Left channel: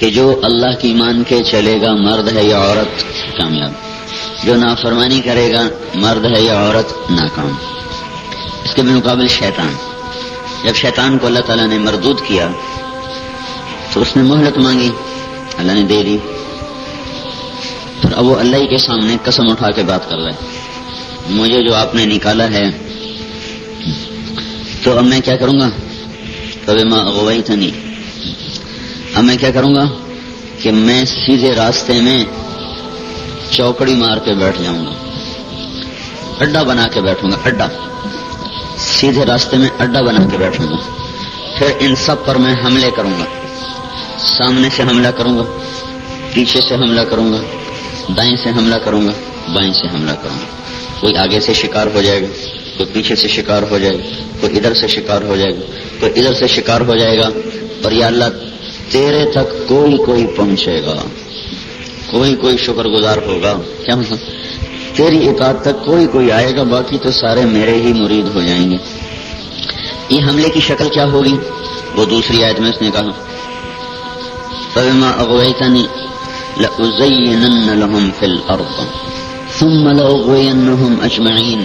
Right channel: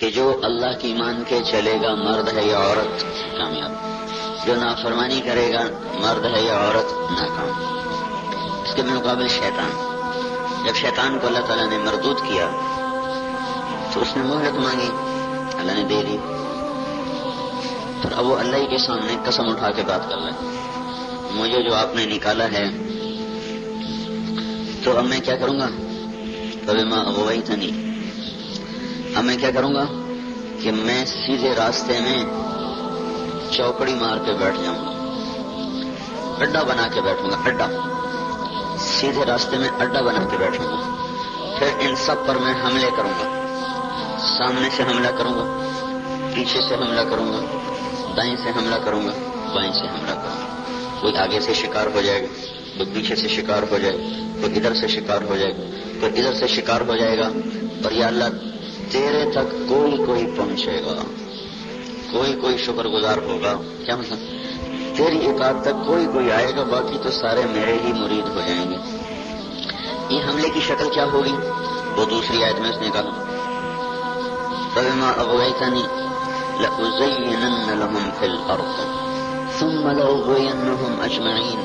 کہ جو اللہ کی مان کے چلے گا مرد ہے یا عورت کامیاب، جو نافرمانی کرے گا مرد ہے یا عورت ناکام۔ اس کے بالمقابل شیطان، جب شیطان کو اللہ تعالیٰ نے مردود کیا تو اس نے مہلت مانگی، اللہ نے دے دی، پھر اب وہ اللہ ہی کے سامنے قسم اٹھا کے بات کر رہے، مجھے جو آپ نے نکالا ہے تو اب میں کیا کروں گا، فبما اغویتنی، اب میں کیا کروں گا کہ میں سیدھے راستے میں چوکڑی مار کے بیٹھ جاؤں گا، اڈا بنا کے بیٹھوں گا، اڈا سیدھے راستے میں اڈا بنا کے بیٹھوں گا، پھر ان سب پر میں حملے کروں گا، سامنے سے حملہ کروں گا، پیچھے سے حملہ کروں گا، دائیں سے حملہ کروں گا، بائیں سے حملہ کروں گا، کوئی آگے سے شکار ہو جائے گا، کوئی پیچھے سے شکار ہو جائے گا، کوئی ادھر سے شکار ہو جائے گا، کوئی ادھر سے شکار ہو جائے گا، اور یا اللہ تیرے تک کوئی پہنچے گا، کوئی شکر گزار ہوگا، کیا مطلب تیری اطاعت تک کوئی آئے گا، باقی تو سارے میرے ہی مرید ہو جائیں گے۔ یہ حملے کی شکل کیا ہوگی، وہ دوسری آیت میں اس نے کہا فَبِمَا أَغْوَيْتَنِي لَأُزَيِّنَنَّ لَهُمْ فِي الْأَرْضِ ثُمَّ لَأُغْوِيَنَّهُمْ أَجْمَعِينَ،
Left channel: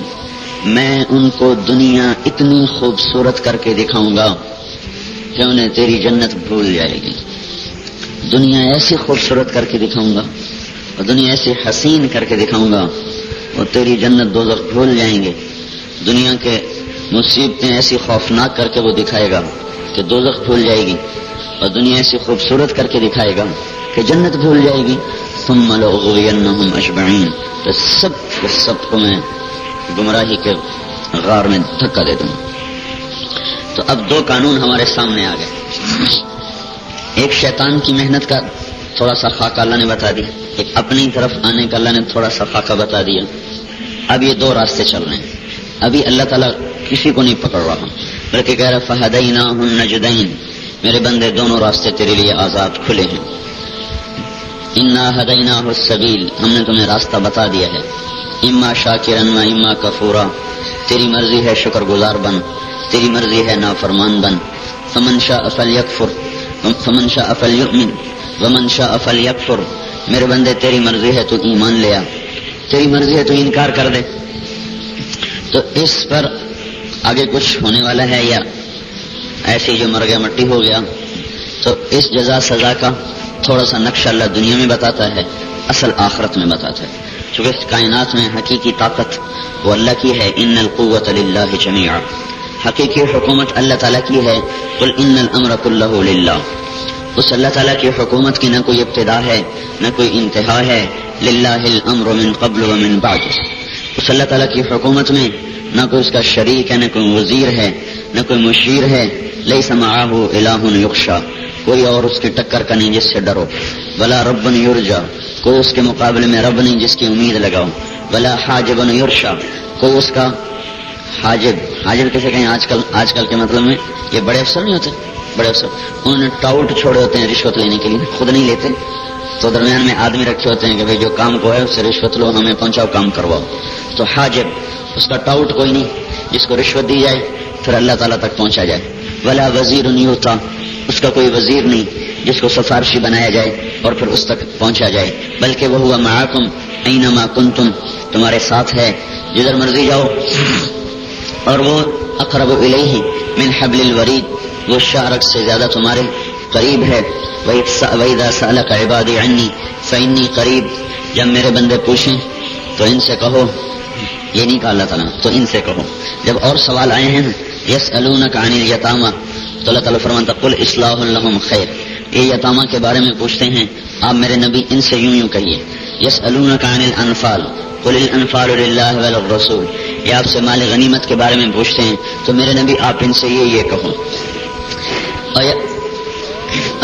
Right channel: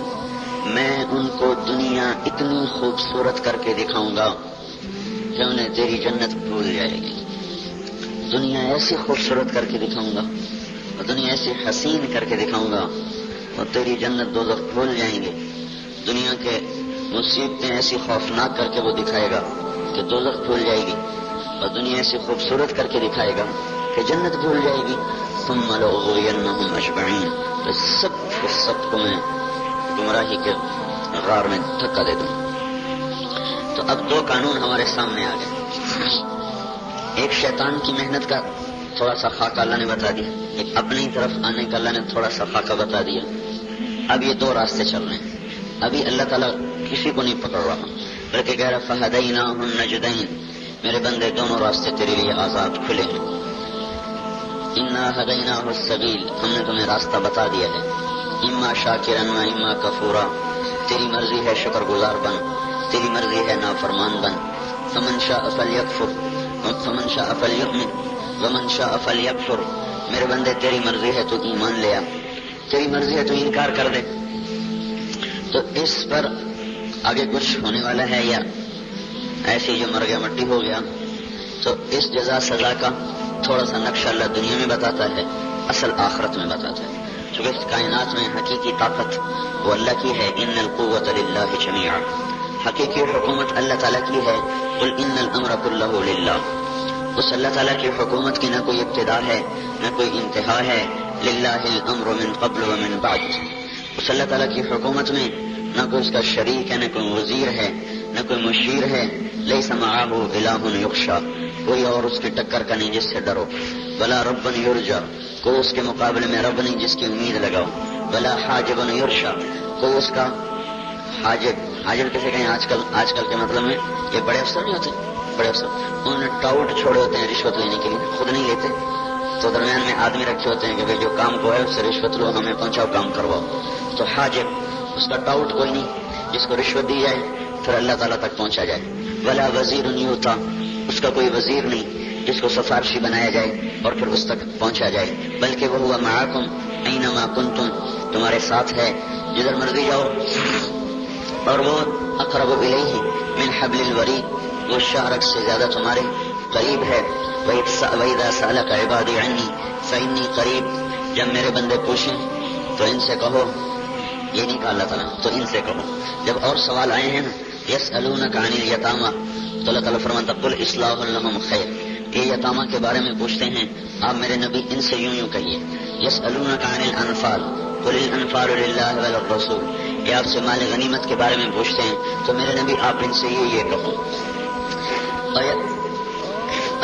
میں ان کو دنیا اتنی خوبصورت کر کے دکھاؤں گا کہ انہیں تیری جنت بھول جائے گی، دنیا ایسی خوبصورت کر کے دکھاؤں گا اور دنیا ایسی حسین کر کے دکھاؤں گا اور تیری جنت دوزخ بھول جائیں گے، دنیا کے مصیبتیں ایسی خوفناک کر کے وہ دکھائے گا کہ دوزخ بھول جائے گی، اور دنیا ایسی خوبصورت کر کے دکھائے گا کہ جنت بھول جائے گی، ثم لأغوینہم اجمعین، تو سب کو میں گمراہی کے غار میں دھکا دے دوں۔ تو اب دو قانون ہمارے سامنے آ گئے، ایک شیطان کی محنت کا تھوڑا سا خاکہ اللہ نے بتا دیا، ایک اپنی طرف آنے کا اللہ نے تھوڑا سا خاکہ بتا دیا۔ اب یہ دو راستے چل رہے ہیں، ابھی اللہ تعالیٰ کسی کو نہیں پکڑ رہا بلکہ کہہ رہا فہدیناہ النجدین، میرے بندے دونوں راستے تیرے لیے آزاد کھلے ہیں، انا ہدیناہ السبیل، ہم نے تمہیں راستہ بتا دیا ہے، اما شاکرا و اما کفورا، تیری مرضی ہے شکر گزار بن، تیری مرضی ہے نافرمان بن، فمن شاء فلیکفر فمن شاء فلیؤمن ومن شاء فلیکفر، میرے بندے تیری مرضی ہے تو ایمان لیا، تیری مرضی ہے تو انکار کر دے۔ تو اس پر آگے کچھ ہونے والا ہے یا ایسے جو مر گیا مٹی ہو گیا، تو اس جزا سزا کا تھوڑا سا نقشہ اللہ دنیا میں بتاتا ہے، اصل آخرت میں بتاتا ہے، چونکہ اس کائنات میں حقیقی طاقت وہ اللہ کی ہے، ان القوۃ للہ جمیعا، حقیقی حکومت اللہ تعالیٰ کی ہے، قل ان الامر کلہ للہ، اس اللہ تعالیٰ کی حکومت کی نہ کوئی ابتدا ہے نہ کوئی انتہا ہے، للہ الامر من قبل ومن بعد، اس اللہ تعالیٰ کی حکومت میں نہ کوئی اس کا شریک ہے، نہ کوئی وزیر ہے، نہ کوئی مشیر ہے، لیس معہ الہ یخشی، کوئی اور اس کی ٹکر کا نہیں جس سے ڈرو، ولا رب یرجا، کوئی اس کے مقابلے میں رب نہیں جس کی امید لگاؤ، ولا حاجب یرشا، کوئی اس کا حاجب کیسے کہیں آج کل کے مطلب میں یہ بڑے افسر نہیں ہوتے، بڑے افسر انہوں نے ٹاؤٹ چھوڑے ہوتے ہیں رشوت لینے کے لیے، خود نہیں لیتے، تو درمیان میں آدمی رکھے ہوتے ہیں کہ بھئی جو کام کو ہے اس سے رشوت لو، ہمیں پہنچاؤ، کام کرواؤ، تو حاجب اس کا ٹاؤٹ کوئی نہیں جس کو رشوت دی جائے پھر اللہ تعالیٰ تک پہنچا جائے، ولا وزیر یوتا، اس کا کوئی وزیر نہیں جس کو سفارشی بنایا جائے اور پھر اس تک پہنچا جائے، بلکہ وہ ہوا معاکم اینما کنتم، تمہارے ساتھ ہے جدھر مرضی جاؤ، اور وہ اقرب الیہ من حبل الورید، وہ شارک سے زیادہ تمہارے قریب ہے، وَإِذَا سَأَلَكَ عِبَادِي عَنِّي فَإِنِّي قَرِيب، جب میرے بندے پوچھیں تو ان سے کہو، یہ نہیں کہا اللہ تعالیٰ، تو ان سے کہو۔ جب اور سوال آئے ہیں یسألونک عن الیتامی، تو اللہ تعالیٰ فرماتا قل اصلاح لہم خیر، یہ یتامیٰ کے بارے میں پوچھتے ہیں آپ میرے نبی ان سے یوں کہیے، یسألونک عن الانفال قل الانفال للہ وللرسول، یہ آپ سے مال غنیمت کے بارے میں پوچھتے ہیں تو میرے نبی آپ ان سے یہ کہو،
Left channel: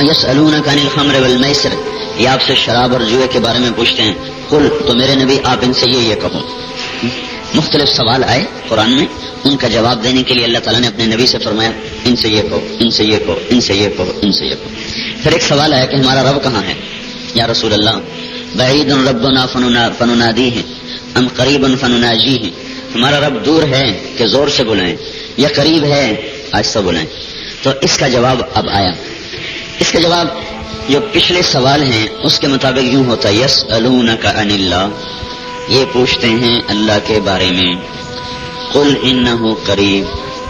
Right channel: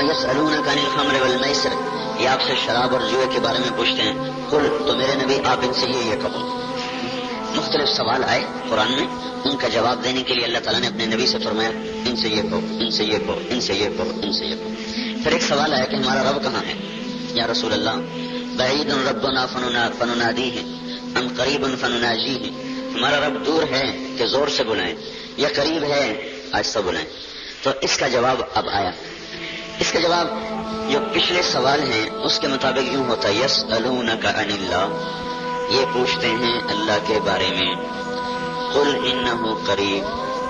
یسألونک عن الخمر والمیسر، یہ آپ سے شراب اور جوئے کے بارے میں پوچھتے ہیں، قل، تو میرے نبی آپ ان سے یہ کہو۔ مختلف سوال آئے قرآن میں، ان کا جواب دینے کے لیے اللہ تعالیٰ نے اپنے نبی سے فرمایا ان سے یہ کہو، ان سے یہ کہو، ان سے یہ کہو، ان سے یہ کہو۔ پھر ایک سوال آیا کہ ہمارا رب کہاں ہے یا رسول اللہ، بعید ربنا فننادیہ ام قریب فنناجیہ، ہمارا رب دور ہے کہ زور سے بلائیں یا قریب ہے آہستہ بلائیں۔ تو اس کا جواب اب آیا، اس کا جواب جو پچھلے سوال ہیں اس کے مطابق یوں ہوتا ہے یسألونک عن اللہ، یہ پوچھتے ہیں اللہ کے بارے میں، قل انہ قریب،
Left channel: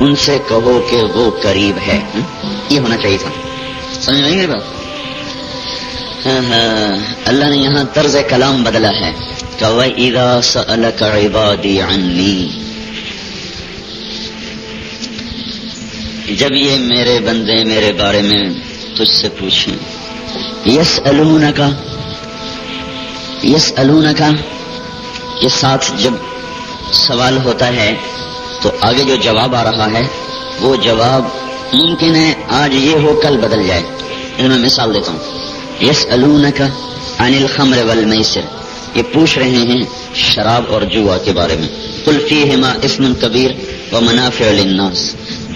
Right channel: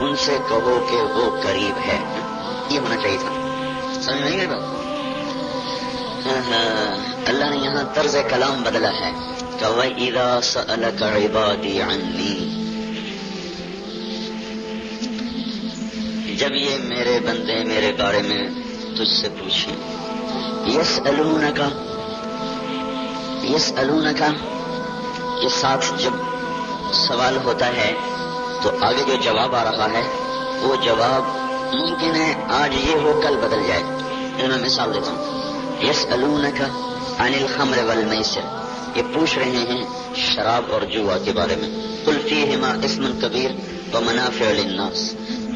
ان سے کہو کہ وہ قریب ہے. یہ ہونا چاہیے تھا. سمجھ آئیں گے بات؟ اللہ نے یہاں طرز کلام بدلا ہے کہ وَإِذَا سَأَلَكَ عِبَادِي عَنِّي، جب یہ میرے بندے میرے بارے میں تجھ سے پوچھیں. یسألونک کے ساتھ جب سوال ہوتا ہے تو آگے جو جواب آ رہا ہے وہ جواب ممکن ہے آج یہ ہو کل بدل جائے. میں مثال دیتا ہوں. یسألونک عن الخمر والمیسر، یہ پوچھ رہے ہیں شراب اور جوا کے بارے میں. قل فیہما اسم کبیر ومنافع للناس،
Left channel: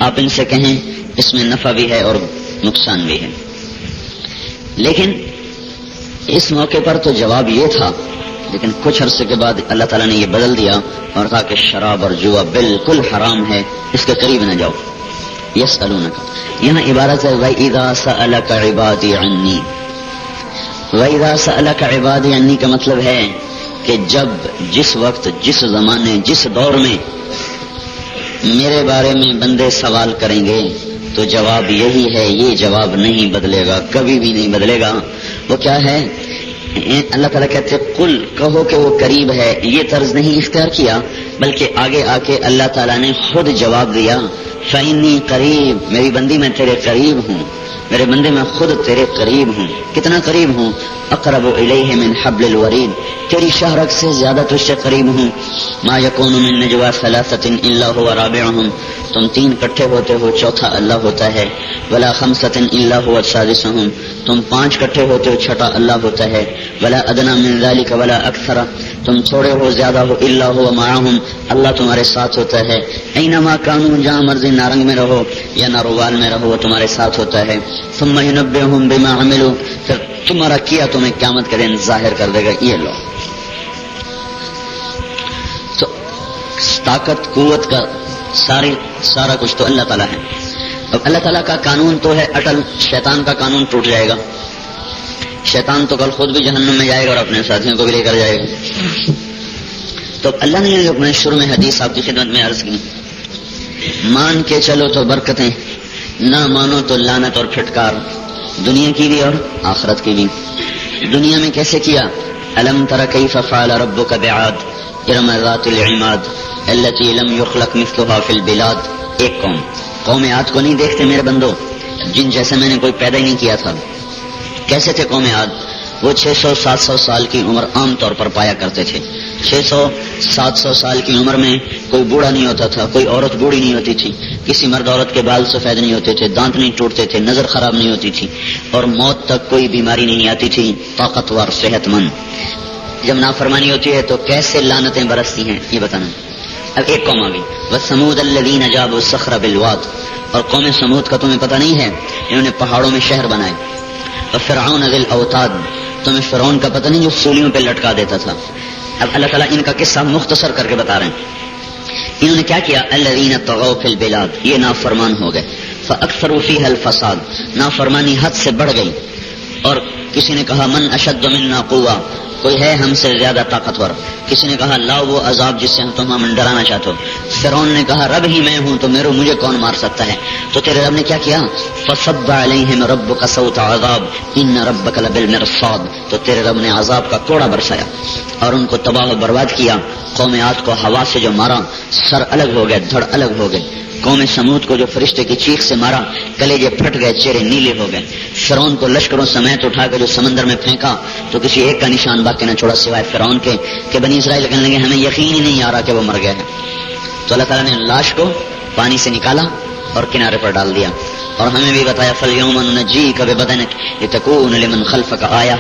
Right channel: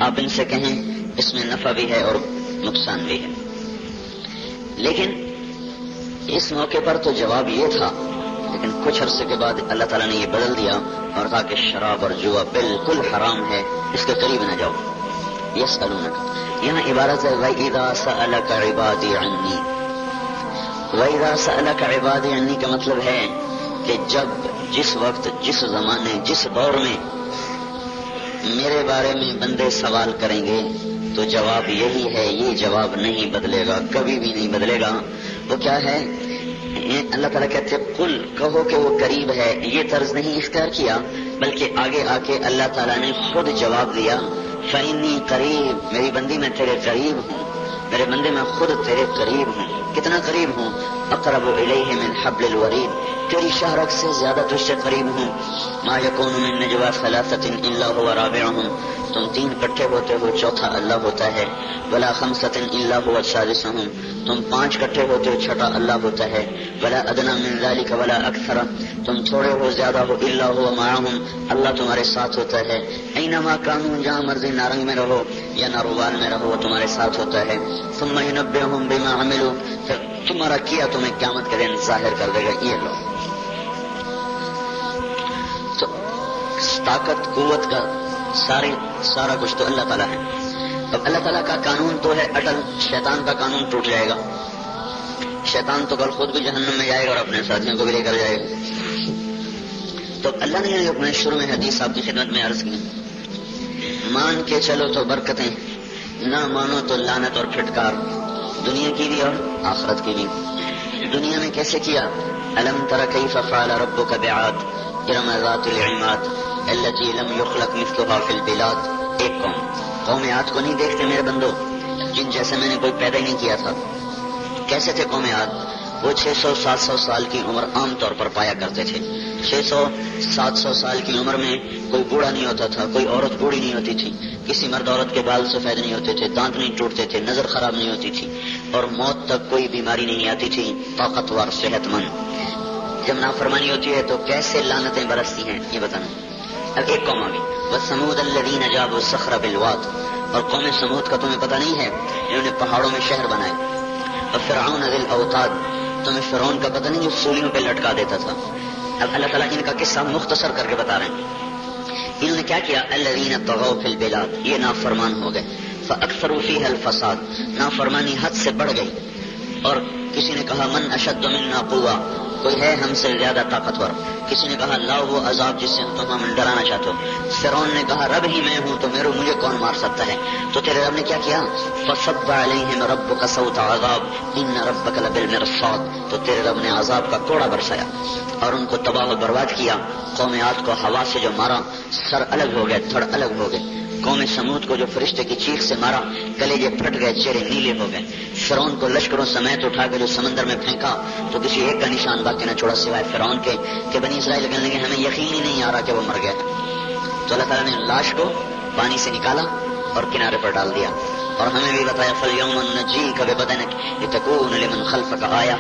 آپ ان سے کہیں اس میں نفع بھی ہے اور نقصان بھی ہے. لیکن اس موقع پر تو جواب یہ تھا، لیکن کچھ عرصے کے بعد اللہ تعالیٰ نے یہ بدل دیا اور کہا کہ شراب اور جوا بالکل حرام ہے، اس کے قریب نہ جاؤ. یسألونک یہاں عبارت ہے وَإِذَا سَأَلَكَ عِبَادِي عَنِّي. وَإِذَا سَأَلَكَ عِبَادِي عَنِّي کا مطلب ہے کہ جب جس وقت جس زمانے جس دور میں میرے بارے میں بندے سوال کریں گے تو جواب یہی ہے، یہ جواب نہیں بدلے گا، کبھی بھی نہیں بدلے گا. وہ کیا ہے؟ اللہ تعالیٰ کہتے قل، کہو کہ وہ قریب ہے. یہ طرز نہیں اختیار کیا بلکہ آگے آ کے اللہ تعالیٰ نے خود جواب دیا فإنی قریب، میری بندی میں تیرے قریب ہوں، میرے بندے میں خود تیرے قریب ہوں. کتنا قریب ہوں؟ اقرب الیہ من حبل الورید، تیری شاہرگ سے زیادہ تجھ سے قریب ہوں. ما یکون من نجوا ثلاثۃ الا هو رابعهم، تم تین اکٹھے ہوتے ہو چوتھا اللہ ہوتا ہے. ولا خمسۃ الا هو سادسهم، تم پانچ اکٹھے ہوتے ہو چھٹا اللہ ہوتا ہے. ولا ادنى من ذلك ولا اکثر، تم تھوڑے ہو زیادہ ہو الا هو معهم، اللہ تمہارے ساتھ ہوتا ہے. اینما کانوا، جہاں مرضی نارنگ میں رہو یا ناروال میں رہو وہ تمہارے ساتھ ہوتا ہے. ثم ينبئهم بما عملوا، پھر تمہارا کیا تمہیں قیامت کے دن ظاہر کر دے گا. یہ لو تو طاقت قوت کا سارا کچھ تو اللہ تعالیٰ ہے. اب اللہ تعالیٰ کا قانون تو ہے اٹل، شیطان کا قانون ٹوٹ جائے گا. شیطان تو کل خود بھی جہنم میں جائے گا اور اپنے ساتھیوں کو بھی لے کر جائے گا. تو اللہ نے اپنے شروع میں حدیث آپ کی خدمت میں عرض کی، مان کے چلو تو برکتیں، نہ مانو تو لعنت اور پھٹکار، دنیا کی بھی اور آخرت کی بھی. دنیا میں کیسے کیا؟ الم تر کیف فعل ربک بعاد ارم ذات العماد التي لم يخلق مثلها في البلاد. ایک قوم عاد کو نہیں دیکھتے میرے بندو، جن جیسے میں نے کوئی پیدا ہی نہیں کیا تھا. کیسے تھے قوم عاد؟ وہ 600-700 سال کی عمر عام طور پر پایا کرتے تھے. 600-700 سال کی عمر میں کوئی بوڑھا نہیں ہوتا تھا، کوئی عورت بوڑھی نہیں ہوتی تھی، کسی مرد عورت کے بال سفید نہیں ہوتے تھے، دانت نہیں ٹوٹتے تھے، نظر خراب نہیں ہوتی تھی، اور موت تک کوئی بیماری نہیں آتی تھی. طاقتور، صحت مند. جب نافرمانی ہوتی ہے تو کیسے لعنتیں برستی ہیں یہ بتانا. اب ایک قوم آ گئی، وَثَمُودَ الَّذِينَ جَابُوا الصَّخْرَ بِالْوَادِ، اور قوم سمود کا تمہیں پتہ نہیں ہے، انہوں نے پہاڑوں میں شہر بنائے. اور فرعون ذی الاوتاد، تمہیں فرعون کا پتہ نہیں جو سولیوں پہ لٹکا دیتا تھا. اب اللہ تعالیٰ ان کا قصہ مختصر کر کے بتا رہے ہیں. انہوں نے کیا کیا؟ الذین طغوا فی البلاد، یہ نافرمان ہو گئے. فاکثروا فیہا الفساد، نافرمانی حد سے بڑھ گئی. اور کسی نے کہا من اشد منا قوہ، کوئی ہے ہم سے زیادہ طاقتور. کسی نے کہا لا وہ عذاب جس سے تم ہمیں ڈرانا چاہتے ہو. فرعون نے کہا رب ہی میں ہوں تو مجھے کون مار سکتا ہے. تو تیرے رب نے کیا کیا؟ فصب علیہم ربک صوت عذاب ان ربک لبالمرصاد، تو تیرے رب نے عذاب کا کوڑا برسایا اور ان کو تباہ و برباد کیا. قوم عاد کو ہوا سے جو مارا سر الگ ہو گئے، دھڑ الگ ہو گئے. قوم سمود کو جو فرشتے کی چیخ سے مارا کلیجے پھٹ گئے، چہرے نیلے ہو گئے. فرعون کو لشکروں سمیت اٹھا کر جو سمندر میں پھینکا تو کسی ایک کا نشان باقی نہ چھوڑا سوائے فرعون کے کہ بنی اسرائیل کہنے لگے ہمیں یقین ہی نہیں آ رہا کہ وہ مر گیا ہے. تو اللہ تعالیٰ نے لاش کو پانی سے نکالا اور کنارے پر ڈال دیا. اور ہمیں بھی بتایا فَالْيَوْمَ نُنَجِّيكَ بِبَدَنِكَ لِتَكُونَ لِمَنْ خَلْفَكَ آیَةً،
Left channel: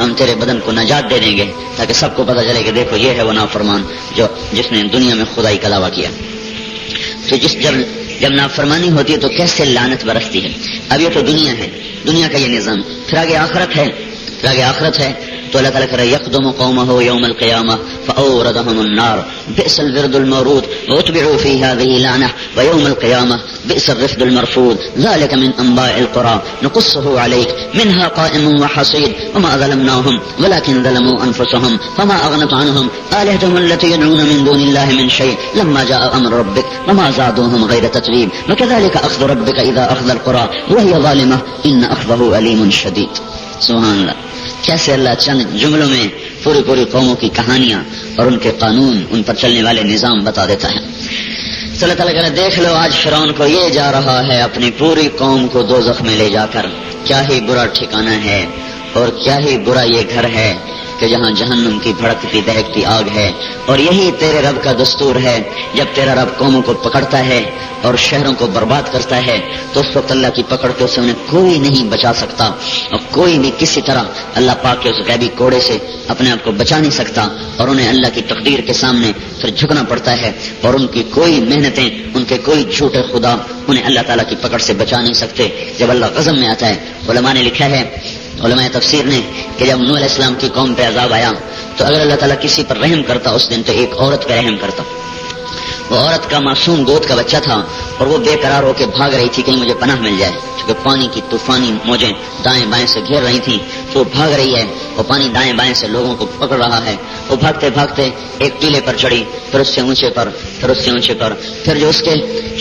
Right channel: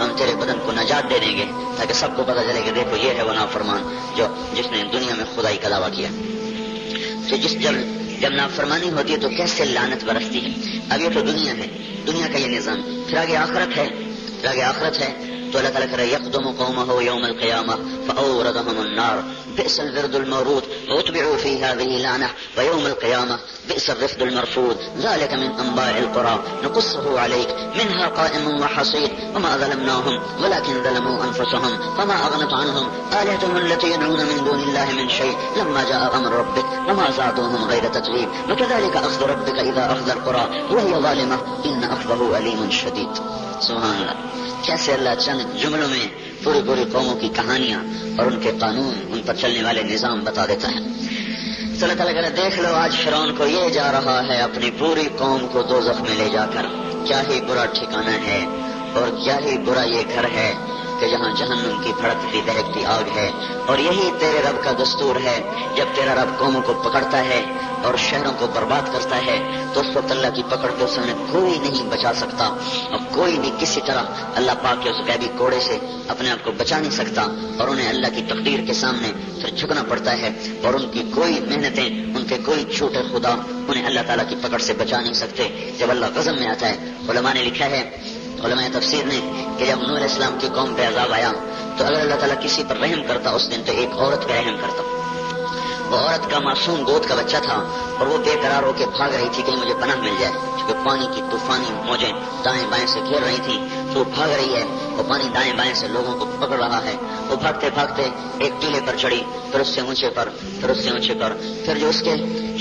ہم تیرے بدن کو نجات دے دیں گے تاکہ سب کو پتہ چلے کہ دیکھو یہ ہے وہ نافرمان جس نے دنیا میں خدائی کا دعویٰ کیا. تو جب نافرمانی ہوتی ہے تو کیسے لعنت برستی ہے. اب یہ تو دنیا ہے، دنیا کا یہ نظام. پھر آگے آخرت ہے. تو اللہ تعالیٰ کہہ رہا ہے یقدم قومہ یوم القیامہ فاوردہم النار بئس الورد المورود واتبعوا فی هذه لعنہ ویوم القیامہ بئس الرفد المرفود ذلك من انباء القرى نقصه عليك منها قائم وحصيد وما ظلمناهم ولكن ظلموا انفسهم فما اغنت عنهم آلهتهم التي يدعون من دون الله من شيء لما جاء امر ربك وما زادوهم غير تتبيب وكذلك اخذ ربك اذا اخذ القرى وهي ظالمة ان اخذه علیم شدید. سبحان اللہ. کیسے اللہ چند جملوں میں پوری پوری قوموں کی کہانیاں اور ان کے قانون، ان پر چلنے والے نظام بتا دیتا ہے. اللہ تعالیٰ کہہ رہے دیکھ لو آج فرعون کو یہ جا رہا ہے اپنی پوری قوم کو دوزخ میں لے جا کر. کیا ہی برا ٹھکانہ ہے اور کیا ہی برا یہ گھر ہے کہ جہاں جہنم کی بھڑکتی دہکتی آگ ہے. اور یہی تیرے رب کا دستور ہے، جب تیرا رب قوموں کو پکڑتا ہے اور شہروں کو برباد کرتا ہے تو اس وقت اللہ کی پکڑ کے اسے انہیں کوئی نہیں بچا سکتا، اور کوئی بھی کسی طرح اللہ پاک کے اس غیبی کوڑے سے اپنے آپ کو بچا نہیں سکتا، اور انہیں اللہ کی تقدیر کے سامنے پھر جھکنا پڑتا ہے، اور ان کی کوئی محنتیں، ان کے کوئی جھوٹے خدا انہیں اللہ تعالیٰ کی پکڑ سے بچا نہیں سکتے جب اللہ غضب میں آتا ہے. علماء نے لکھا ہے، علماء تفسیر نے، کہ جب نوح علیہ السلام کی قوم پہ عذاب آیا تو اگر اللہ تعالیٰ کسی پر رحم کرتا اس دن تو ایک عورت پہ رحم کرتا. وہ عورت کا معصوم گود کا بچہ تھا اور وہ بے قرار ہو کے بھاگ رہی تھی کہیں مجھے پناہ مل جائے، کیونکہ پانی کی طوفانی موجیں دائیں بائیں سے گھیر رہی تھیں. تو وہ بھاگ رہی ہے اور پانی دائیں بائیں سے لوگوں کو پکڑ رہا ہے. وہ بھاگتے بھاگتے ایک ٹیلے پر چڑھی، پھر اس سے اونچے پر، پھر اس سے اونچے پر، پھر جو اس کے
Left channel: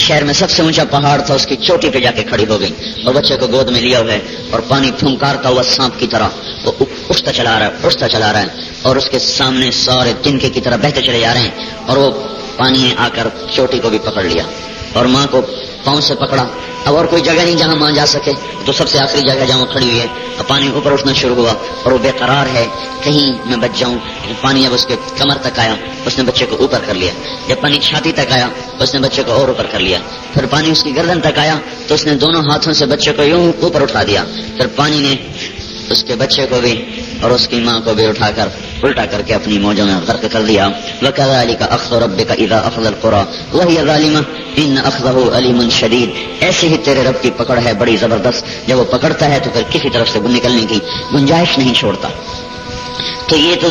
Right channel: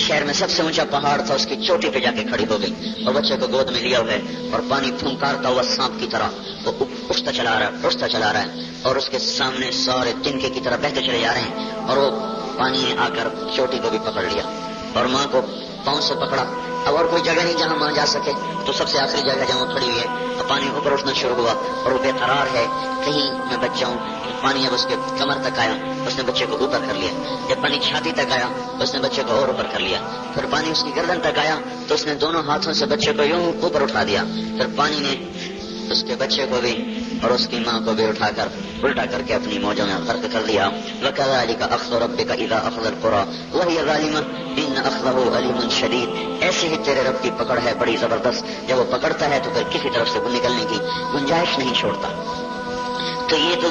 شہر میں سب سے اونچا پہاڑ تھا اس کی چوٹی پہ جا کے کھڑی ہو گئی اور بچے کو گود میں لیا ہوا ہے اور پانی پھنکارتا ہوا سانپ کی طرح وہ اٹھتا چلا رہا ہے اور اس کے سامنے سارے تنکے کی طرح بہتے چلے جا رہے ہیں. اور وہ پانی نے آ کر چوٹی کو بھی پکڑ لیا اور ماں کو پاؤں سے پکڑا. اب اور کوئی جگہ نہیں جہاں ماں جا سکے تو سب سے آخری جگہ جہاں وہ کھڑی ہوئی ہے تو پانی اوپر اٹھنا شروع ہوا اور وہ بے قرار ہے کہیں میں بچ جاؤں. پانی اب اس کے کمر تک آیا، اس نے بچے کو اوپر کر لیا. جب پانی چھاتی تک آیا اس نے بچے کو اور اوپر کر لیا. پھر پانی اس کی گردن تک آیا تو اس نے دونوں ہاتھوں سے بچے کو یوں اوپر اٹھا دیا. پھر پانی نے اس کے بچے کو بھی اور اس کی ماں کو بھی اٹھا کر الٹا کر کے اپنی موجوں میں غرق کر دیا. وَكَذَلِكَ أَخْذُ رَبِّكَ إِذَا أَخَذَ الْقُرَى وَهِيَ ظَالِمَةٌ إِنَّ أَخْذَهُ أَلِيمٌ شَدِيدٌ. ایسے ہی تیرے رب کی پکڑ ہے بڑی زبردست، جب وہ پکڑتا ہے تو پھر کسی طرف سے نکلنے کی گنجائش نہیں چھوڑتا. تو یہ تو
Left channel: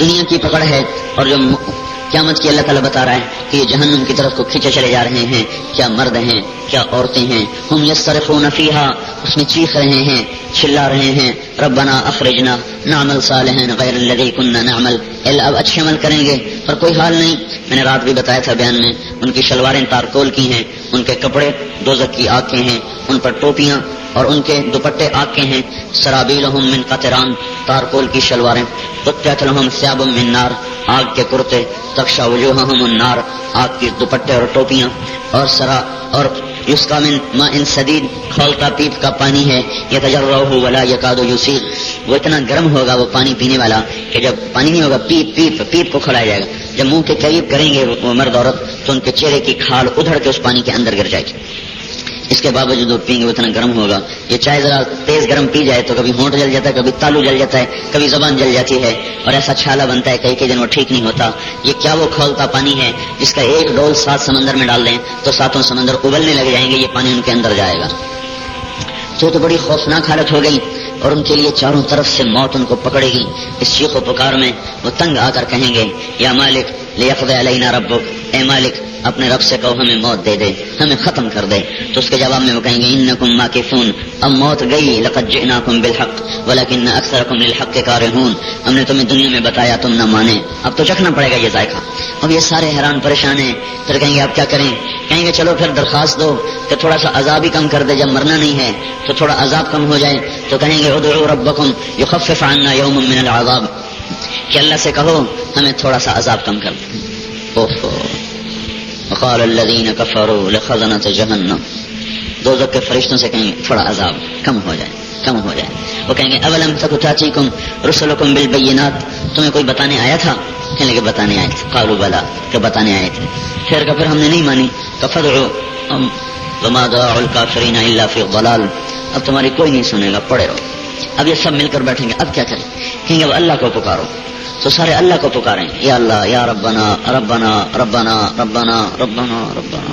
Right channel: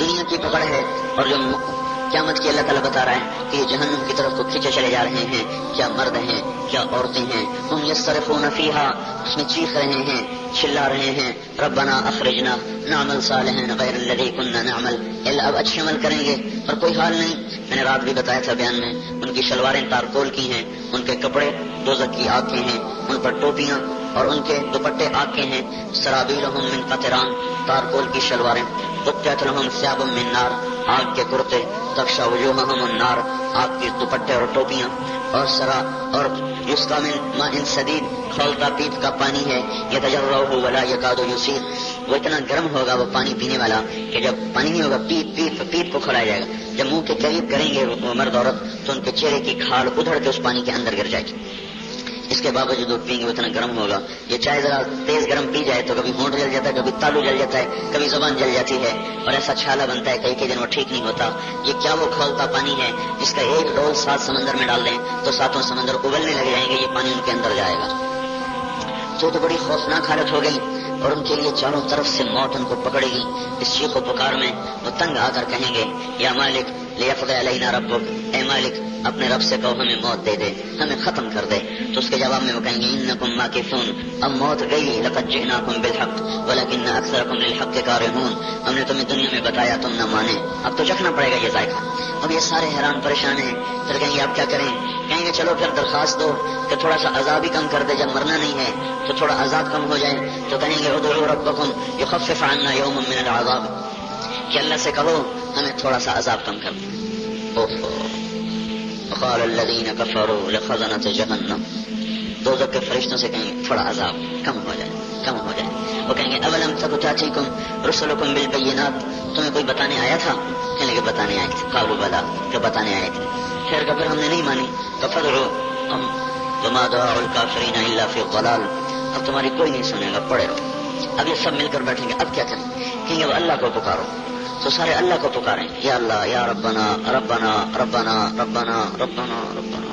دنیا کی پکڑ ہے، اور جو قیامت کی اللہ تعالیٰ بتا رہا ہے کہ یہ جہنم کی طرف کو کھینچے چلے جا رہے ہیں. کیا مرد ہیں، کیا عورتیں ہیں، ہم یصرخون فیہا، اس میں چیخ رہے ہیں، چلا رہے ہیں، ربنا اخرجنا نعمل صالحا غیر الذی کنا نعمل، اللہ اب اچھے عمل کریں گے پر کوئی حال نہیں. میں نے رات بھی بتایا تھا بیان میں، ان کی شلواریں تارکول کی ہیں، ان کے کپڑے دوزخ کی آگ کے ہیں، ان پر ٹوپیاں اور ان کے دوپٹے آگ کے ہیں. سرابیلہم من قطران، تارکول کی شلواریں. قطعت لہم ثیاب من نار، آگ کے کرتے. تغشی وجوہہم النار، آگ کے دوپٹے اور ٹوپیاں. اور سرا اور یسقی من ماء سدید، کھولتا پیپ کا پانی ہے. یتجرعہ ولا یکاد یسیغ، وہ اتنا گرم ہوگا وہ پانی پینے والا کہ جب پانی نہیں ہوگا پیپ کو کھڑایا جائے گا. جب منہ کے قریب کریں گے وہ مرد عورت تو ان کے چہرے کی کھال ادھڑ کے اس پانی کے اندر گر جائے گی. اس کے باوجود وہ پئیں گے وہ اتنا گرم ہوگا. یہ چائے ذرا تیز گرم پی جائے تو کبھی ہونٹ جل جاتا ہے، کبھی تالو جل جاتا ہے، کبھی زبان جل جاتی ہے اور ایسا چھالا بنتا ہے کئی دن وہ ٹھیک نہیں ہوتا. یہ کیا وہ کھولتا پانی ہے جس کا ایک ڈول 7 سمندر میں ڈال دیں تو 7 سمندر ابلنے لگ جائیں گے، یہ پانی ان کے اندر جائے گا. تو بڑی خوفناک حالت ہو گئی اور ان کے لیے چاروں طرف سے موت ان کو پکڑے گی. اس چیخ و پکار میں وہ تنگ آ کر کہیں گے یا مالک لیقضی علینا ربک، اے مالک اپنے رب سے کہو ہمیں موت دے دے، ہمیں ختم کر دے. تو اس کے جواب میں وہ کہیں گے انکم ماکثون، اب موت گئی. لقد جئناکم بالحق ولکن اکثرکم للحق کارہون، ہم نے تمہیں دنیا میں بتایا تم نہ مانے، اب تو چکھنا پڑے گا یہ ذائقہ. اب یہ سارے حیران پریشان ہیں. پھر کہیں گے آپ کیا کریں؟ کہیں گے چلو پھر درخواست دو کہ تھوڑا سا عذاب ہی کم کر دے، جب مرنا نہیں ہے تو تھوڑا عذاب کم ہو جائے. تو کہیں گے ادعوا ربکم یخفف عنا یوما من العذاب، کہ اللہ سے کہو ہمیں تھوڑا سا عذاب کم کر دے. وقال الذين كفروا لخزنة جهنم، دوزخ کے فرشتوں سے کہیں گے تھوڑا عذاب کم ہو جائے. وہ کہیں گے اولم تک تاتیکم رسلکم بالبینات، تمہیں کوئی بتانے آیا تھا؟ کہنے لگے بتانے آئے تھے. قالوا بلا، کہ بتانے آئے تھے. پھر ہم نے نہیں مانی. فادعوا وما دعاء الكافرین الا فی ضلال، اب تمہاری کوئی نہیں سنے گا، پڑے رہو. اب یہ سب مل کر بیٹھیں گے، اب کیا کریں؟ کہیں گے اللہ کو پکارو. تو سارے اللہ کو پکاریں، یا اللہ یا ربنا ربنا ربنا ربنا ربنا ربنا.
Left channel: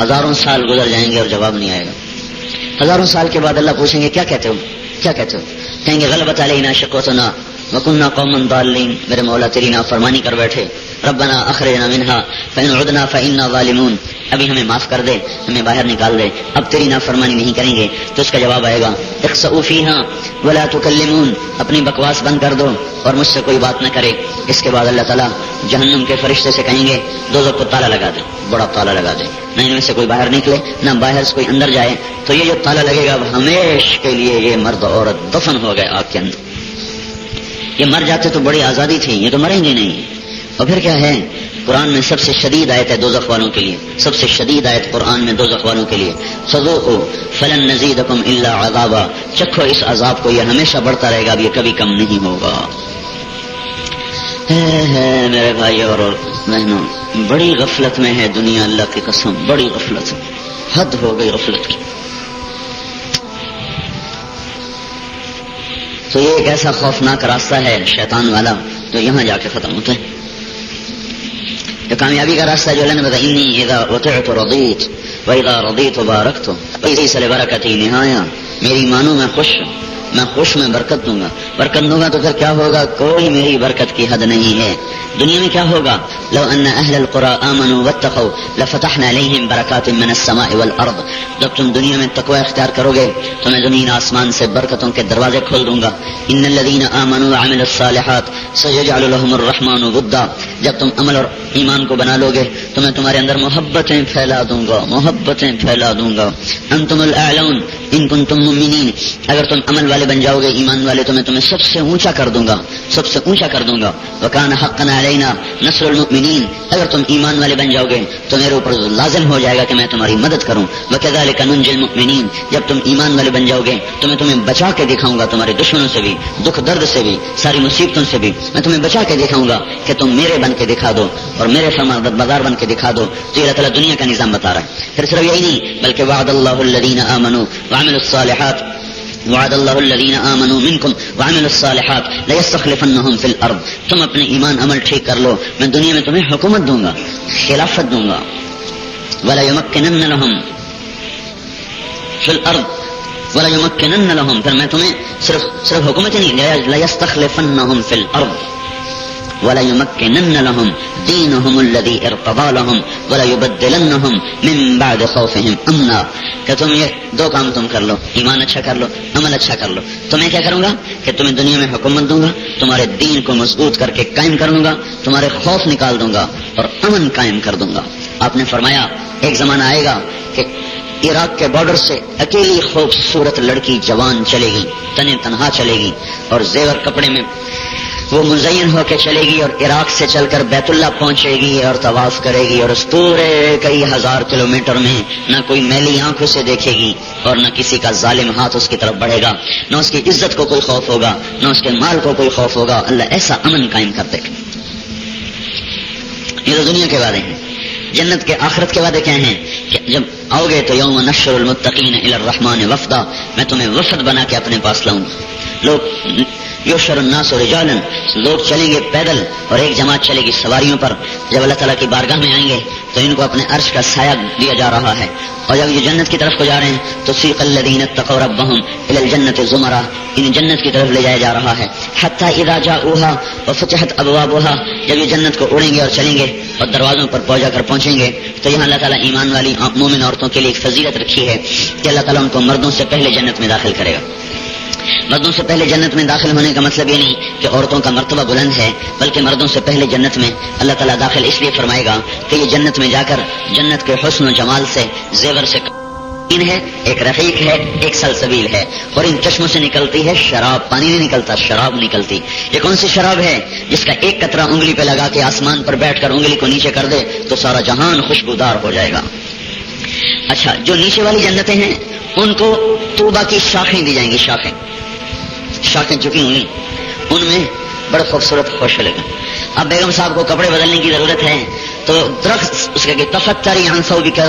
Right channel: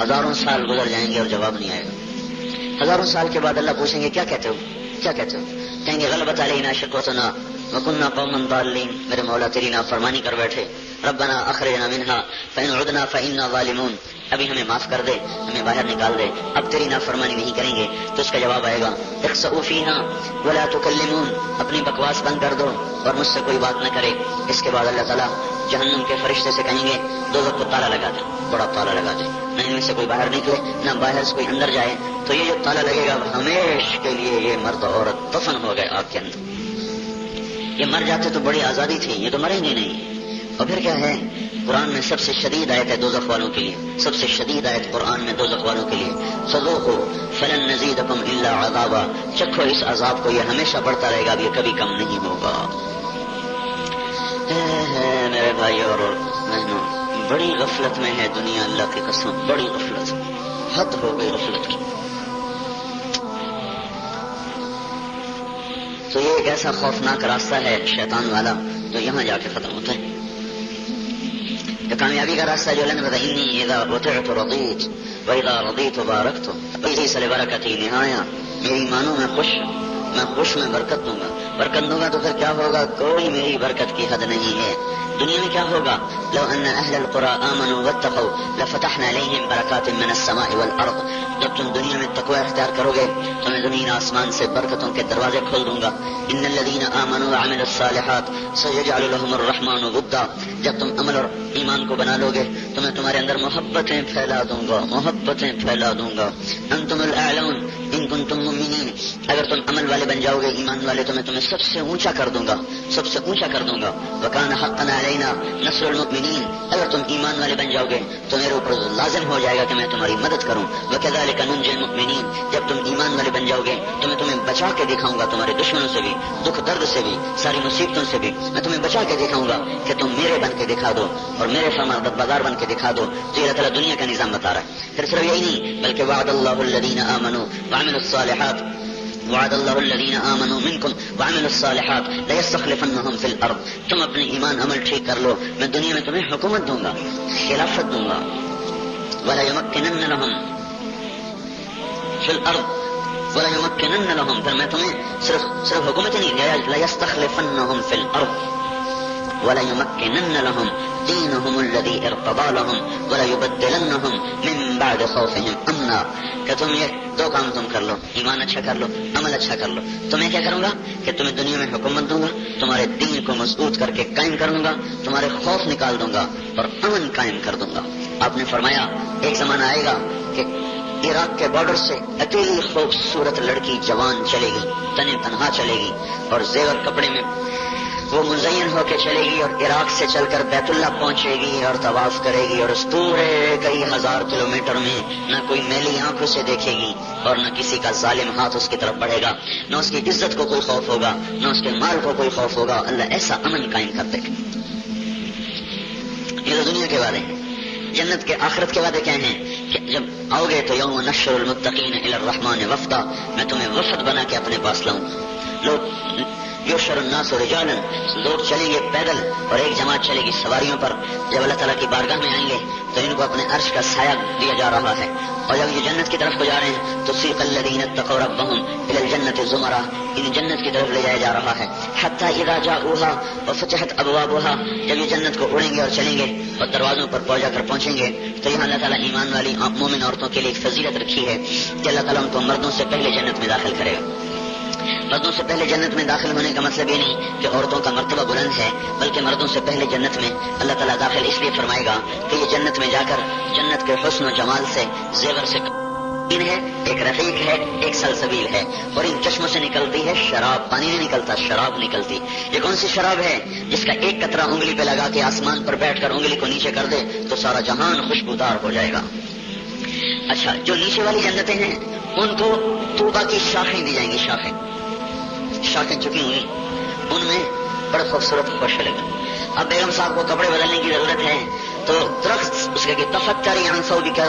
1000 سال گزر جائیں گے اور جواب نہیں آئے گا. 1000 سال کے بعد اللہ پوچھیں گے کیا کہتے ہو؟ کہیں گے غلبت علینا شقوتنا وکننا قوما ضالین، میرے مولا تیری نافرمانی کر بیٹھے، ربنا اخرجنا منها فإن عدنا فإنا ظالمون، ابھی ہمیں معاف کر دے، ہمیں باہر نکال دے، اب تیری نافرمانی نہیں کریں گے. تو اس کا جواب آئے گا اخسؤوا فیہا ولا تکلمون، اپنی بکواس بند کر دو اور مجھ سے کوئی بات نہ کرے. اس کے بعد اللہ تعالیٰ جہنم کے فرشتے سے کہیں گے دوزخ کو تالا لگا دے، بڑا تالا لگا دے، نہ ان میں سے کوئی باہر نکلے نہ باہر سے کوئی اندر جائے. تو یہ جو تالا لگے گا وہ ہمیشہ کے لیے یہ مرد اور عورت دفن ہو گئے آگ کے اندر. یہ مر جاتے تو بڑی آزادی تھی، یہ تو مریں گے نہیں. اور پھر کیا ہے، قرآن میں سب سے شدید آیت ہے دوزخ والوں کے لیے، سب سے شدید آیت قرآن میں دوزخ والوں کے لیے، فذوقوا فلن نزیدکم الا عذابا، چکھو اس عذاب کو، یہ ہمیشہ بڑھتا رہے گا، اب یہ کبھی کم نہیں ہوگا. میرے بھائی اور بہنوں، بڑی غفلت میں ہے دنیا، اللہ کی قسم بڑی غفلت، حد ہو گئی غفلت کی. تو یہ ایک ایسا خوفناک راستہ ہے شیطان والا جو یہاں جا کے ختم ہوتا ہے. یہ کامیابی کا راستہ جو اللہ نے بتایا، انی اذا اطعت رضیت واذا رضیت بارکت ولیس لبرکتی نہایا، میری مانو میں خوش میں برکت دوں گا. برکت دوں گا تو پھر کیا ہوگا، کوئی میری برکت کی حد نہیں ہے. دنیا میں کیا ہوگا، لو ان اہل القرى آمنوا واتقوا لفتحنا علیہم برکات من السماء والارض، جب تم دنیا میں تقوی اختیار کرو گے تو میں زمین آسمان سے برکتوں کے دروازے کھول دوں گا. ان الذین آمنوا وعملوا الصالحات سيجعل لهم الرحمن ودا، جب تم عمل اور ایمان کو بنا لو گے تو میں تمہارے اندر محبتیں پھیلا دوں گا. انتم الاعلون ان کنتم مؤمنین، اگر تم عمل والے بن جاؤ گے، ایمان والے، تو میں تمہیں سب سے اونچا کر دوں گا. وکان حقا علینا نصر المؤمنین، اگر تم ایمان والے بن جاؤ گے تو میرے اوپر لازم ہو جائے گا کہ میں تمہاری مدد کروں. وکذالک ننجی المؤمنین، جب تم ایمان والے بن جاؤ گے تو میں تمہیں بچا کے دکھاؤں گا، تمہارے دشمنوں سے بھی، دکھ درد سے بھی، ساری مصیبتوں سے بھی میں تمہیں بچا کے دکھاؤں گا کہ تم میرے بن کے دکھا دو اور میرے فرمان بردار بن کے دکھا دو. تو اللہ تعالیٰ دنیا کا نظام بتا رہا ہے. پھر صرف یہی نہیں بلکہ وعد اللہ الذین آمنوا وعملوا الصالحات وعد اللہ الذین آمنوا منکم وعملوا الصالحات لیستخلفنہم فی الارض، تم اپنے ایمان عمل ٹھیک کر لو، میں دنیا میں تمہیں حکومت دوں گا، خلافت دوں گا. ولیمکنن لہم فی الارض ولیمکنن لہم، پھر میں تمہیں صرف حکومت نہیں، لیستخلفنہم فی الارض ولیمکنن لہم دینہم الذی ارتضی لہم ولیبدلنہم من بعد خوفہم امنا، کہ تم یہ دو کام تم کر لو، ایمان اچھا کر لو، عمل اچھا کر لو، تو میں کیا کروں گا کہ تمہیں دنیا میں حکومت دوں گا، تمہارے دین کو مضبوط کر کے قائم کروں گا، تمہارے خوف نکال دوں گا اور امن قائم کر دوں گا. آپ نے فرمایا ایک زمانہ آئے گا کہ عراق کے بارڈر سے اکیلی خوبصورت لڑکی جوان چلے گی، تنے تنہا چلے گی اور زیور کپڑے میں وہ مزین ہو کے چلے گی اور عراق سے چل کر بیت اللہ پہنچے گی اور طواف کرے گی، اور اس پورے کئی ہزار کلومیٹر میں نہ کوئی میلی آنکھوں سے دیکھے گی اور نہ کسی کا ظالم ہاتھ اس کی طرف بڑھے گا، نہ اس کی عزت کو کوئی خوف ہوگا، نہ اس کے مال کو کوئی خوف ہوگا. اللہ ایسا امن قائم کر دے گا. یہ تو دنیا کے وعدے ہیں. جنت کے آخرت کے وعدے کیا ہیں کہ جب آؤ گے تو یوم نحشر المتقین الی الرحمن وفدا، میں تمہیں وفد بنا کے اپنے پاس لاؤں گا. لوگ یحشر الناس رجالا، لوگ چلیں گے پیدل اور ایک جماعت چلے گی سواریوں پر. جب اللہ تعالیٰ کی بارگاہ میں آئیں گے تو ان کو اپنے عرش کا سایہ دیا جا رہا ہے، اور جب یہ جنت کی طرف کو جا رہے ہیں تو سیق الذین اتقوا ربهم الی الجنۃ زمرا، انہیں جنت کی طرف لے جایا جا رہا ہے. حتی اذا جاؤوها وفتحت ابوابها، جب یہ جنت کو اڑیں گے اور چلیں گے اور دروازوں پر پہنچیں گے تو یہاں اللہ تعالیٰ ایمان والی مومن عورتوں کے لیے ایک فضیلت رکھی ہے کہ اللہ تعالیٰ ان کو مردوں سے پہلے جنت میں داخل کرے گا. مردوں سے پہلے جنت میں داخل ہونے کا مطلب یہ نہیں کہ عورتوں کا مرتبہ بلند ہے، بلکہ مردوں سے پہلے جنت میں اللہ تعالیٰ داخل اس لیے فرمائے گا کہ یہ جنت میں جا کر جنت کے حسن و جمال سے، زیور سے ہے، ایک رفیق ہے، ایک سلسبیل ہے، اور ان چشموں سے نکلتی ہے شراب. پانی نہیں نکلتا، شراب نکلتی. یہ کون سی شراب ہے؟ جس کا ایک قطرہ انگلی پہ لگا کے آسمان پر بیٹھ کر انگلی کو نیچے کر دے تو سارا جہان خوشبودار ہو جائے گا. اچھا، جو نیچے والی جنتیں ہیں ان کو طوبہ کی شاخیں دی جائیں گی، شاخیں چکی ہوئی، ان میں بڑے خوبصورت خوش لگے. اب بیگم صاحب کو کپڑے بدلنے کی ضرورت ہے تو درخت اس کا کہ تفتری عن ثوبک،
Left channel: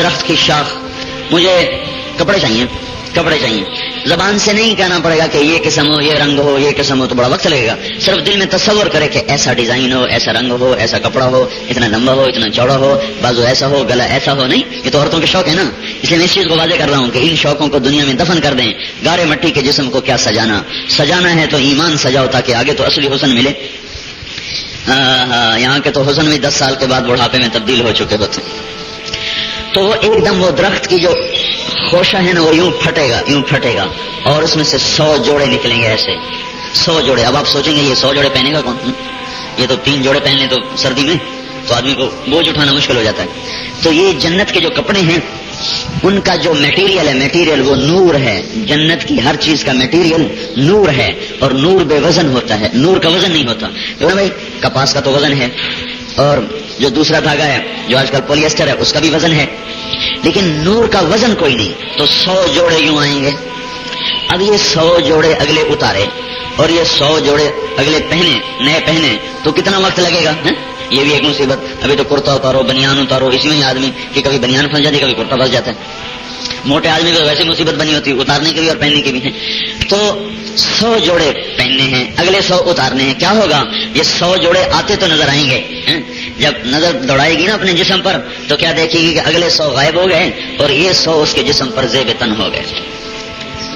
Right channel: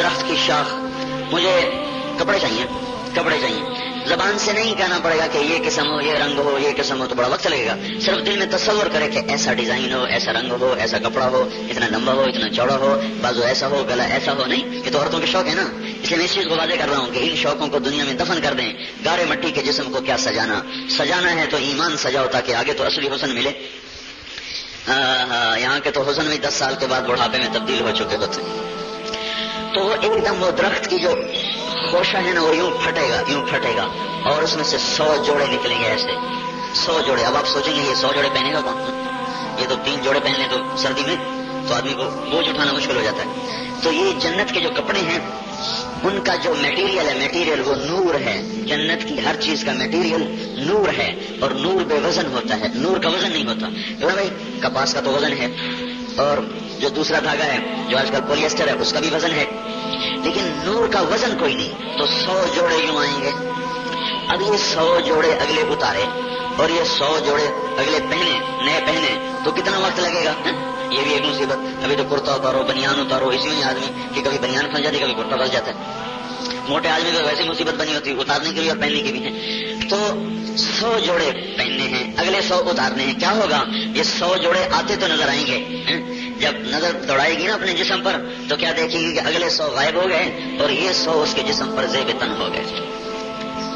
درخت کی شاخ، مجھے کپڑے چاہیے. زبان سے نہیں کہنا پڑے گا کہ یہ قسم ہو، یہ رنگ ہو، یہ قسم ہو، تو بڑا وقت لگے گا. صرف دل میں تصور کرے کہ ایسا ڈیزائن ہو، ایسا رنگ ہو، ایسا کپڑا ہو، اتنا لمبا ہو، اتنا چوڑا ہو، بازو ایسا ہو، گلا ایسا ہو. نہیں، یہ تو عورتوں کے شوق ہے نا. اس لیے میں اس چیز کو واضح کر رہا ہوں کہ ان شوقوں کو دنیا میں دفن کر دیں. گارے مٹی کے جسم کو کیا سجانا ہے تو ایمان سجاؤ تاکہ آگے تو اصلی حسن ملے. یہاں کے تو حسن میں 10 سال کے بعد بڑھاپے میں تبدیل ہو چکے ہوتے ہیں. تو وہ ایک دم وہ درخت کی جو خوشہ ہے نا وہ یوں پھٹے گا اور اس میں سے 100 جوڑے نکلیں گے. ایسے 100 جوڑے. اب آپ سوچیں گے یہ 100 جوڑے پہنے گا کون؟ یہ تو 3 جوڑے پہن لیں تو سردی میں تو آدمی کو بوجھ اٹھانا مشکل ہو جاتا ہے. تو یہ جنت کے جو کپڑے ہیں ان کا جو میٹیریل وہ نور ہے. جنت کی ہر چیز کا میٹیریل نور ہے اور نور بے وزن ہوتا ہے. نور کا وزن نہیں ہوتا. بھائی کپاس کا تو وزن ہے اور جو دوسرا دھاگا ہے جو آج کل پولی ایسٹر ہے اس کا بھی وزن ہے، لیکن نور کا وزن کوئی نہیں. تو 100 جوڑے یوں آئیں گے. اب یہ 100 جوڑے اگلے اتارے اور یہ 100 جوڑے اگلے نئے پہنے تو کتنا وقت لگے گا؟ یہ بھی ایک مصیبت. ابھی تو کرتا اتارو، بنیان اتارو، اس میں آدمی کہ کبھی بنیان پھنس جاتی، کبھی کرتا پھنس جاتا ہے. موٹے آدمی کو ویسی مصیبت بنی ہوتی اتارنے کی بھی اور پہننے کی بھی ہے. تو 100 جوڑے پہننے ہیں، اگلے 100 اتارنے ہیں. کیا ہوگا؟ یہ 100 جوڑے آتے تو نظر آئیں گے. جب نظر دوڑائے گی نا اپنے جسم پر تو کیا دیکھے گی کہ اگلے 100 غائب ہو گئے اور یہ 100 اس کے جسم پر زیب تن ہو گئے.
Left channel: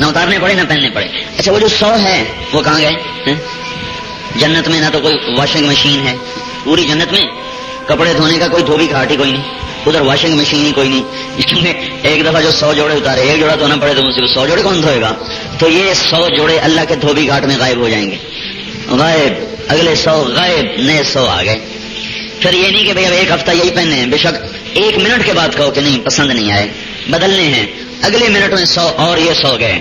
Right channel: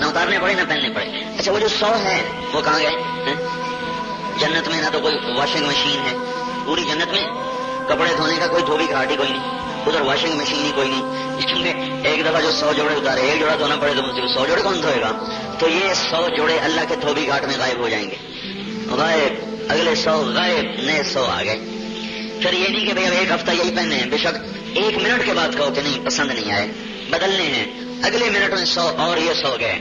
نہ اتارنے پڑے نہ پہننے پڑے. اچھا وہ جو 100 ہے وہ کہاں گئے؟ جنت میں نہ تو کوئی واشنگ مشین ہے. پوری جنت میں کپڑے دھونے کا کوئی دھوبی گھاٹی کوئی نہیں، ادھر واشنگ مشین ہی کوئی نہیں. اس میں ایک دفعہ جو 100 جوڑے اتارے، ایک جوڑا دھونا پڑے تو مجھے 100 جوڑے کون دھوئے گا؟ تو یہ 100 جوڑے اللہ کے دھوبی گھاٹ میں غائب ہو جائیں گے. غائب، اگلے 100 غائب، نئے 100 آ گئے. پھر یہ نہیں کہ بھئی اب ایک ہفتہ یہی پہننے ہیں. بے شک 1 منٹ کے بعد کہو کہ نہیں پسند نہیں آئے، بدلنے ہیں. اگلے منٹ میں 100 اور یہ 100 گئے.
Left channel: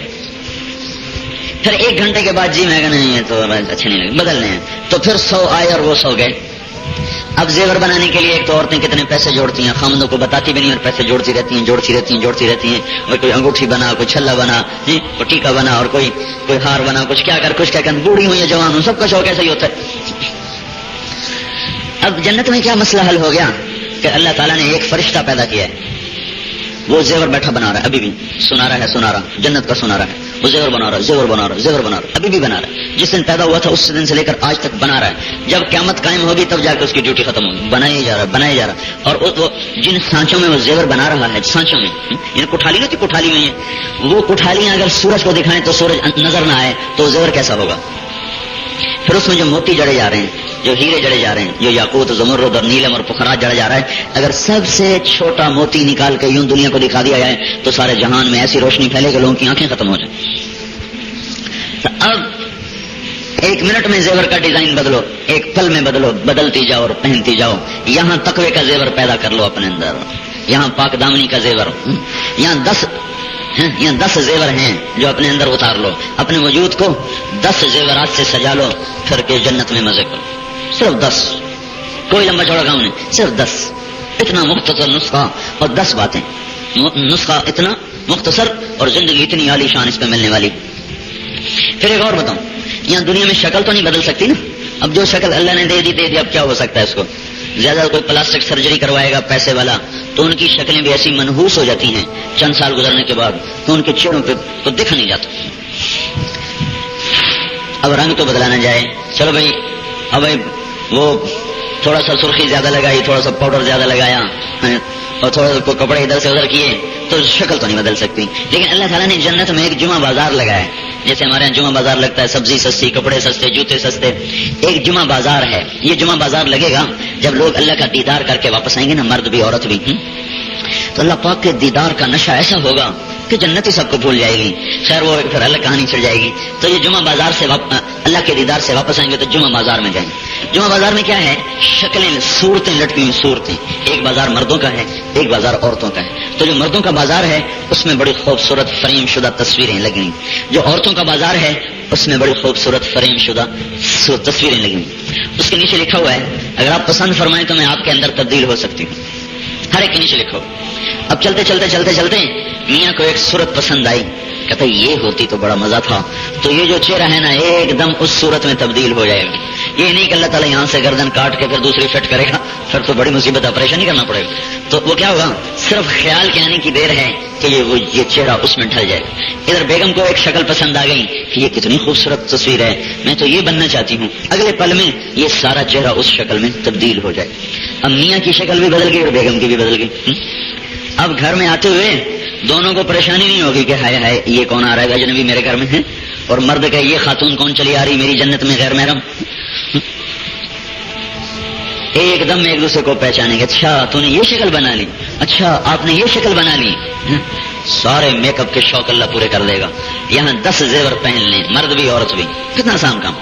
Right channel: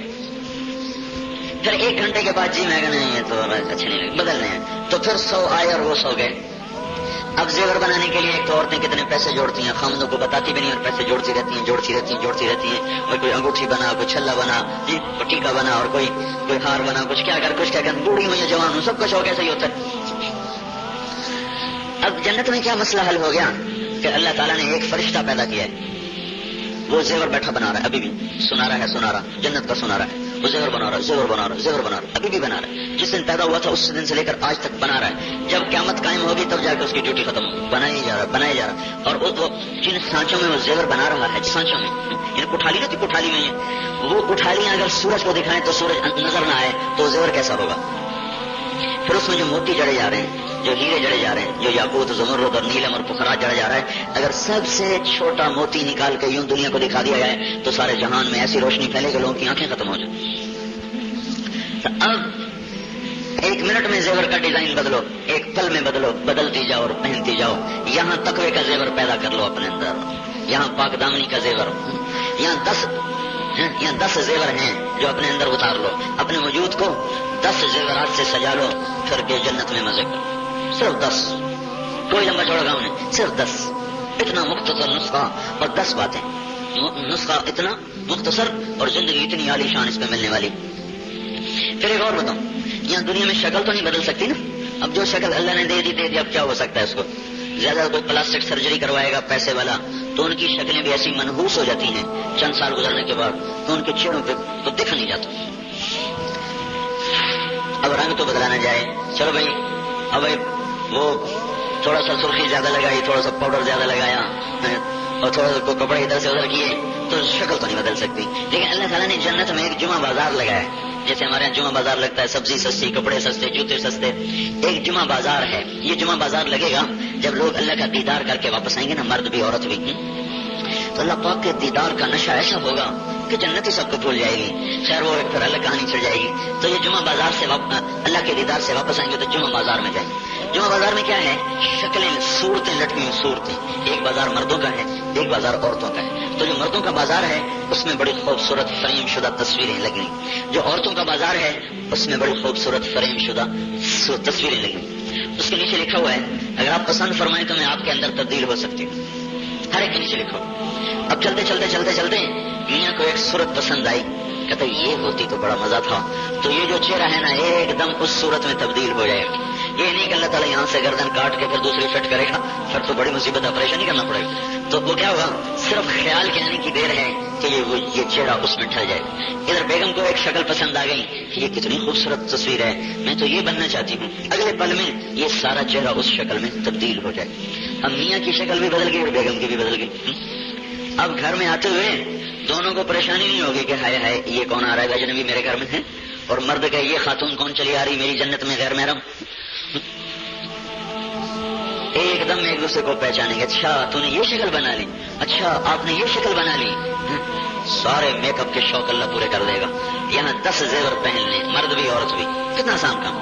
پھر 1 گھنٹے کے بعد جی میں کہا نہیں تو اچھے نہیں لگے، بدلنے ہیں. تو پھر 100 آئے اور وہ 100 گئے. اب زیور بنانے کے لیے ایک تو عورتیں کتنے پیسے جوڑتی ہیں، خامدوں کو بتاتی بھی نہیں اور پیسے جوڑتی رہتی ہیں. اور کوئی انگوٹھی بنا، کوئی چھلا بنا، کوئی ٹیکا بنا اور کوئی ہار بنا، کچھ کیا کر بوڑھی ہوں یا جوان ہوں سب کا شوق ایسا ہی ہوتا ہے. اب جنت میں کیا مسئلہ حل ہو گیا کہ اللہ تعالیٰ نے ایک فرشتہ پیدا کیا ہے. وہ زیور بیٹھا بنا رہا ہے، ابھی بھی سنارا جنت کا سنارا ہے. وہ زیور بنا رہا ہے، ابھی بھی بنا رہا ہے. جس دن پیدا ہوا تھا اس دن سے لے کر آج تک بنا رہا ہے. جب قیامت قائم ہوگی تب جا کے اس کی ڈیوٹی ختم ہوگی. بنایا جا رہا. اور وہ جن سانچوں میں وہ زیور بنا رہا ہے، سانچوں میں یہ کوٹھالی نہیں تھی، کوٹھالی میں وہ کوٹھالیاں اگر سورج کو دکھائیں تو سورج نظر نہ آئے تو زیور کیسا ہوگا؟ پھر اس میں جو موتی جڑے جا رہے ہیں، جو ہیرے جڑے جا رہے ہیں، جو یاقوت، زمرد اور نیلم اور پخرات جڑا جا رہا ہے، اگر سب سے چھوٹا موتی نکال کے یوں دنیا کو دکھا دیا جائے تو سارے جہان میں ایسی روشنی پھیلے کہ لوگوں کی آنکھیں ختم ہو جائیں. اب 1 منٹ میں زیور کا ڈیزائن بدلو، ایک پل میں بدلتی جاؤ اور پہنتی جاؤ. یہاں تقوی کا زیور پیدا کر لو اپنے اندر، یہاں پاک دامنی کا زیور، یہاں 10 زیور ہیں جو اپنے اندر اتار لو. اپنے وجود کو 10 زیورات سے سجا لو، پھر کے جنت میں مزے کرو. صرف 10، کوئی لمبا چوڑا کام نہیں، صرف 10. اتنا مختصر نسخہ اور 10 باتیں. نسخہ اتنا مختصر اور زندگی اتنی عالی شان اس پہ ملنے والی. پھر ایک اور بتاؤں، یہاں دنیا میں شکل تو نہیں بدل سکتی نا. اب جو شکل اللہ نے دے دی اب کیا ہو سکتا ہے اس کو؟ زیادہ کوئی پلاسٹک سرجری کروائے گا پیسے والا تو ان کی شکلیں بھی ایسی منحوس ہو جاتی ہیں چند سال گزرنے کے بعد تو ان کے چہروں پہ تو دیکھا نہیں جاتا. اب رنگ تو بدلانا جائے، چلو بھائی اب وہ تھوڑا سا سرخی زیادہ لگائی، تھوڑا سا پاؤڈر زیادہ لگایا اور تھوڑا سا کپڑے ادھر سے ادھر کیے تو شکل تو نہیں بدل سکتی. لیکن اللہ تعالیٰ نے جنت میں ایک جمعہ بازار لگایا ہے. جیسے ہمارے یہاں جمعہ بازار لگتا ہے، سبزی سستی، کپڑے سستے، جوتے سستے. ایک جمعہ بازار ہے. یہ جمعہ بازار لگے گا جب لوگ اللہ کا دیدار کر کے واپس آئیں گے نا، مرد بھی عورت بھی، تو اللہ پاک کے دیدار کا نشہ ایسا ہوگا کہ جنت ہی سب کو بھول جائے گی. خیر وہ پھر اللہ کہانی چڑھ جائے گی. تو یہ جمعہ بازار سے اللہ کے دیدار سے واپس آئیں گے تو جمعہ بازار میں جائیں گے. جمعہ بازار میں کیا ہے؟ شکلیں، صورتیں لٹکی ہوئی صورتیں. ایک بازار مردوں کا ہے، ایک بازار عورتوں کا ہے. تو جو مردوں کا بازار ہے اس میں بڑی خوبصورت فریم شدہ تصویریں لگی. جو عورتوں کا بازار ہے اس میں بڑی خوبصورت فریم شدہ تصویریں لگی. اس کے نیچے لکھا ہوا ہے اگر آپ پسند فرمائیں تو میں آپ کے اندر تبدیل ہو سکتی ہوں. ہر ایک کے نیچے لکھا ہوا. اب چلتے میاں کو ایک صورت پسند آئی، کہتا یہ ہوتی تو بڑا مزہ تھا. تو یہ جو چہرہ ہے نا ایک دم اس صورت میں تبدیل ہو جائے گا. یہ نہیں کہ اللہ تعالیٰ یہاں سے گردن کاٹ کے پھر دوسری فٹ کرے گا، پھر تو بڑی مصیبت آپریشن ہی کرنا پڑے گا. تو وہ کیا ہوگا؟ صرف خیال کے آنے کی دیر ہے کہ یہ چہرہ اس میں ڈھل جائے گا. ادھر بیگم کو ایک شکل پسند آ گئی کہ یہ کتنی خوبصورت تصویر ہے, میں تو یہ بننا چاہتی ہوں. اگلے پل میں یہ سارا چہرہ اس شکل میں تبدیل ہو جائے. اب میاں کی شکل بھی بدل گئی اور بیگم کی بھی بدل گئی. اب گھر میں آتے ہوئے دونوں کو پریشانی نہیں ہوگی کہ ہائے ہائے یہ کون آ رہا ہے اجنبی میرے گھر میں ہے, اور مرد کا یہ خاتون کون چلی آ رہی میری جنت میں غیر محرم. ایک دم ایک دوسرے کو پہچانیں گے. اچھا تو نے یہ شکل بنا لی, اچھا آپ نے یہ شکل بنا لی. سارے میک اپ کے شوق اللہ پورے کر لے گا. یہاں 10 زیور پہن لیں, مرد بھی عورت بھی. کتنا آسان کام.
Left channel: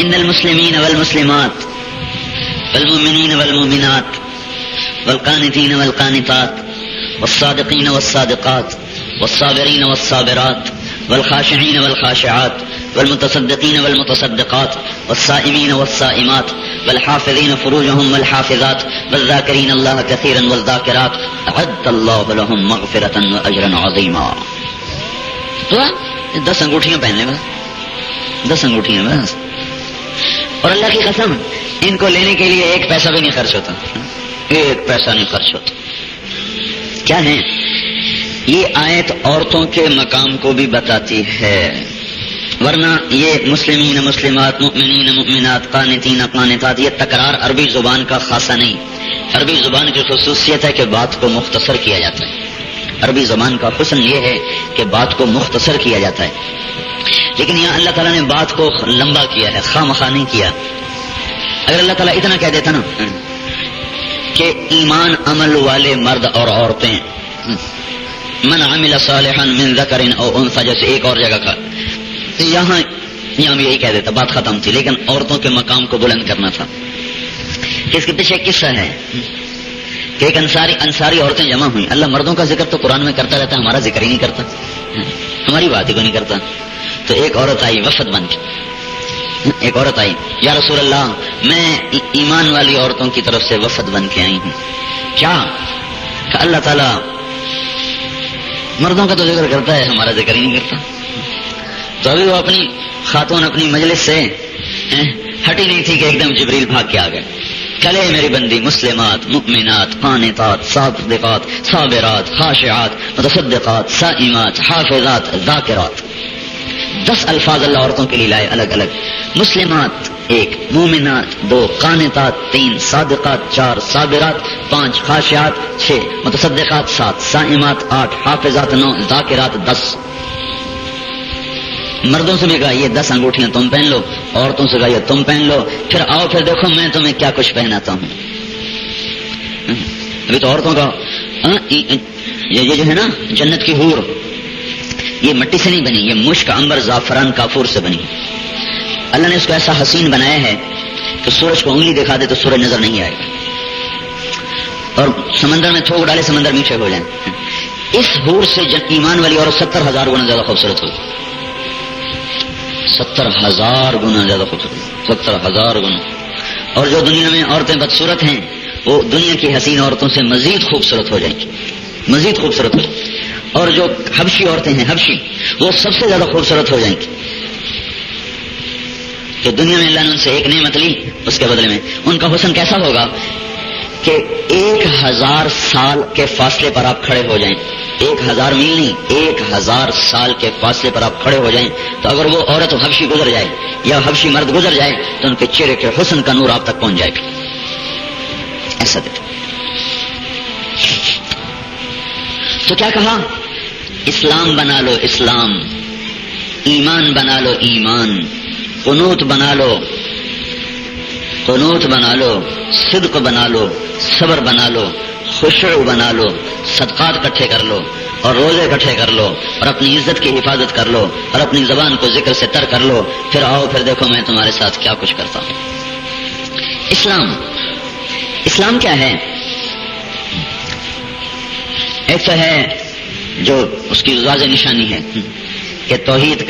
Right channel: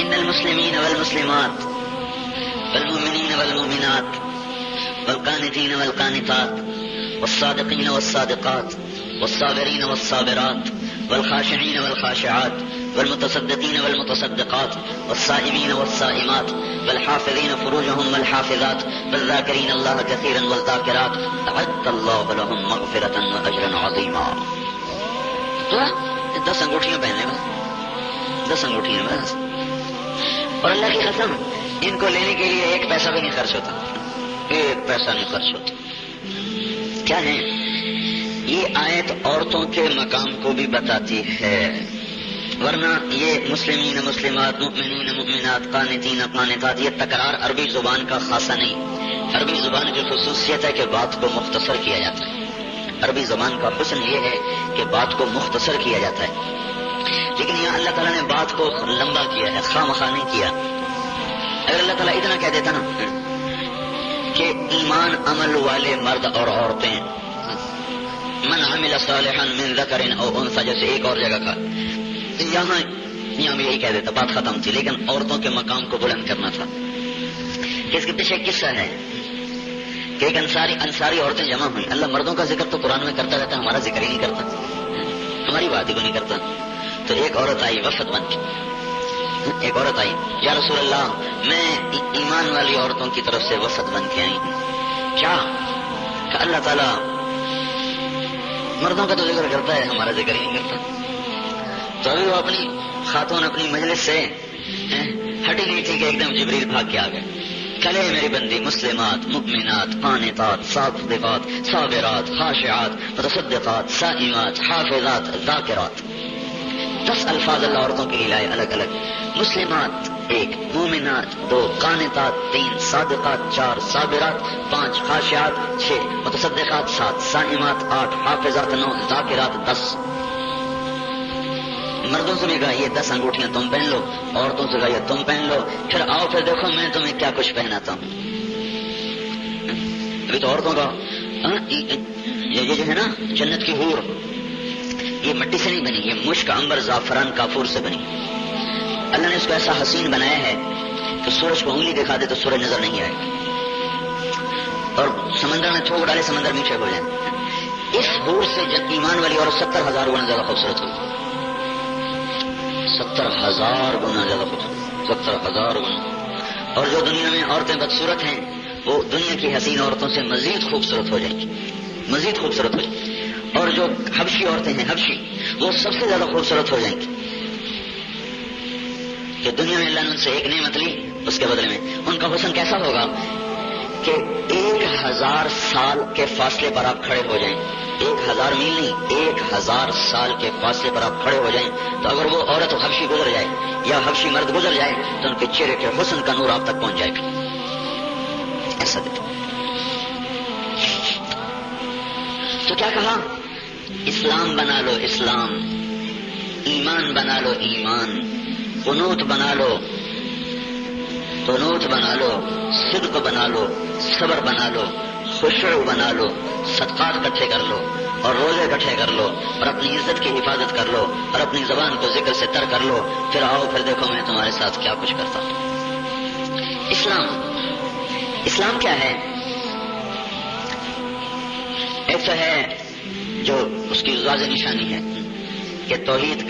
ان المسلمین والمسلمات والمؤمنین والمؤمنات والقانتین والقانتات والصادقین والصادقات والصابرین والصابرات والخاشعین والخاشعات والمتصدقین والمتصدقات والصائمین والصائمات والحافظین فروجهم والحافظات والذاکرین اللہ کثیرا والذاکرات اعد اللہ لهم مغفرۃ واجرا عظیما. تو 10 انگوٹھیاں پہننے میں, 10 انگوٹھیاں بس. اور اللہ کی قسم ان کو لینے کے لیے ایک پیسہ بھی نہیں خرچ ہوتا, ایک پیسہ نہیں خرچ ہوتا. کیا ہے یہ آیت عورتوں کے مقام کو بھی بتاتی ہے, ورنہ یہ مسلمین مسلمات مؤمنین مؤمنات قانتین قانتات یہ تکرار عربی زبان کا خاصہ نہیں. عربی زبان کی خصوصیت ہے کہ بات کو مختصر کیا جاتا ہے. عربی زبان کا حسن یہ ہے کہ بات کو مختصر کیا جاتا ہے. لیکن یہاں اللہ تعالیٰ نے بات کو لمبا کیا ہے, خواہ مخواہ نہیں کیا. اگر اللہ تعالیٰ اتنا کہہ دیتا نا کہ ایمان عمل والے مرد اور عورتیں, من عمل صالحا من ذکر او انثى, جیسے ایک اور جگہ کا, یہاں بھی یہی کہہ دیتا, بات ختم تھی. لیکن عورتوں کے مقام کو بلند کرنا تھا. اس کے پیچھے قصہ ہے کہ ایک انصاری عورتیں جمع ہوئی. اللہ مردوں کا ذکر تو قرآن میں کرتا رہتا, ہمارا ذکر ہی نہیں کرتا, ہماری بات ہی کو نہیں کرتا. تو ایک عورت آئی وفد بن کے, ایک عورت آئی, یا رسول اللہ میں ایمان والی عورتوں کی طرف سے وفد بن کے آئی ہوں. کیا کہ اللہ تعالیٰ مردوں کا تو ذکر کرتا ہے, ہمارا ذکر ہی نہیں کرتا. تو ابھی وہ اپنی خاتون اپنی مجلس سے ہٹی نہیں تھی کہ ایک دم جبریل بھاگ کے آ گئے. چلے میری بندی مسلمات مؤمنات قانتات صادقات صابرات خاشعات متصدقات صائمات حافظات ذاکرات. 10 الفاظ اللہ عورتوں کے لیے لائے الگ الگ. مسلمات 1, مومنات 2, قانتات 3, صادقات 4, صابرات 5, خاشعات 6, متصدقات 7, صائمات 8, حافظات 9, ذاکرات 10. مردوں سے بھی کہا یہ 10 انگوٹھیاں تم پہن لو, عورتوں سے کہا یہ تم پہن لو. پھر آؤ پھر دیکھو میں تمہیں کیا کچھ پہناتا ہوں. ابھی تو عورتوں کا یہ جو ہے نا جنت کی حور, یہ مٹی سے نہیں بنی, یہ مشک عنبر زعفران کافور سے بنی. اللہ نے اس کو ایسا حسین بنایا ہے کہ سورج کو انگلی دکھا دے تو سورج نظر نہیں آئے گا, اور سمندر میں تھوک ڈالے سمندر میٹھے ہو جائیں. اس حور سے ایمان والی عورت 70,000 گنا زیادہ خوبصورت ہوگی. 70,000 گنا زیادہ خوبصورت, 70,000 گنا. اور جو دنیا میں عورتیں بدصورت ہیں وہ دنیا کی حسین عورتوں سے مزید خوبصورت ہو جائیں گی, مزید خوبصورت ہو جائیں گی. اور جو حبشی عورتیں ہیں حبشی, وہ سب سے زیادہ خوبصورت ہو جائیں گی. کہ دنیا میں اللہ نے ان سے ایک نعمت لی, اس کے بدلے میں ان کا حسن کیسا ہوگا کہ 1000 سال کے فاصلے پر آپ کھڑے ہو جائیں. 1000 میل نہیں, 1000 سال کے فاصلے پر آپ کھڑے ہو جائیں. تو اگر وہ عورت حبشی گزر جائے یا حبشی مرد گزر جائے تو ان کے چہرے کے حسن کا نور آپ تک پہنچ جائے گا. ایسا دیکھو. تو کیا کہا, اسلام بنا لو اسلام, ایمان بنا لو ایمان, قنوت بنا لو, قنوت بنا لو, صدق بنا لو, صبر بنا لو, خشوع بنا لو, صدقات اکٹھے کر لو اور روزے اکٹھے کر لو اور اپنی عزت کی حفاظت کر لو اور اپنی زبان کو ذکر سے تر کر لو. پھر آؤ پھر دیکھو میں تمہارے ساتھ کیا کچھ کرتا ہوں. اسلام کیا ہے؟ ایک تو ہے جو اس کی واضح نشانی ہے کہ توحید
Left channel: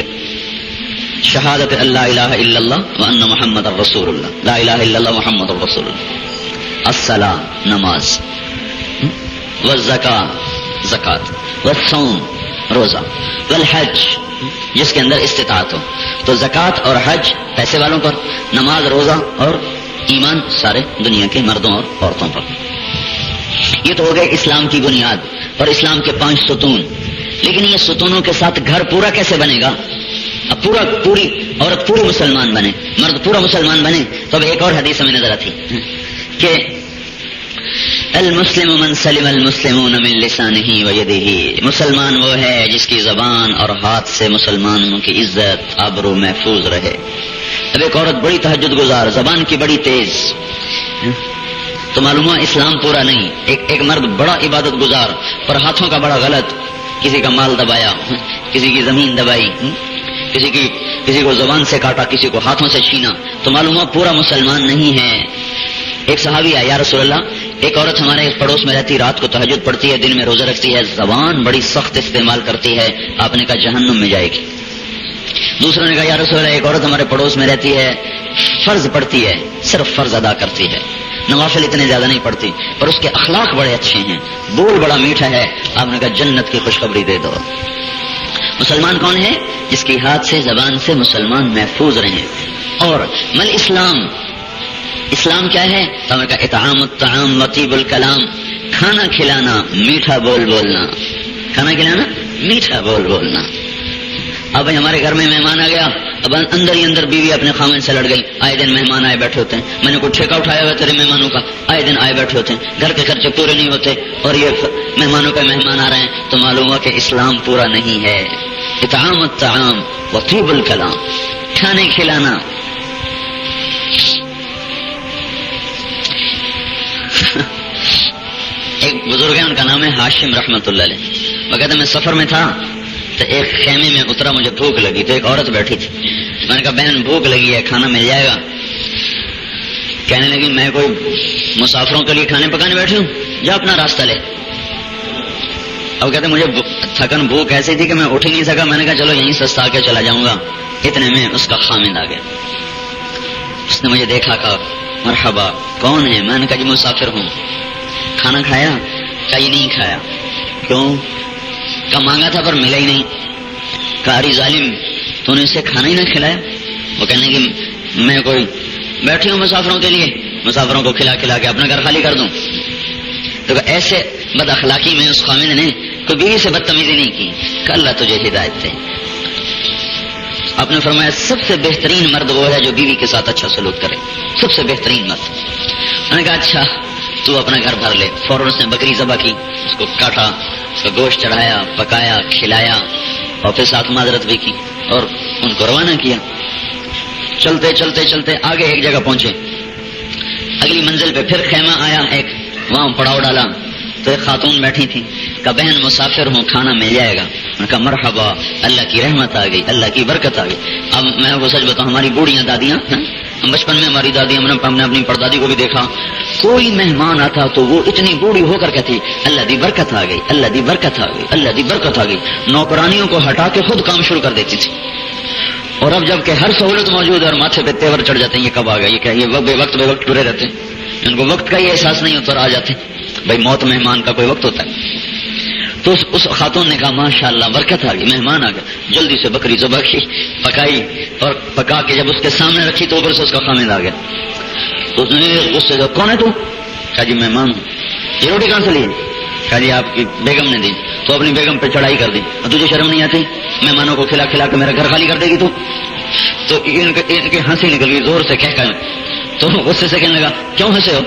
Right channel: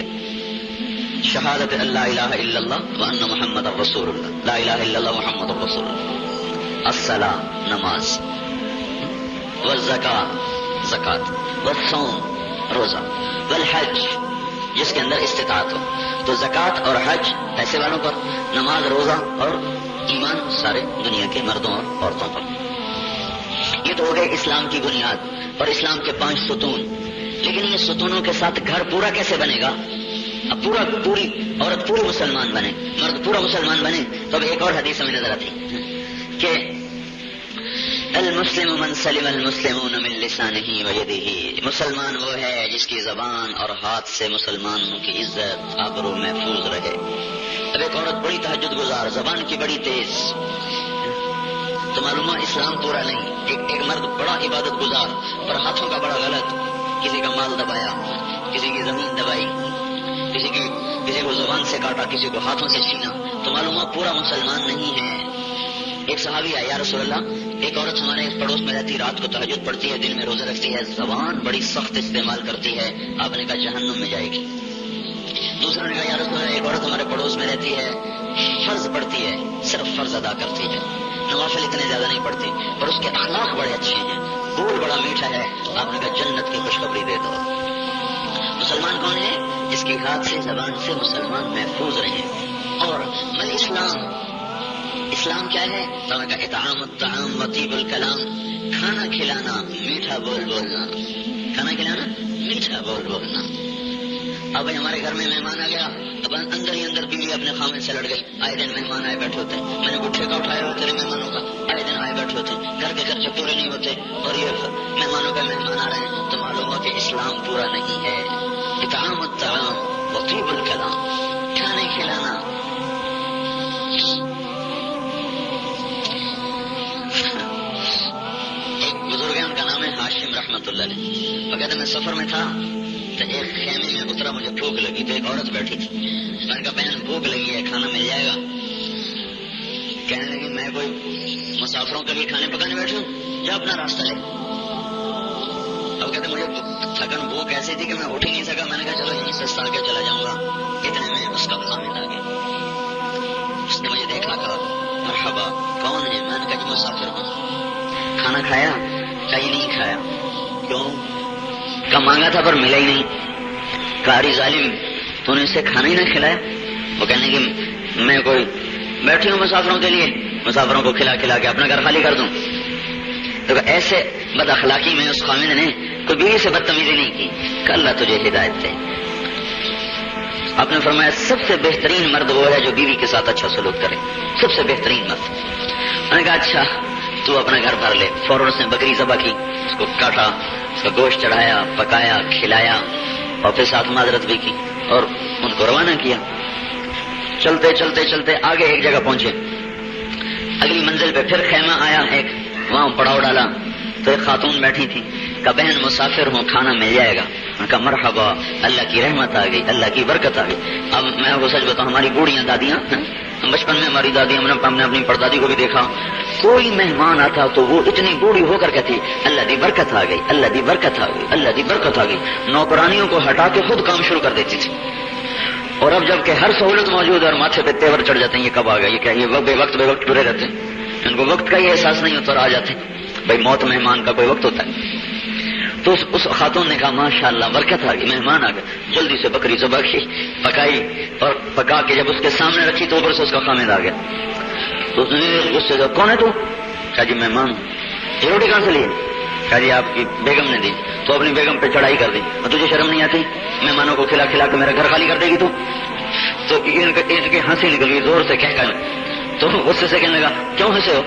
شہادت اللہ الہ الا اللہ وان محمد الرسول اللہ, لا الہ الا اللہ محمد الرسول اللہ, الصلاۃ نماز, والزکاۃ زکات, والصوم روزہ, والحج جس کے اندر استطاعت ہو. تو زکات اور حج پیسے والوں پر, نماز روزہ اور ایمان سارے دنیا کے مردوں اور عورتوں پر. یہ تو ہو گئے اسلام کی بنیاد اور اسلام کے 5 ستون. لیکن یہ ستونوں کے ساتھ گھر پورا کیسے بنے گا؟ اب پوری عورت پوری مسلمان بنے، مرد پورا مسلمان بنے. تو اب ایک اور حدیث ہمیں نظر آتی کہ المسلم من سلم المسلمون من لسانه ويده، مسلمان وہ ہے جس کی زبان اور ہاتھ سے مسلمانوں کی عزت آبرو محفوظ رہے. اب ایک عورت بڑی تہجد گزار، زبان کی بڑی تیز، تو معلوم ہوا اسلام پورا نہیں. ایک مرد بڑا عبادت گزار اور ہاتھوں کا بڑا غلط، کسی کا مال دبایا، کسی کی زمین دبائی، کسی کو زبان سے کاٹا، کسی کو ہاتھوں سے چھینا، تو معلوم ہوا پورا مسلمان نہیں ہے. ایک صحابی آیا، یا رسول اللہ ایک عورت ہمارے پڑوس میں رہتی، رات کو تہجد پڑھتی ہے، دن میں روزہ رکھتی ہے، زبان بڑی سخت استعمال کرتی ہے، آپ نے کہا جہنم میں جائے گی. دوسروں نے کہا یا رسول اللہ ایک عورت ہمارے پڑوس میں رہتی ہے، فرض پڑھتی ہے، صرف فرض ادا کرتی ہے، نوافل اتنے زیادہ نہیں پڑھتی، اور اس کے اخلاق بڑے اچھے ہیں، بول بڑا میٹھا ہے، آپ نے کہا جنت کی خوشخبری دے دو. مسلمان کون ہے؟ جس کی ہاتھ سے زبان سے مسلمان محفوظ رہیں. اور مل اسلام کیا ہے؟ تو ہمیں کہا اطعام الطعام وطیب الکلام، کھانا کھلانا، میٹھا بول بولنا، کھانا کھلانا، میٹھا بول بولنا. اب بھائی ہمارے گھر میں مہمان آ گیا، اب اندر ہی اندر بیوی اپنے خاوند سے لڑ گئی. آئے دن مہمان آئے بیٹھے ہوتے ہیں، میں نے کوئی ٹھیکہ اٹھایا ہوا تیرے مہمانوں کا، آئے دن آئے بیٹھے ہوتے ہیں، گھر کے خرچے پورے نہیں ہوتے، اور یہ مہمانوں کا مہمان آ رہے ہیں، تو معلوم ہوا کہ اسلام پورا نہیں ہے. اطعام الطعام وطیب الکلام، کھانے کھلانا. ایک بزرگ ہے، ان کا نام ہے ہاشم رحمت اللہ علیہ. وہ کہتے میں سفر میں تھا تو ایک خیمے میں اترا، مجھے بھوک لگی تو ایک عورت بیٹھی تھی. میں نے کہا بہن بھوک لگی ہے، کھانا مل جائے گا؟ کہنے لگی میں کوئی مسافروں کے لیے کھانے پکانے بیٹھی ہوں، جا اپنا راستہ لے. اب کہتے مجھے تھکن بھوک ایسی تھی کہ میں اٹھ ہی نہیں سکا. میں نے کہا چلو یہیں سستا کے چلا جاؤں گا. اتنے میں اس کا خامد آ گیا. اس نے مجھے دیکھا، کہا مرحبا، کون ہے؟ میں نے کہا جی مسافر ہوں. کھانا کھایا؟ کہا یہ نہیں کھایا. کیوں؟ کہ مانگا تھا پر ملا ہی نہیں. کہا ارے ظالم، تو نے اسے کھانا ہی نہیں کھلایا. وہ کہنے کہ میں کوئی بیٹھی ہوں مسافروں کے لیے، مسافروں کو کھلا کھلا کے اپنا گھر خالی کر دوں. تو ایسے بد اخلاقی میں اس خامد نے کوئی بیوی سے بدتمیزی نہیں کی کہ اللہ تجھے ہدایت دے. آپ نے فرمایا سب سے بہترین مرد وہ ہے جو بیوی کے ساتھ اچھا سلوک کرے، سب سے بہترین مرد. میں نے کہا اچھا تو اپنا گھر بھر لے. فوراً اس نے بکری ذبح کی، اس کو کاٹا، اس کا گوشت چڑھایا، پکایا، کھلایا، اور پھر ساتھ معذرت بھی کی اور ان کو روانہ کیا. چلتے چلتے چلتے آگے ایک جگہ پہنچے. اگلی منزل پہ پھر خیمہ آیا ایک، وہاں پڑاؤ ڈالا تو ایک خاتون بیٹھی تھی. کہا بہن مسافر ہوں، کھانا مل جائے گا. میں کہا مرحبا، اللہ کی رحمت آ گئی، اللہ کی برکت آ گئی. اب میں وہ سچ بتاؤں، ہماری بوڑھیاں دادیاں، بچپن میں ہماری دادیاں، میں نے اپنی پردادی کو بھی دیکھا، کوئی مہمان آتا تو وہ اتنی بوڑھی ہو کر کہتی اللہ دی برکت آ گئی، اللہ دی برکت آ گئی، اللہ دی برکت آ گئی. نوکرانیوں کو ہٹا کے خود کام شروع کر دیتی تھی. اور اب جب کہ ہر سہولت موجود ہے اور ماتھے پہ تیور چڑھ جاتے ہیں، یہ کب آ گیا، یہ کیا، یہ بے وقت پورے رہتے ہیں، ان کو وقت کا ہی احساس نہیں ہوتا، آ جاتے ہیں. بھائی موت مہمان کا کوئی وقت ہوتا ہے. تو اس خاتون نے کہا ماشاءاللہ برکت آ گئی، مہمان آ گئے. جلدی سے بکری ذبح کی، پکائی، اور پکا کے جب اس کے سامنے رکھی تو اوپر سے اس کا خامد آ گیا. اس سے کون ہے تو؟ کہا جی مہمان. یہ روٹی کہاں سے لی؟ کہا جی آپ کی بیگم نے دی. تو اپنی بیگم پہ چڑھائی کر دی. اور تجھے شرم نہیں آتی مہمانوں کو کھلا کھلا کے میرا گھر خالی کر دے گی تو ہنسی نکل گئی زور سے کہہ کر. تو غصے سے کہنے لگا کیوں ہنسے ہو؟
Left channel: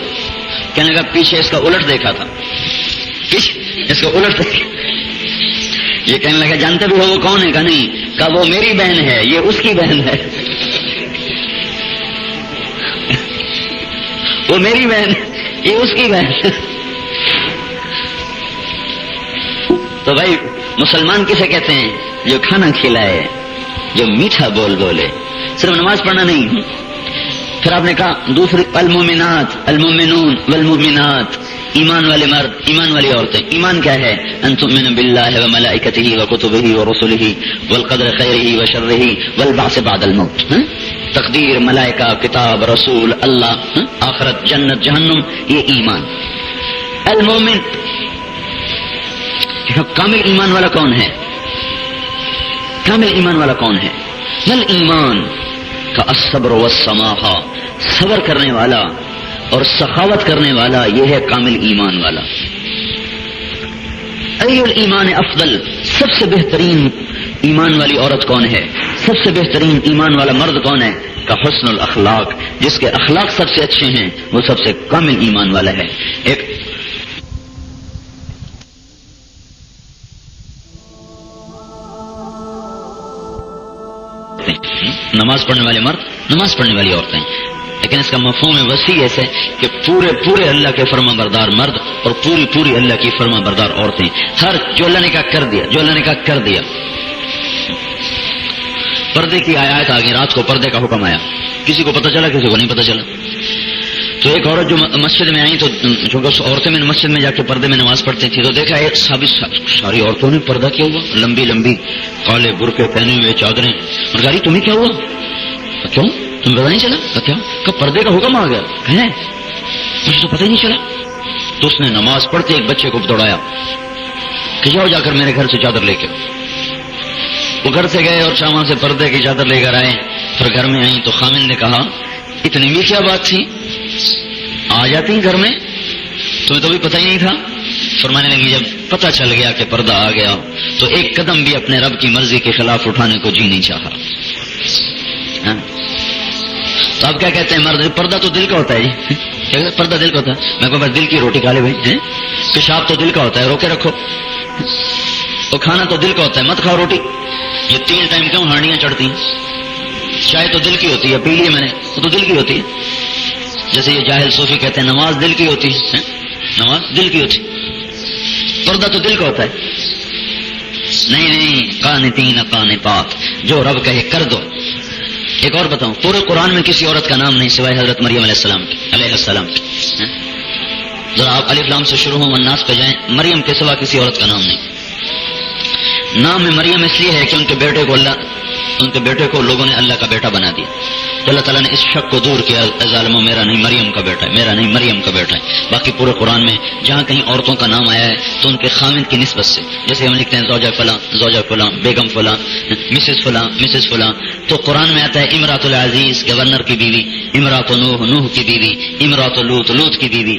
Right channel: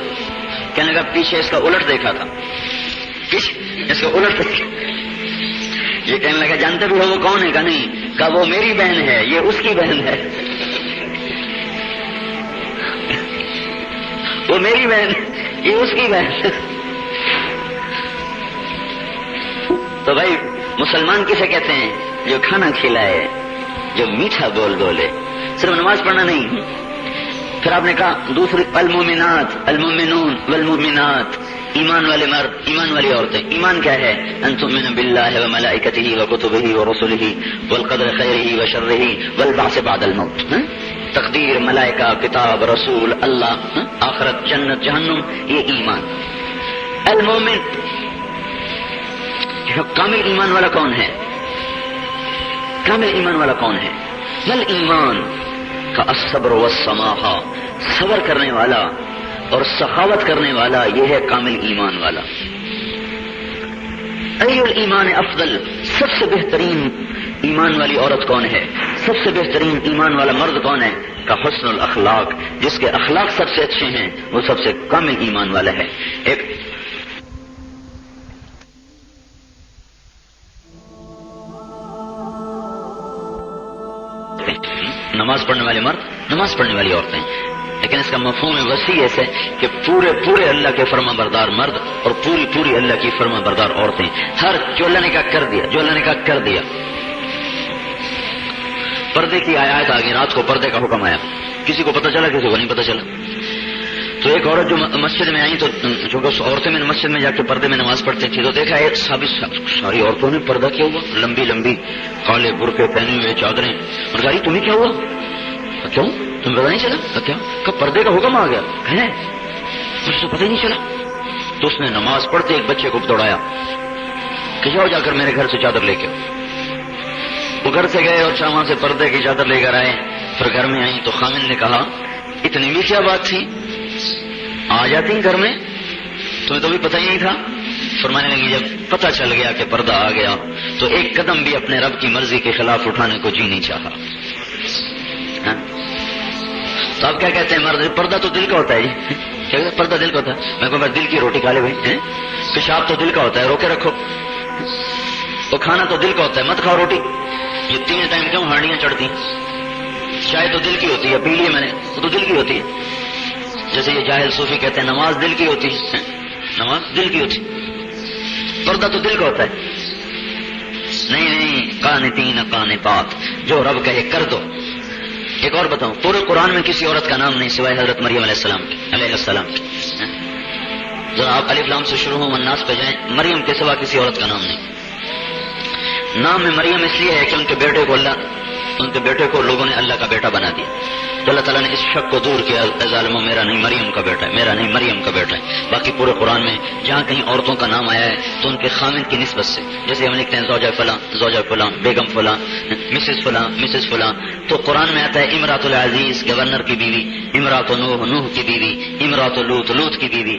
کہنے لگا پیچھے اس کا الٹ دیکھا تھا، اس کا الٹ دیکھا. یہ کہنے لگا جانتے بھی وہ کون ہے؟ کہا نہیں. کہا وہ میری بہن ہے، یہ اس کی بہن ہے. وہ میری بہن، یہ اس کی بہن. تو بھائی مسلمان کسے کہتے ہیں؟ جو کھانا کھلائے، جو میٹھا بول بولے. صرف نماز پڑھنا نہیں. پھر آپ نے کہا دوسرے المومنات المومنون والمومنات، ایمان والے مرد، ایمان والی عورتیں. ایمان کیا ہے؟ ان تؤمن باللہ وملائکتہ وکتبہ ورسلہ والقدر خیرہ وشرہ والبعث بعد الموت. تقدیر، ملائکہ، کتاب، رسول، اللہ، آخرت، جنت، جہنم، یہ ایمان. المومن کامل ایمان والا کون ہے؟ کامل ایمان والا کون ہے؟ مل ایمان کا الصبر والسماحہ، صبر کرنے والا اور سخاوت کرنے والا یہ ہے کامل ایمان والا. ای الایمان افضل، سب سے بہترین ایمان والی عورت کون ہے، سب سے بہترین ایمان والا مرد کون ہے؟ کا حسن الاخلاق، جس کے اخلاق سب سے اچھے ہیں وہ سب سے کامل ایمان والا ہے. ایک نماز پڑھنے والے مرد، نماز پڑھنے والی عورتیں، لیکن اس کا مفہوم وسیع ایسے کہ پورے اللہ کے فرما بردار مرد اور پوری اللہ کی فرما بردار عورتیں. ہر جو اللہ نے کہا کر دیا، جو اللہ نے کہا کر دیا. پردے کی آیات آگے، رات کو پردے کا حکم آیا، کسی کو پتہ چلا کسی کو نہیں پتہ چلا. تو ایک عورت جو مسجد میں آئی تو جو عورتیں میں مسجد میں جا کے پردے میں نماز پڑھتی تھی تو دیکھا ایک ساری عورتوں نے پردہ کیا ہوا، لمبی لمبی کالے برقع پہنے ہوئے چادریں. اور گاری تمہیں کیا ہوا؟ کیوں تم کو نہیں چلا؟ کیا کہ پردے کا حکم آ گیا ہے، مجھے پتہ نہیں چلا. تو اس نے نماز پڑھتے ایک بچے کو دوڑایا کہ جا کر میرے گھر سے چادر لے کے. تو گھر سے گئے اور شام سے پردے کی چادر لے کر آئے. پھر گھر میں آئی تو خامن نے کہا اتنی میٹھا بات تھی، آ جاتی گھر میں تو بھی پتہ ہی نہیں تھا. فرمانے لگی جب پتہ چل گیا کہ پردہ آ گیا تو ایک قدم بھی اپنے رب کی مرضی کے خلاف اٹھانے کو جی نہیں چاہا. ہاں تو آپ کیا کہتے ہیں مرد؟ پردہ تو دل کا ہوتا ہے. پردہ دل کا ہوتا ہے. میں دل کی روٹی کھا لے بھائی، پیشاب تو دل کا ہوتا ہے، روکے رکھو. تو کھانا تو دل کا ہوتا ہے، مت کھاؤ روٹی. یہ 3 ٹائم کیوں ہانڈیاں چڑھتی ہیں؟ چائے تو دل کی ہوتی ہے، پی لیے میں نے تو دل کی ہوتی ہے. جیسے یہ جاہل صوفی کہتے ہیں نماز دل کی ہوتی ہے، نماز دل کی ہوتی. پردہ تو دل کا ہوتا ہے. نہیں قانتین قانتات، جو رب کہے کر دو. ایک اور بتاؤں، پورے قرآن میں کسی عورت کا نام نہیں سوائے حضرت مریم علیہ السلام. جو آپ الف لام سے شروع ہوں والناس پہ جائیں، مریم کے سوا کسی عورت کا نام نہیں. نام میں مریم اس لیے ہے کہ ان کے بیٹے کو لوگوں نے اللہ کا بیٹا بنا دیا. اللہ تعالیٰ نے اس شک کو دور کیا، ظالموں میرا نہیں مریم کا بیٹا ہے، میرا نہیں مریم کا بیٹا ہے. باقی پورے قرآن میں جہاں کہیں عورتوں کا نام آیا ہے تو ان کے خامند کی نسبت سے، جیسے ہم لکھتے ہیں زوجہ فلاں، بیگم فلاں، مسز فلاں. تو قرآن میں آتا ہے امراۃ العزیز گورنر کی بیوی، امراۃ نوح کی بیوی، امراۃ لوط کی بیوی،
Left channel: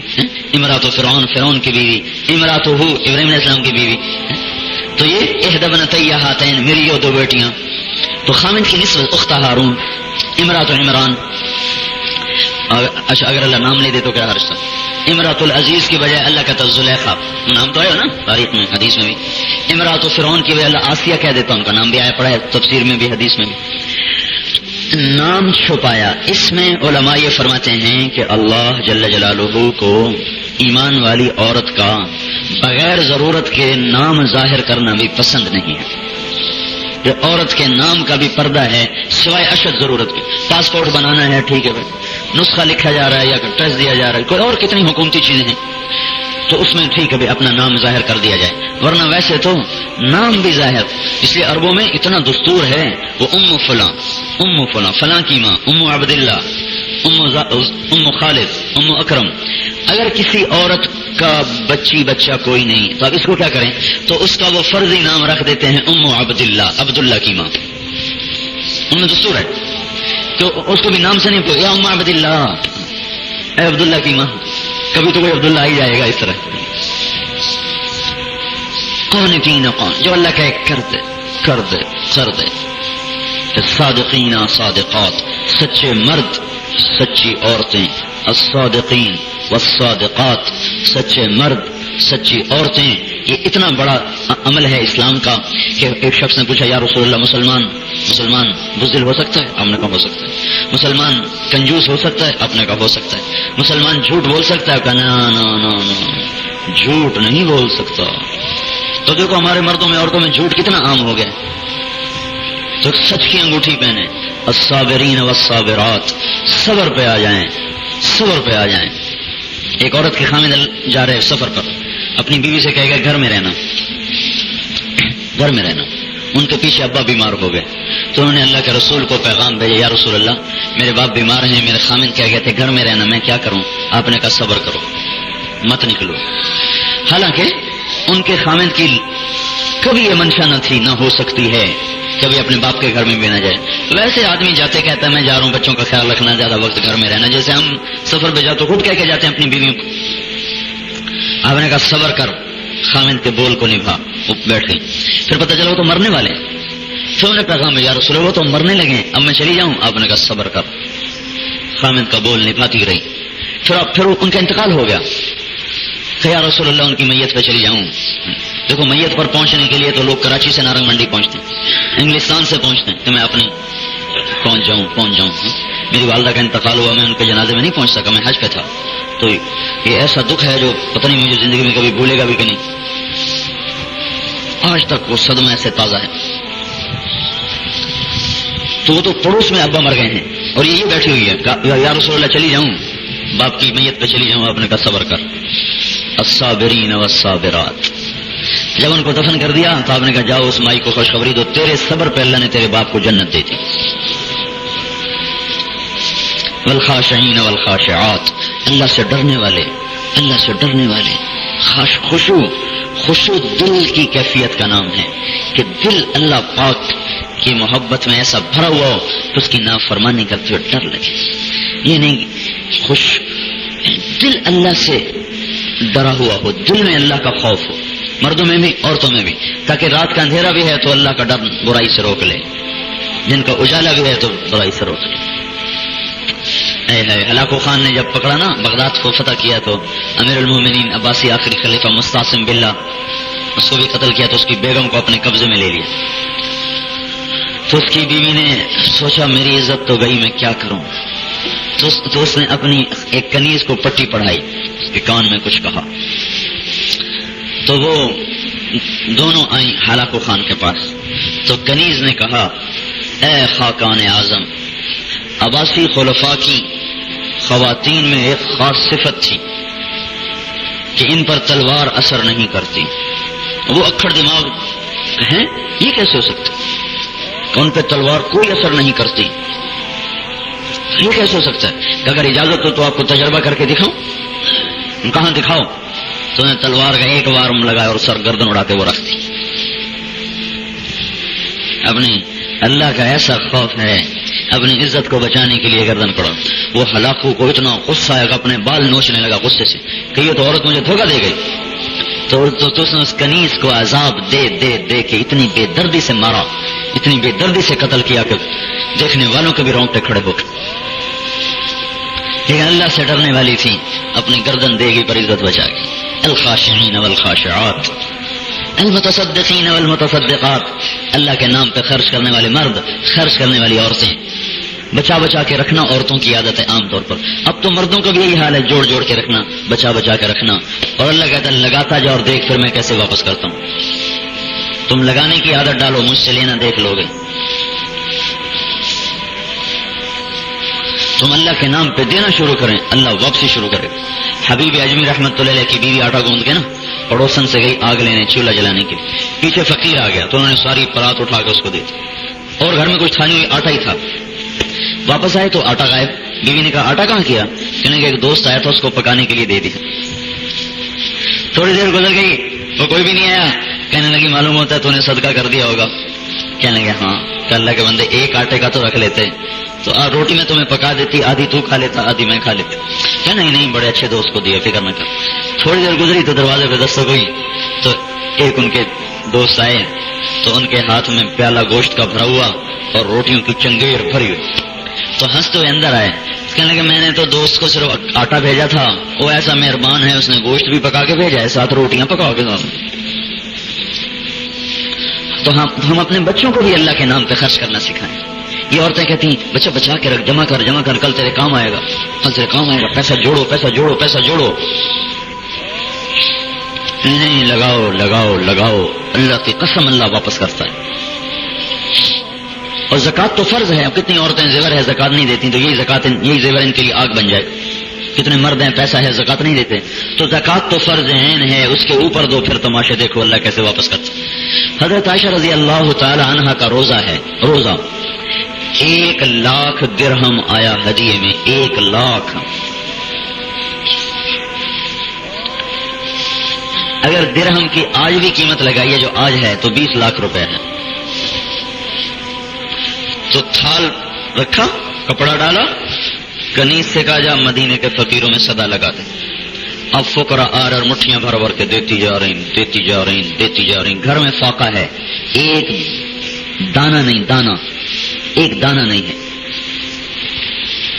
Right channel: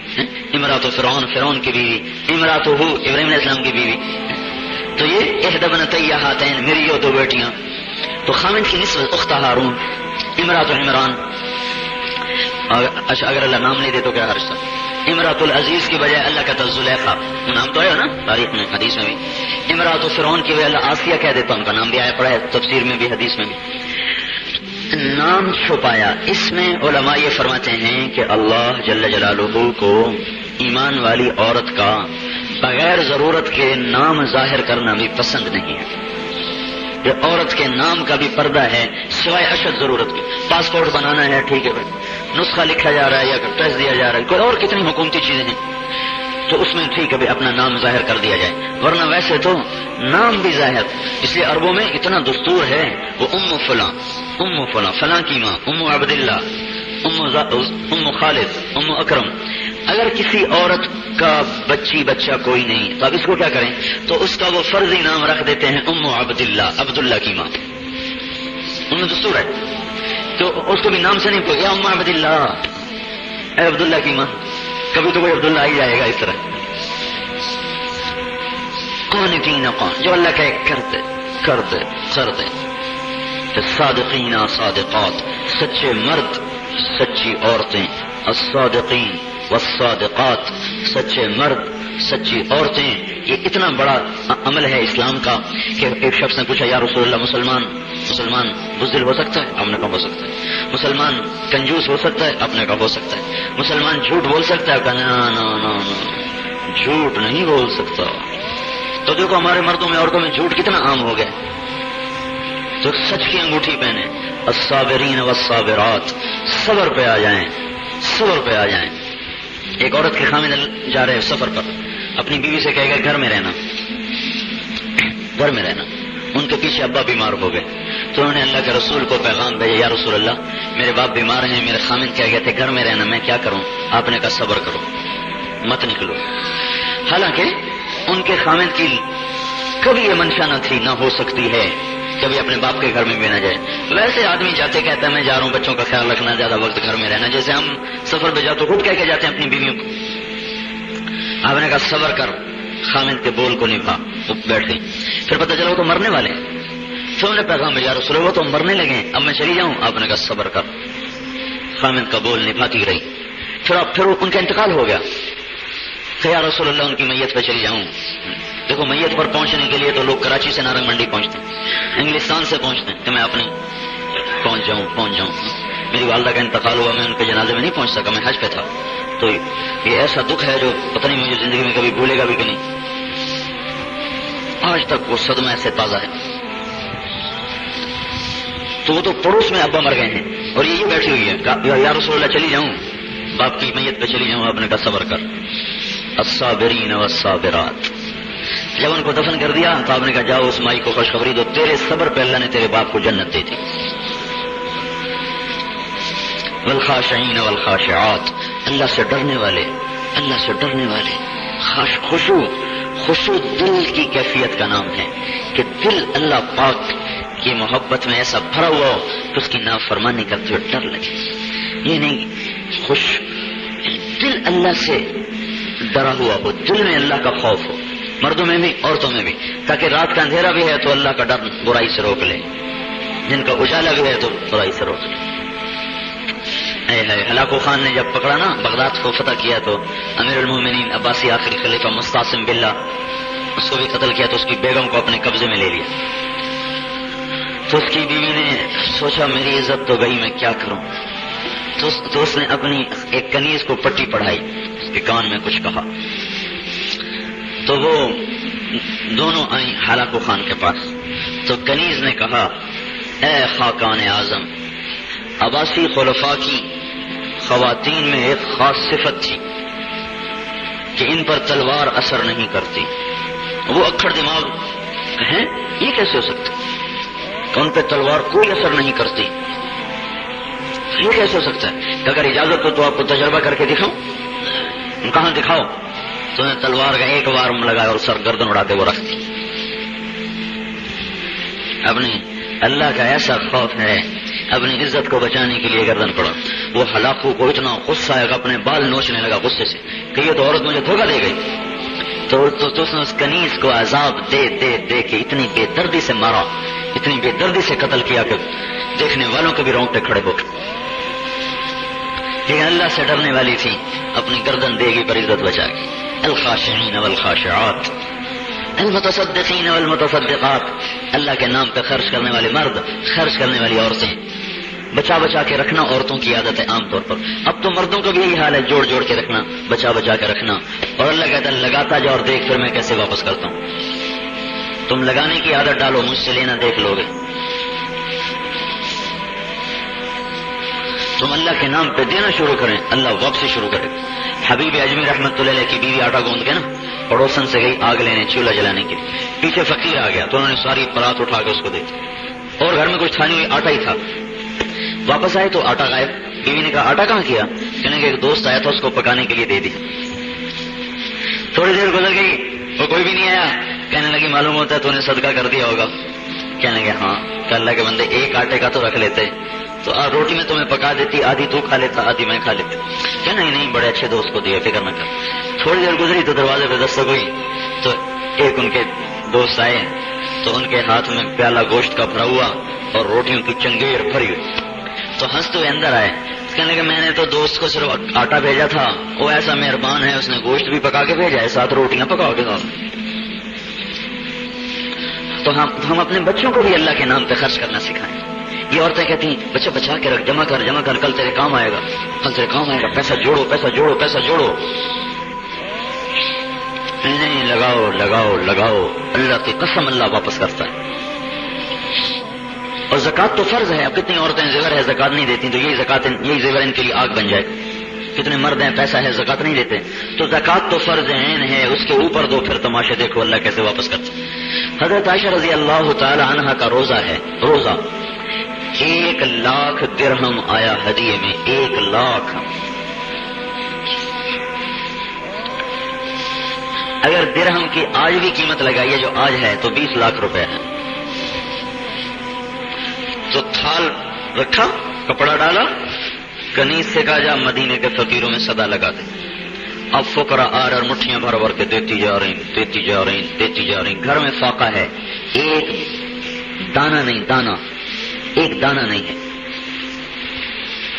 امراۃ فرعون کی بیوی، امراۃ ابراہیم علیہ السلام کی بیوی. تو یہ احدی ابنتیہ ہاتین، میری یہ 2 بیٹیاں. تو خامند کی نسبت اخت ہارون، امراۃ عمران. اچھا اگر اللہ نام نہیں دے تو کیا رشتہ؟ امراۃ العزیز کی بجائے اللہ کا زلیخا نام تو ہے نا تاریخ میں حدیث میں بھی. امراۃ فرعون کی بجائے اللہ آسیہ کہہ دیتا، ان کا نام بھی آیا پڑا ہے تفسیر میں بھی حدیث میں بھی. نام چھپایا. اس میں علماء یہ فرماتے ہیں کہ اللہ جل جلالہ کو ایمان والی عورت کا بغیر ضرورت کے نام ظاہر کرنا بھی پسند نہیں ہے. یہ عورت کے نام کا بھی پردہ ہے سوائے اشد ضرورت کے. پاسپورٹ بنانا ہے ٹھیک ہے بھائی، نسخہ لکھا جا رہا ہے یا ٹیسٹ دیا جا رہا ہے، کوئی اور کتنی حکومتی چیزیں ہیں تو اس میں ٹھیک ہے بھی اپنا نام ظاہر کر دیا جائے. ورنہ ویسے تو نام بھی ظاہر، اس لیے عربوں میں اتنا دستور ہے. وہ ام فلاں فلاں کی ماں، ام عبداللہ، ام خالد، ام اکرم. اگر کسی عورت کا بچہ کوئی نہیں تو اب اس کو کیا کریں؟ تو اس کا وہ فرضی نام رکھ دیتے ہیں ام عبداللہ، عبداللہ کی ماں. ان میں دستور ہے تو اس کو بھی نام سے نہیں پوچھے یا ام عبداللہ، اے عبداللہ کی ماں. کبھی تو وہ عبداللہ ہی جائے گا اس طرح. قانتین قان، جو اللہ کہے کر دے. صادقین صادقات، سچے مرد سچی عورتیں. الصادقین والصادقات، سچے مرد سچی عورتیں. یہ اتنا بڑا عمل ہے اسلام کا کہ ایک شخص نے پوچھا یا رسول اللہ مسلمان بزدل ہو سکتا ہے؟ آپ نے کہا ہو سکتا ہے. مسلمان کنجوس ہو سکتا ہے؟ آپ نے کہا ہو سکتا ہے. مسلمان جھوٹ بول سکتا ہے؟ کہا نا جھوٹ نہیں بول سکتا. تو دیکھو ہمارے مردوں میں عورتوں میں جھوٹ کتنا عام ہو گیا. تو سچ کی انگوٹھی پہنے. الصابرین والصابرات، صبر پہ آ جائیں، صبر پہ آ جائیں. ایک عورت کے خامد جا رہے سفر پر، اپنی بیوی سے کہے گا گھر میں رہنا. ان کے پیچھے ابا بیمار ہو گئے تو انہوں نے اللہ کے رسول کو پیغام بھیجا یا رسول اللہ میرے باپ بیمار ہیں، میرے خامد کہہ گئے تھے گھر میں رہنا، میں کیا کروں؟ آپ نے کہا صبر کرو، مت نکلو. حالانکہ ان کے خامد کی کبھی یہ منشا نہ تھی، نہ ہو سکتی ہے کبھی اپنے باپ کے گھر میں بھی نہ جائے. ویسے آدمی جاتے کہتا ہے میں جا رہا ہوں, بچوں کا خیال رکھنا, زیادہ وقت گھر میں رہنا. جیسے ہم سفر پہ جاؤ تو خود کہہ کے جاتے ہیں اپنی بیویوں کو. آپ نے کہا صبر کر, خامد کے بول کو نبھا. بیٹھ گئے. پھر پتہ چلا تو مرنے والے. پھر انہیں پیغام یا رسول اللہ تو مرنے لگے, اب میں چلی جاؤں. آپ نے کہا صبر کر. خامد کا بول نبھاتی رہی. پھر ان کا انتقال ہو گیا. تو یا رسول اللہ ان کی میت پہ چلی جاؤں. دیکھو میت پر پہنچنے کے لیے تو لوگ کراچی سے نارنگ منڈی پہنچتے ہیں, انگلستان سے پہنچتے ہیں, کہ میں اپنے پہنچ جاؤں. میری والدہ کا انتقال ہوا, میں ان کے جنازے میں نہیں پہنچ سکا, میں حج پہ تھا. تو یہ ایسا دکھ ہے جو پتہ نہیں مجھے زندگی میں کبھی بھولے گا بھی کہ نہیں. آج تک وہ صدمہ ایسے تازہ ہے. تو وہ تو پڑوس میں ابا مر گئے ہیں اور یہ بیٹھی ہوئی ہے. یا رسول اللہ چلی جاؤں, باپ کی میت پہ چلی جاؤں. آپ نے کہا صبر کر. الصابرین والصابرات. جب ان کو دفن کر دیا تو آپ نے کہا جاؤ اس مائی کو خوشخبری دو, تیرے صبر پہ اللہ نے تیرے باپ کو جنت دی تھی. والخاشعین والخاشعات. اللہ سے ڈرنے والے, خوشو دل کی کیفیت کا نام ہے کہ دل اللہ پاک کی محبت میں ایسا بھرا ہوا ہو کہ اس کی نافرمانی کرتے ہوئے ڈر لگے. یہ نہیں, خوش دل اللہ سے ڈرا ہوا ہو, دل میں اللہ کا خوف ہو, مردوں میں بھی عورتوں میں بھی, تاکہ رات کا اندھیرا بھی ہے تو اللہ کا ڈر برائی سے روک لے, جن کا اجالا بھی ہے تو برائی سے روک لے. ہلاکو خان نے جب پکڑا نا, بغداد کو فتح کیا تو امیر المومنین عباسی آخری خلیفہ مستعصم باللہ, اس کو بھی قتل کیا تو اس کی بیگم کو اپنے قبضے میں لے لیا. تو اس کی بیوی نے سوچا میری عزت تو گئی, میں کیا کروں. تو اس نے اپنی ایک کنیز کو پٹی پڑھائی, اس کے کان میں کچھ کہا. تو وہ دونوں آئیں ہلاکو خان کے پاس. تو کنیز نے کہا اے خاقان اعظم, عباسی خلفاء کی خواتین میں ایک خاص صفت تھی کہ ان پر تلوار اثر نہیں کرتی. وہ اکھڑ دماغ ہیں, یہ کیسے ہو سکتا کہ ان پر تلوار کوئی اثر نہیں کرتی, یہ کیسے ہو سکتا ہے. اگر اجازت ہو تو آپ کو تجربہ کر کے دکھاؤں. کہاں دکھاؤ. تو نے تلوار کا ایک بار لگایا اور سر گردن اڑاتے وہ رکھتی. اپنی اللہ کا ایسا خوف ہے, اپنی عزت کو بچانے کے لیے گردن پڑا. وہ ہلاکو کو اتنا غصہ ہے کہ اپنے بال نوچنے لگا غصے سے کہ یہ تو عورت مجھے دھوکہ دے گئی. تو اس نے اس کنیز کو عذاب دے کے اتنی بے دردی سے مارا, اتنی بے دردی سے قتل کیا کہ دیکھنے والوں کے بھی رونگٹے کھڑے ہو گئے. لیکن اللہ سے ڈرنے والی تھی, اپنی گردن دے گی پر عزت بچا گئی. الخاشعین والخاشعات, المتصدقین والمتصدقات. اللہ کے نام پہ خرچ کرنے والے مرد, خرچ کرنے والی عورتیں. بچا کے رکھنا عورتوں کی عادت ہے عام طور پر. اب تو مردوں کا بھی یہی حال ہے, جوڑ کے رکھنا, بچا کے رکھنا. اور اللہ کہتا ہے لگاتا جا اور دیکھ پھر میں کیسے واپس کرتا ہوں. تم لگانے کی عادت ڈالو, مجھ سے لینا دیکھ لو گے. تم اللہ کے نام پہ دینا شروع کریں, اللہ واپسی شروع کرے. حبیب اجمی رحمت اللہ علیہ کی بیوی آٹا گوندھ کے نا پڑوسن سے گئی آگ لینے, چولہا جلانے کی. پیچھے فقیر آ گیا تو انہوں نے ساری پرات اٹھا کے اس کو دے دی, اور گھر میں کچھ تھا نہیں, آٹا ہی تھا. واپس آئے تو آٹا غائب. بیوی نے کہا آٹا کہاں کیا؟ انہوں نے ایک دوست آیا تھا اس کو پکانے کے لیے دے دیا. تھوڑی دیر گزر گئی تو کوئی بھی نہیں آیا. کہنے لگی معلوم ہوتا ہے تو نے صدقہ کر دیا ہوگا. کہنے لگے ہاں. تو اللہ کے بندے ایک آٹے کا تو رکھ لیتے, تو روٹی میں تمہیں پکا دیتی, آدھی تو کھا لیتا آدھی میں کھا لیتی. ہے نہیں بڑے اچھے دوست کو دیے, فکر میں کر. تھوڑی دیر گزری تو دروازے پہ دستک ہوئی تو ایک ان کے دوست آئے تو ان کے ہاتھ میں پیالہ گوشت کا بھرا ہوا اور روٹیوں کی چنگیڑ بھری ہوئی. تو ہنستے ہوئے اندر آئے. کہنے لگا میں نے تو دوست کو صرف آٹا بھیجا تھا, وہ ایسا مہربان ہے, اس نے گوشت بھی پکا کے بھیجا ہے, ساتھ روٹیاں پکاؤ کے ساتھ. تو ہم اپنے بچوں کو بھی اللہ کے نام پہ خرچ کرنا سکھائیں. یہ عورتیں کہتی ہیں اچھا بچا کے رکھ, جمع کر, کل تیرے کام آئے گا, پیسہ جوڑو. نہیں, لگاؤ. اللہ کی قسم اللہ واپس کرتا ہے. اور زکات تو فرض ہے. اب کتنی عورتیں زیور ہے زکات نہیں دیتی, تو یہی زیور ان کے لیے آگ بن جائے. کتنے مرد ہیں پیسہ ہے زکات نہیں دیتے, تو زکات تو فرض عین ہے, اس کے اوپر دو پھر تماشے دیکھو اللہ کیسے واپس کرتا. حضرت عائشہ رضی اللہ تعالی عنہا کا روزہ ہے, 1,00,000 درہم آیا ہدیے میں. 1,00,000. اگر درہم کی آج بھی قیمت لگائیے جو آج ہے تو 20 لاکھ روپے ہے. تو تھال رکھا، کپڑا ڈالا، کنیز سے کہا جا مدینے کے فقیروں میں صدا لگا دے. اب فقراء آ رہا اور مٹھیاں بھر بھر کے دیتی جا رہی. گھر میں فاقہ ہے، ایک دانہ نہیں، ایک دانہ نہیں ہے.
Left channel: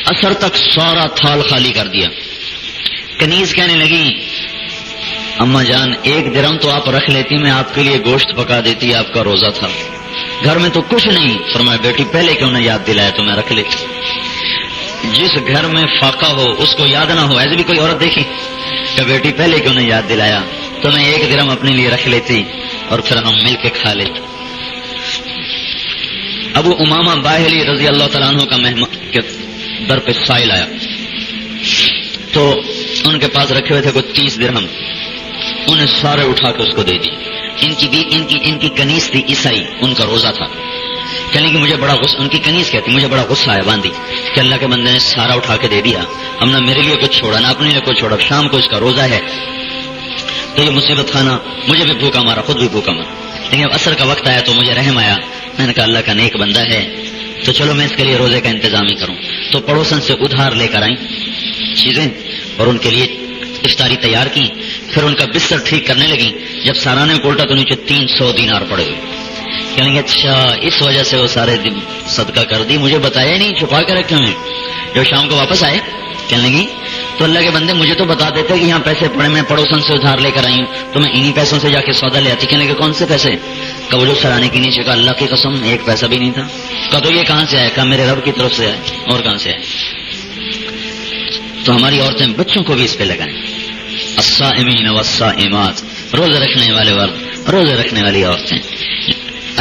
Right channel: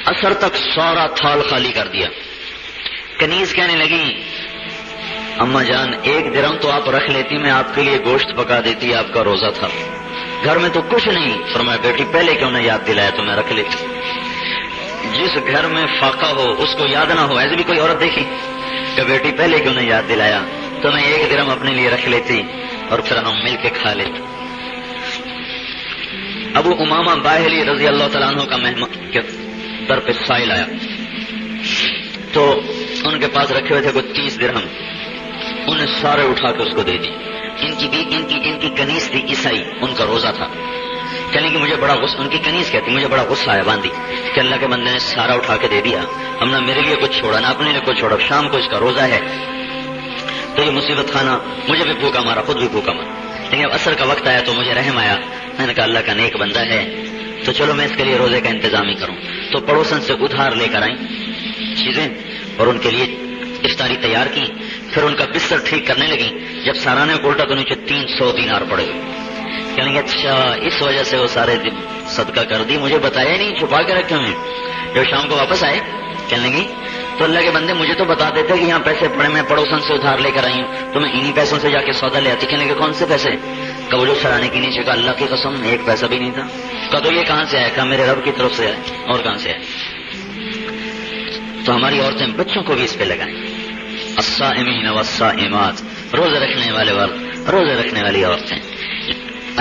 اثر تک سارا تھال خالی کر دیا. کنیز کہنے لگی اماں جان 1 درہم تو آپ رکھ لیتی، میں آپ کے لیے گوشت پکا دیتی، آپ کا روزہ تھا. گھر میں تو کچھ نہیں. فرمایا بیٹی پہلے کیوں نے یاد دلایا تو میں رکھ لیتی. جس گھر میں فاقہ ہو اس کو یاد نہ ہو. ایسے بھی کوئی عورت دیکھی کہ بیٹی پہلے کیوں نے یاد دلایا تو میں 1 درہم اپنے لیے رکھ لیتی اور پھر ہم مل کے کھا لیتے. ابو امامہ باہلی رضی اللہ تعالیٰ عنہ کا مہمان کے در پہ سائل ہے تو ان کے پاس رکھے ہوئے تھے کوئی 30 درہم. انہیں سارے اٹھا کے اس کو دے دی. ان کی کنیز تھی عیسائی، ان کا روزہ تھا. کہنے کہ مجھے بڑا غصہ، ان کی کنیز کہتی مجھے بڑا غصہ ہے باندھی کہ اللہ کے بندے نے سارا اٹھا کے دے دیا، ہم نہ میرے لیے کچھ چھوڑا نہ اپنے لیے کچھ چھوڑا. شام کو اس کا روزہ ہے تو یہ مصیبت کھانا، مجھے بھی بھوکا مارا، خود بھی بھوکا مارا. لیکن عصر کا وقت آیا تو مجھے رحم آیا. میں نے کہا اللہ کا نیک بندہ ہے تو چلو میں اس کے لیے روزے کا انتظام ہی کروں. تو پڑوسن سے ادھار لے کر آئی چیزیں اور ان کے لیے افطاری تیار کی. پھر ان کا بستر ٹھیک کرنے لگی. جب سارانے کو الٹا تو نیچے 300 دینار پڑے گا. کہیں گے اچھا اس وجہ سے وہ سارے دن صدقہ کر دی، مجھے بتایا نہیں، چھپا کے رکھا میں. جو شام کو واپس آئے کہنے لگی تو اللہ کے بندے مجھے تو بتا دیتے کہ یہاں پیسے پڑے، میں پڑوسن سے ادھار لے کر آئی ہوں تو میں انہی پیسوں سے جا کے سودا لے آتی. کہنے کے کون سے پیسے؟ کہ وہ جو سرانے کے نیچے کا اللہ کی قسم 1 پیسہ بھی نہیں تھا. کہ تو یہ کہاں سے آیا؟ کہ میرے رب کی طرف سے ہے. اور کہاں سے ہے؟ تو ہماری عورتیں بچوں کو بھی اس پہ لگائیں. الصائمین والصائمات، روزے رکھنے والے اور روزے رکھنے والی عورتیں.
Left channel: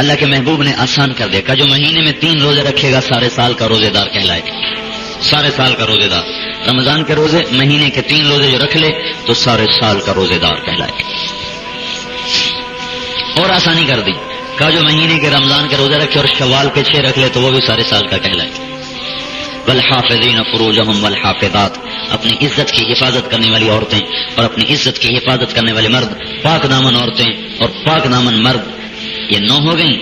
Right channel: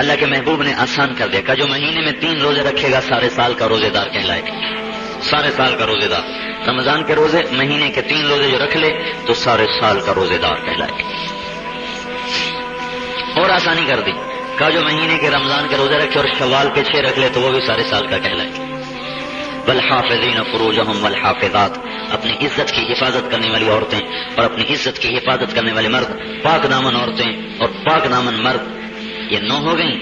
اللہ کے محبوب نے آسان کر دیا کہ جو مہینے میں 3 روزے رکھے گا سارے سال کا روزے دار کہلائے گا. سارے سال کا روزے دار. رمضان کے روزے، مہینے کے 3 روزے جو رکھ لے تو سارے سال کا روزے دار کہلائے گا. اور آسانی کر دی کہ جو مہینے کے رمضان کے روزے رکھے اور شوال پہ 6 رکھ لے تو وہ بھی سارے سال کا کہلائے. والحافظین فروجہم والحافظات، اپنی عزت کی حفاظت کرنے والی عورتیں اور اپنی عزت کی حفاظت کرنے والے مرد. پاک دامن عورتیں اور پاک دامن مرد، یہ 9 ہو گئیں.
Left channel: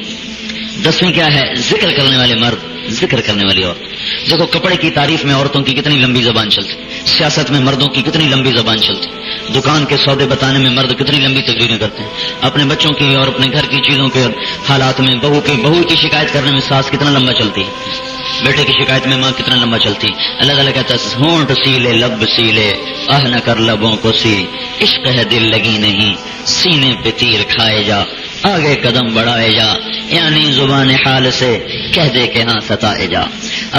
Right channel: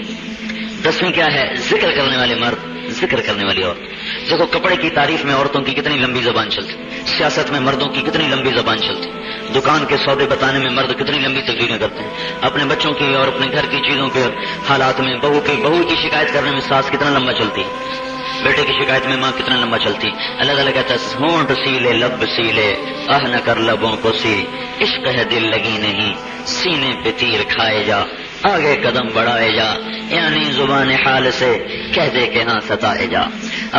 10ویں کیا ہے؟ ذکر کرنے والے مرد، ذکر کرنے والی عورت. دیکھو کپڑے کی تعریف میں عورتوں کی کتنی لمبی زبان چلتی، سیاست میں مردوں کی کتنی لمبی زبان چلتی، دکان کے سودے بتانے میں مرد کتنی لمبی تقریریں کرتے ہیں، اپنے بچوں کی اور اپنے گھر کی چیزوں کے حالات میں بہو کی شکایت کرنے میں ساس کتنا لمبا چلتی ہے، بیٹے کی شکایت میں ماں کتنا لمبا چلتی. اللہ تعالیٰ کہتا ہے ہونٹ سیلے لب سیلے آہ نہ کر لبوں کو سیل، عشق ہے دل لگی نہیں سینے پہ تیر کھائے جا، آگے قدم بڑھائے جا، یعنی زبان حال سے کہہ دے کہ ہاں ستائے جا.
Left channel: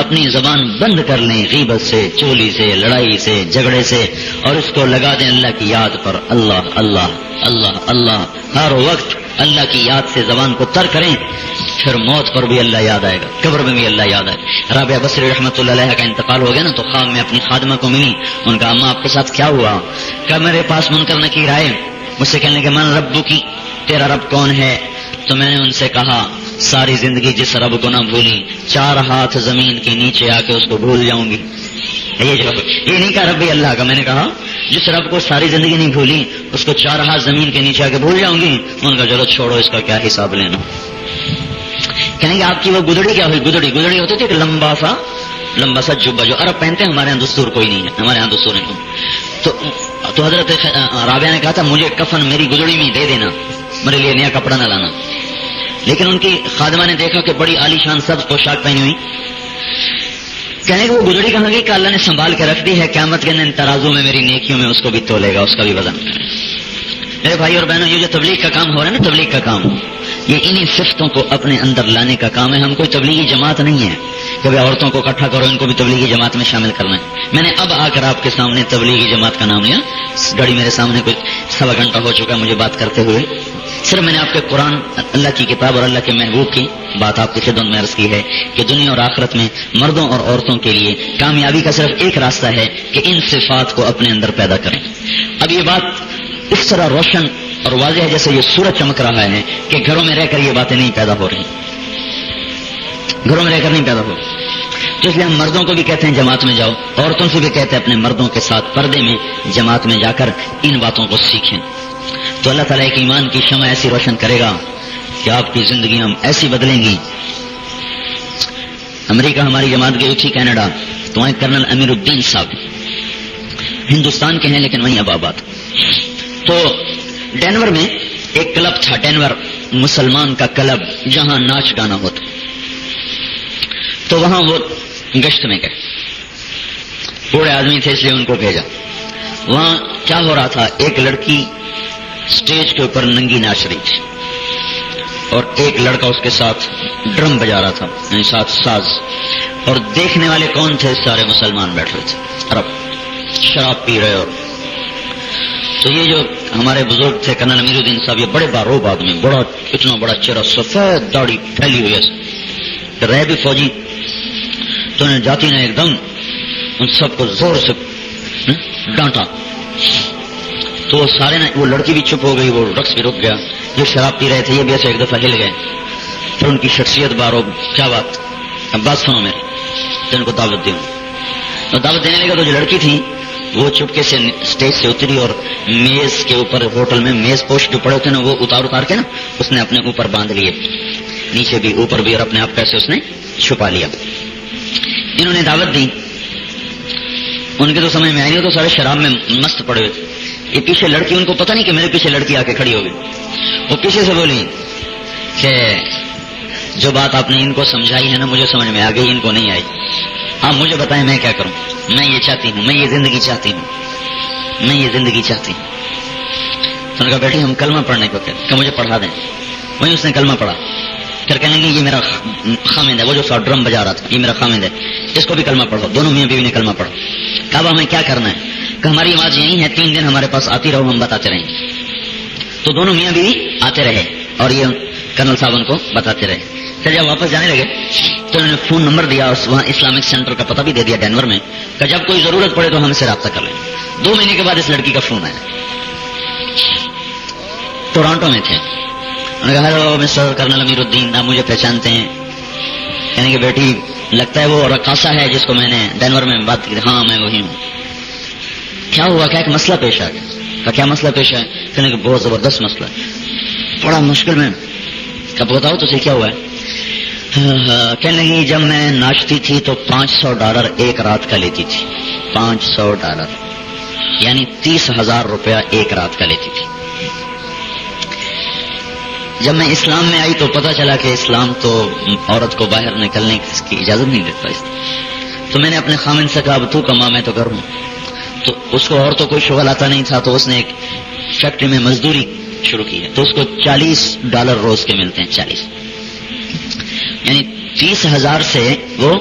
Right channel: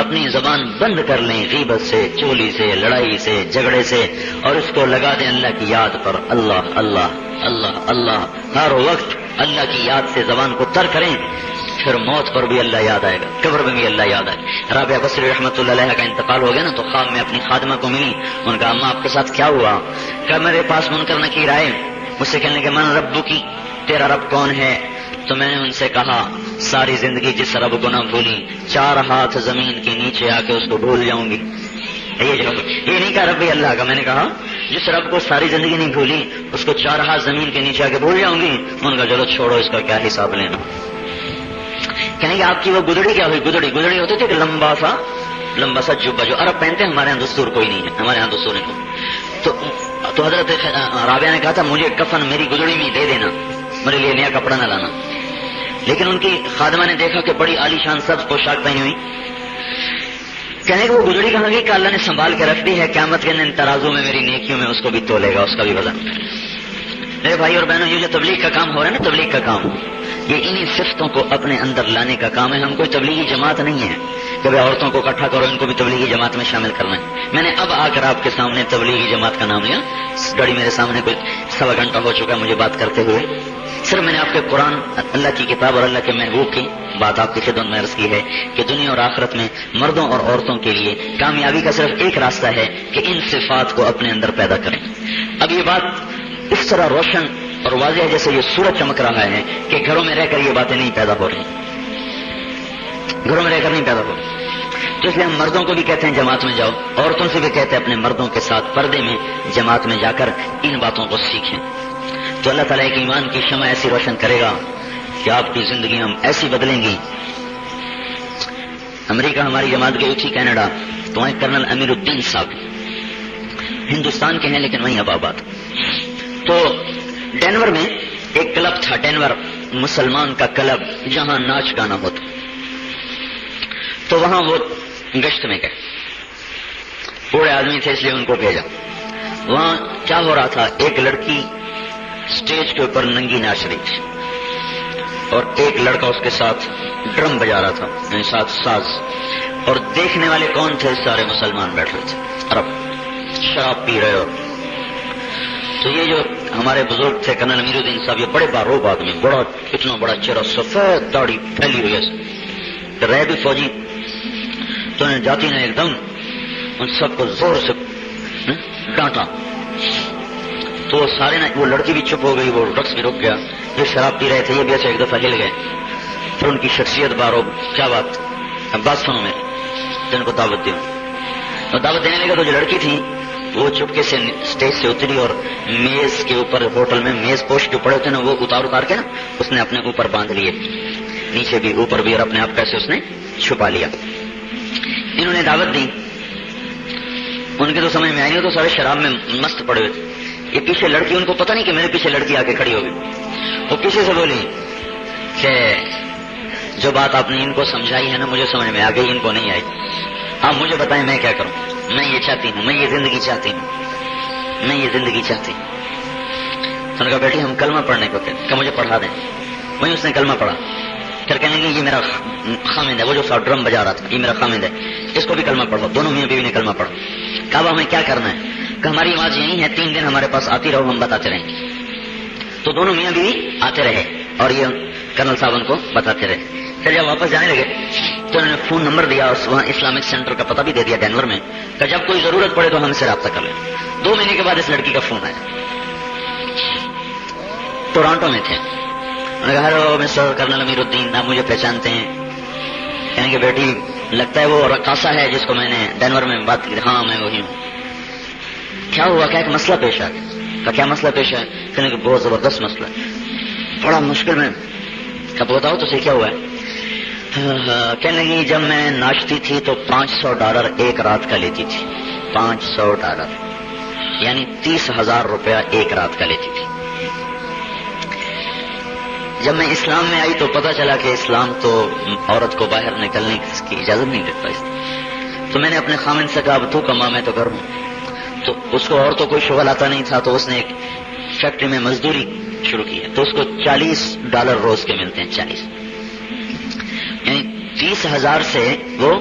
اپنی زبان بند کر لیں غیبت سے، چولی سے، لڑائی سے، جھگڑے سے، اور اس کو لگا دیں اللہ کی یاد پر. اللہ اللہ اللہ اللہ، ہر وقت اللہ کی یاد سے زبان کو تر کریں، پھر موت پر بھی اللہ یاد آئے گا، قبر میں بھی اللہ یاد آئے گا. رابعہ بصری رحمۃ اللہ علیہ کا انتقال ہو گیا نا تو خواب میں اپنی خادمہ کو ملی. ان کا اماں آپ کے ساتھ کیا ہوا؟ کہ میرے پاس منکر نکیر آئے، مجھ سے کہنے کہ من ربو کی، تیرا رب کون ہے؟ تو میں نے ان سے کہا ساری زندگی جس رب کو نہ بھولی 4 ہاتھ زمین کے نیچے آ کے اس کو بھول جاؤں گی. یہ نہیں کہا ربی اللہ کا، میں نے کہا جس رب کو ساری زندگی نہیں بھولی اس کو 4 ہاتھ زمین کے نیچے آ کے بھول جاؤں گی. ان کا چلو چھوڑو، اس کا کیا حساب لینا. کہنے کہ آپ کی وہ گدڑی کیا ہوئی؟ گدڑی ہوتی تھی کہ لمبا سا جبہ جو عرب پہنتے ہیں، ہمارے یہاں دستور کوئی نہیں ہے، ہمارے یہاں دستور نہیں. تو حضرت رابعہ نے کہا تھا مجھے کفن میری گدڑی میں دے دینا، میرے لیے نیا کپڑا نہ لانا. لیکن ان کی خادمہ نے دیکھا کہ بڑی عالی شان سبز پوشاک پہنی ہوئی. کہنے کہ وہ گزڑی کہاں گئی کہ اللہ نے سنبھال کے رکھ دی ہے، قیامت کے دن ترازو میں میری نیکیوں میں اس کو بھی تولے گا، اس کا بھی وزن. میرے بھائی اور بہنوں، یہ جو تبلیغ کا کام ہو رہا ہے نا، تبلیغ کا کام، یہ انہی صفتوں کو اپنے اندر لانے کا کام ہے. ہم کوئی تبلیغی جماعت نہیں ہے کہ عورتوں کو اکٹھا کرو ان کو بھی تبلیغی جماعت میں شامل کرنا ہے. میں نے اب آ کر آپ کے سامنے تبلیغی جماعت کا نام لیا. گاڑی میرے سامنے کوئی 1.25 گھنٹہ ہو چکا مجھے بات کرتے ہوئے. صرف میں نے آپ کو قرآن، اللہ کی کتاب اور اللہ کے محبوب کی بات آپ کی خدمت میں عرض کی ہے کہ دنیا اور آخرت میں مردوں اور عورتوں کے لیے کامیابی کا صرف ایک راستہ ہے کہ ان صفات کو اپنے اندر پیدا کریں. اب یہ بات اس طرح روشن اور واضح ہے جیسے یہ سورج چمک رہا ہے کہ گھروں میں رہ کر یہ باتیں نہیں پیدا ہو رہی، گھروں میں رہ کر نہیں پیدا ہو رہی. تو اس لیے ہم مردوں کو بھی کہتے ہیں جماعت میں جاؤ، عورتوں سے بھی کہتے ہیں اپنے مردوں کے ساتھ پردے میں جماعت میں جا کر ان باتوں کو سیکھیں. تو اللہ تعالیٰ ایک ایمان کی شمع ایسی روشن کرے گا کہ آپ کی زندگیاں ایسی بدلیں گی امریکہ ہماری جماعت گئی تھی کینیڈا، تو وہیں کرنل امیر الدین صاحب ہندوستان کے ہیں لیکن وہیں اب آباد. تو ڈینور میں ایک کلب تھا، ڈینور مسلمان کا کلب، جہاں ناچ گانا ہوتا. تو وہاں وہ گشت میں گئے، پورے آدمی تھے اس لیے ان کو بھیجا. وہاں کیا ہو رہا تھا، ایک لڑکی اسٹیج کے اوپر ننگی ناچ رہی تھی اور ایک لڑکا اس کے ساتھ ڈرم بجا رہا تھا، یعنی ساتھ ساز. اور دیکھنے والے کون تھے؟ سارے مسلمان بیٹھ رہے تھے، عرب شراب پی رہے. اور تو یہ جو ہمارے بزرگ تھے کرنل امیر الدین صاحب، یہ بڑے باروب آدمی، بڑا اتنا بڑا چہرہ، سفید داڑھی پھیلی ہوئی ہے، رہے بھی فوجی. تو انہیں جاتی نے ایک دم ان سب کو زور سے ڈانٹا. تو سارے نے، وہ لڑکی بھی چپ ہو گئی، وہ رقص بھی رک گیا. یہ شراب پی رہے تھے، یہ بھی ایسے ایک دفعہ ہل گئے. پھر ان کی شخصیت باروب. کیا بات؟ اب بات سنو میری. ان کو دعوت دوں. اور دعوت دینے لگا تو جو لڑکی تھی وہ چپکے سے اسٹیج سے اتری اور میز کے اوپر، ہوٹل میں میز پوش جو پڑے ہوتے ہیں نا، وہ اتار کے نا اس نے اپنے اوپر باندھ لیے، نیچے بھی اوپر بھی، اور اپنے آپ پیسے اس نے چھپا لیا. انہوں نے دعوت دی، ان کے تو سمجھ میں آئی نہیں، تو سارے شراب میں مست پڑے ہوئے تھے. یہ پیچھے لڑکی، ان کو پتہ نہیں کہ میرے پیچھے لڑکی آ کے کھڑی ہو گئی. وہ پیچھے سے بولی کہ جو بات آپ نے ان کو سمجھائی ہے نا، مجھے سمجھ میں آ گئی، ان کو نہیں آئی. ہاں مجھے بتائیں میں کیا کروں؟ میں یہ چاہتی ہوں، میں یہ زندگی چاہتی ہوں، میں یہ زندگی چاہتی ہوں. تو نے کہا بیٹی ہم کلمہ پڑھنے کو تھے کہ مجھے پڑھا دیں. مجھے اس نے کلمہ پڑھا. پھر کہنے لگی یہ میرا خامد ہے، وہ جو ڈرم بجا رہا تھا یہ میرا خامد ہے، اس کو بھی کلمہ پڑھو. دونوں میاں بیوی نے کلمہ پڑھو. کہا ہمیں کیا کرنا ہے؟ کہ ہماری آواز یہی ہے، 3 دن ہمارے پاس آتی رہو، ہم بتاتے رہیں. تو دونوں میاں بیوی آتے رہے اور یہ کرنل صاحب ان کو بتاتے رہے. پھر جب واپس جانے لگے تو انہوں نے فون نمبر دیا، وہاں اسلامک سینٹر کا پتہ بھی دے دیا ڈینور میں، کہ جب کوئی ضرورت پڑے تو ہم سے رابطہ کر لیں. 2 مہینے کے بعد اس لڑکی کا فون آیا. ٹورانٹو میں تھے. ہیلو مسٹر کرنل امیر الدین، آپ مجھے پہچانتے ہیں؟ یعنی کہ بیٹی لگتا ہے وہ رقاصہ ہے جس کو میں نے ڈینور میں بات کی. ہاں میں وہی ہوں. کیا ہوا؟ کیا ایک مسئلہ پیش آیا. کیا مسئلہ پیش ہے؟ کہنے کہ بہت زبردست مسئلہ ہے، بڑا مشکل ہے. کب بتاؤ تو کیا ہوا ہے؟ کہنے لگی جب میں ناچتی تھی تو $500 ایک رات کا لیتی تھی. $500 یعنی 30,000 روپیہ ایک رات کا لیتی تھی. جب میں اسلام میں آئی تو پتا چلا کہ اسلام تو عورت کو باہر نکلنے کی اجازت نہیں دیتا. تو میں نے اپنے خامن سے کہا تو کما، میں تو گھر ہوں. تو اس کو اور تو کوئی شغل آتا نہیں تھا، تو اس نے ایک فیکٹری میں مزدوری شروع کی ہے. تو اس کو $40 روز کے ملتے ہیں. 40 یعنی 30,000 سے وہ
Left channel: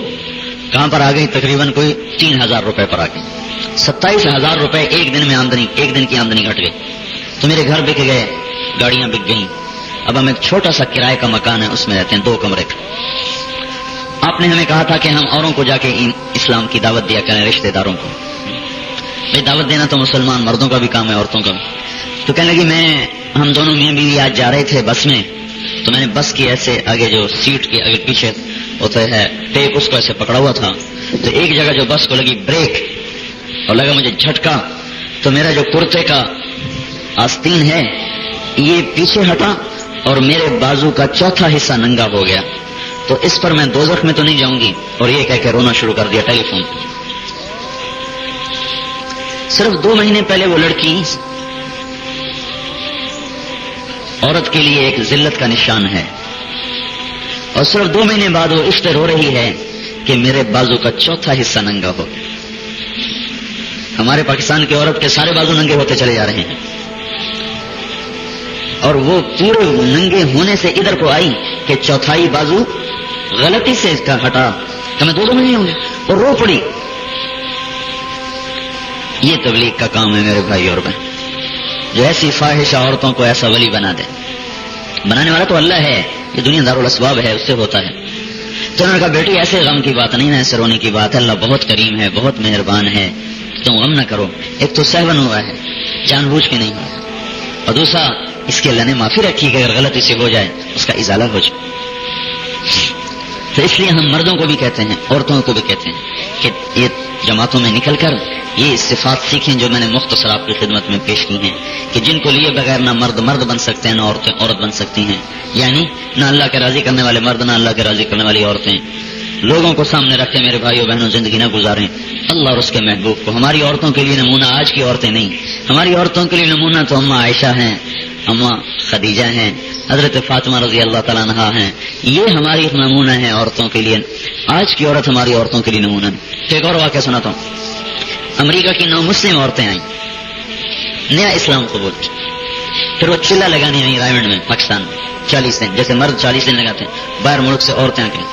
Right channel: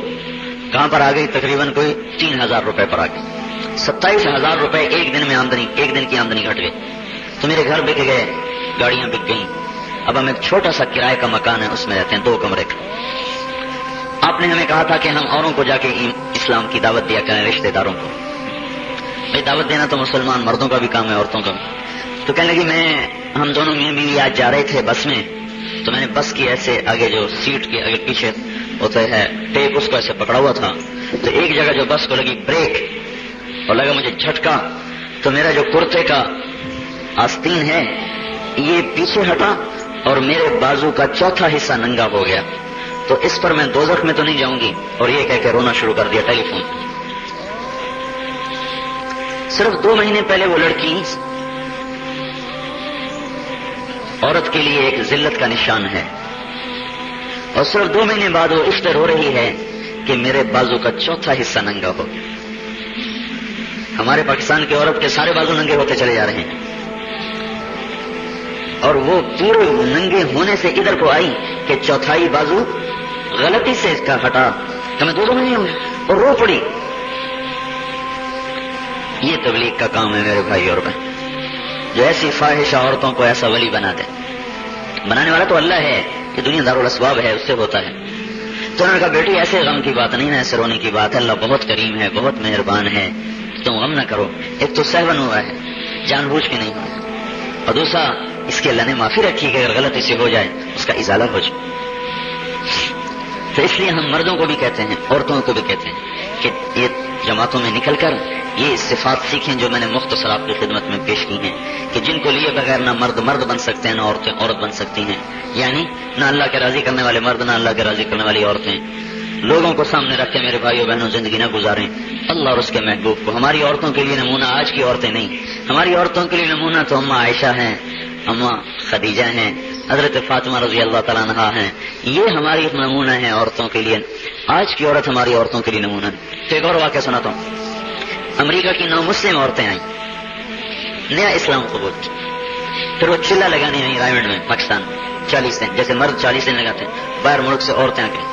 کہاں پر آ گئی؟ تقریباً کوئی 3,000 روپے پر آ گئی. 27,000 روپے ایک دن میں آمدنی، ایک دن کی آمدنی گھٹ گئی. تو میرے گھر بک گئے، گاڑیاں بک گئیں. اب ہم ایک چھوٹا سا کرائے کا مکان ہے، اس میں رہتے ہیں 2 کمرے کا. آپ نے ہمیں کہا تھا کہ ہم اوروں کو جا کے اسلام کی دعوت دیا کریں، رشتے داروں کو. یہ دعوت دینا تو مسلمان مردوں کا بھی کام ہے، عورتوں کا. تو کہنے لگی ہم دونوں میاں بیوی آج جا رہے تھے بس میں، تو میں نے بس کی ایسے آگے جو سیٹ کی آگے پیچھے ہوتا ہے ٹیپ، اس کو ایسے پکڑا ہوا تھا. تو ایک جگہ جو بس کو لگی بریک اور لگا مجھے جھٹکا، تو میرا جو کرتے کا آستین ہے یہ پیچھے ہٹا اور میرے بازو کا چوتھا حصہ ننگا ہو گیا. تو اس پر میں دوزخ میں تو نہیں جاؤں گی. اور یہ کہہ کے رونا شروع کر دیا ٹیلی فون. صرف 2 مہینے پہلے وہ لڑکی عورت کے لیے ایک ذلت کا نشان ہے، اور صرف 2 مہینے بعد وہ اس پہ رو رہی ہے کہ میرے بازو کا چوتھا حصہ ننگا ہو. ہمارے پاکستان کی عورت کے سارے بازو ننگے ہوتے چلے جا رہے ہیں، اور وہ پورے ننگے ہونے سے ادھر کو آئی کہ چوتھائی بازو غلطی سے اس کا ہٹا کہ میں 2 مہینے ہوئے، اور رو پڑی. یہ تبلیغ کا کام ہے میرے بھائی اور بہن، جو ایسی فاحشہ عورتوں کو ایسا ولی بنا دے. بنانے والا تو اللہ ہے، یہ دنیا دارالاسباب ہے، اس سے ہوتا ہے. تو انہوں نے کہا بیٹی ایسے غم کی بات نہیں ہے، ایسے رونے کی بات ہے، اللہ بہت کریم ہے، بہت مہربان ہے، تم غم نہ کرو. ایک تو سہون ہوا ہے، جان بوجھ کے نہیں ہوا، اور دوسرا اس کے اللہ نے معافی رکھی کہ اگر غلطی سے ہو جائے اس کا ازالہ ہو جائے. تو اس لیے ہم مردوں کو بھی کہتے ہیں، عورتوں کو بھی کہتے ہیں کہ یہ جماعتوں میں نکل کر یہ صفات سیکھیں جو میں نے مختصر آپ کی خدمت میں پیش کی ہیں، کہ جن کو لیے بغیر نہ مرد مرد بن سکتے ہیں، نہ عورتیں عورت بن سکتی ہیں. یعنی نہ اللہ کے راضی کرنے والے مرد، نہ اللہ کے راضی کرنے والی عورتیں. لوگوں کو سامنے رکھ کے میرے بھائیوں بہنوں زندگی نہ گزاریں اللہ اور اس کے محبوب کو. ہماری عورتوں کے لیے نمونہ آج کی عورتیں نہیں, ہماری عورتوں کے لیے نمونہ تو اماں عائشہ ہیں, اماں خدیجہ ہیں, حضرت فاطمہ رضی اللہ تعالیٰ عنہا ہیں. یہ ہماری ایک نمونہ ہے عورتوں کے لیے. آج کی عورت ہماری عورتوں کے لیے نمونہ ہے. ایک اور واقعہ سناتا ہوں. امریکہ کی نامسلم عورتیں آئیں, نیا اسلام قبول, پھر وہ چلہ لگانے آئی رائمنڈ میں پاکستان میں 40 دن, جیسے مرد 40 دن لگاتے ہیں, باہر ملک سے عورتیں آ کے,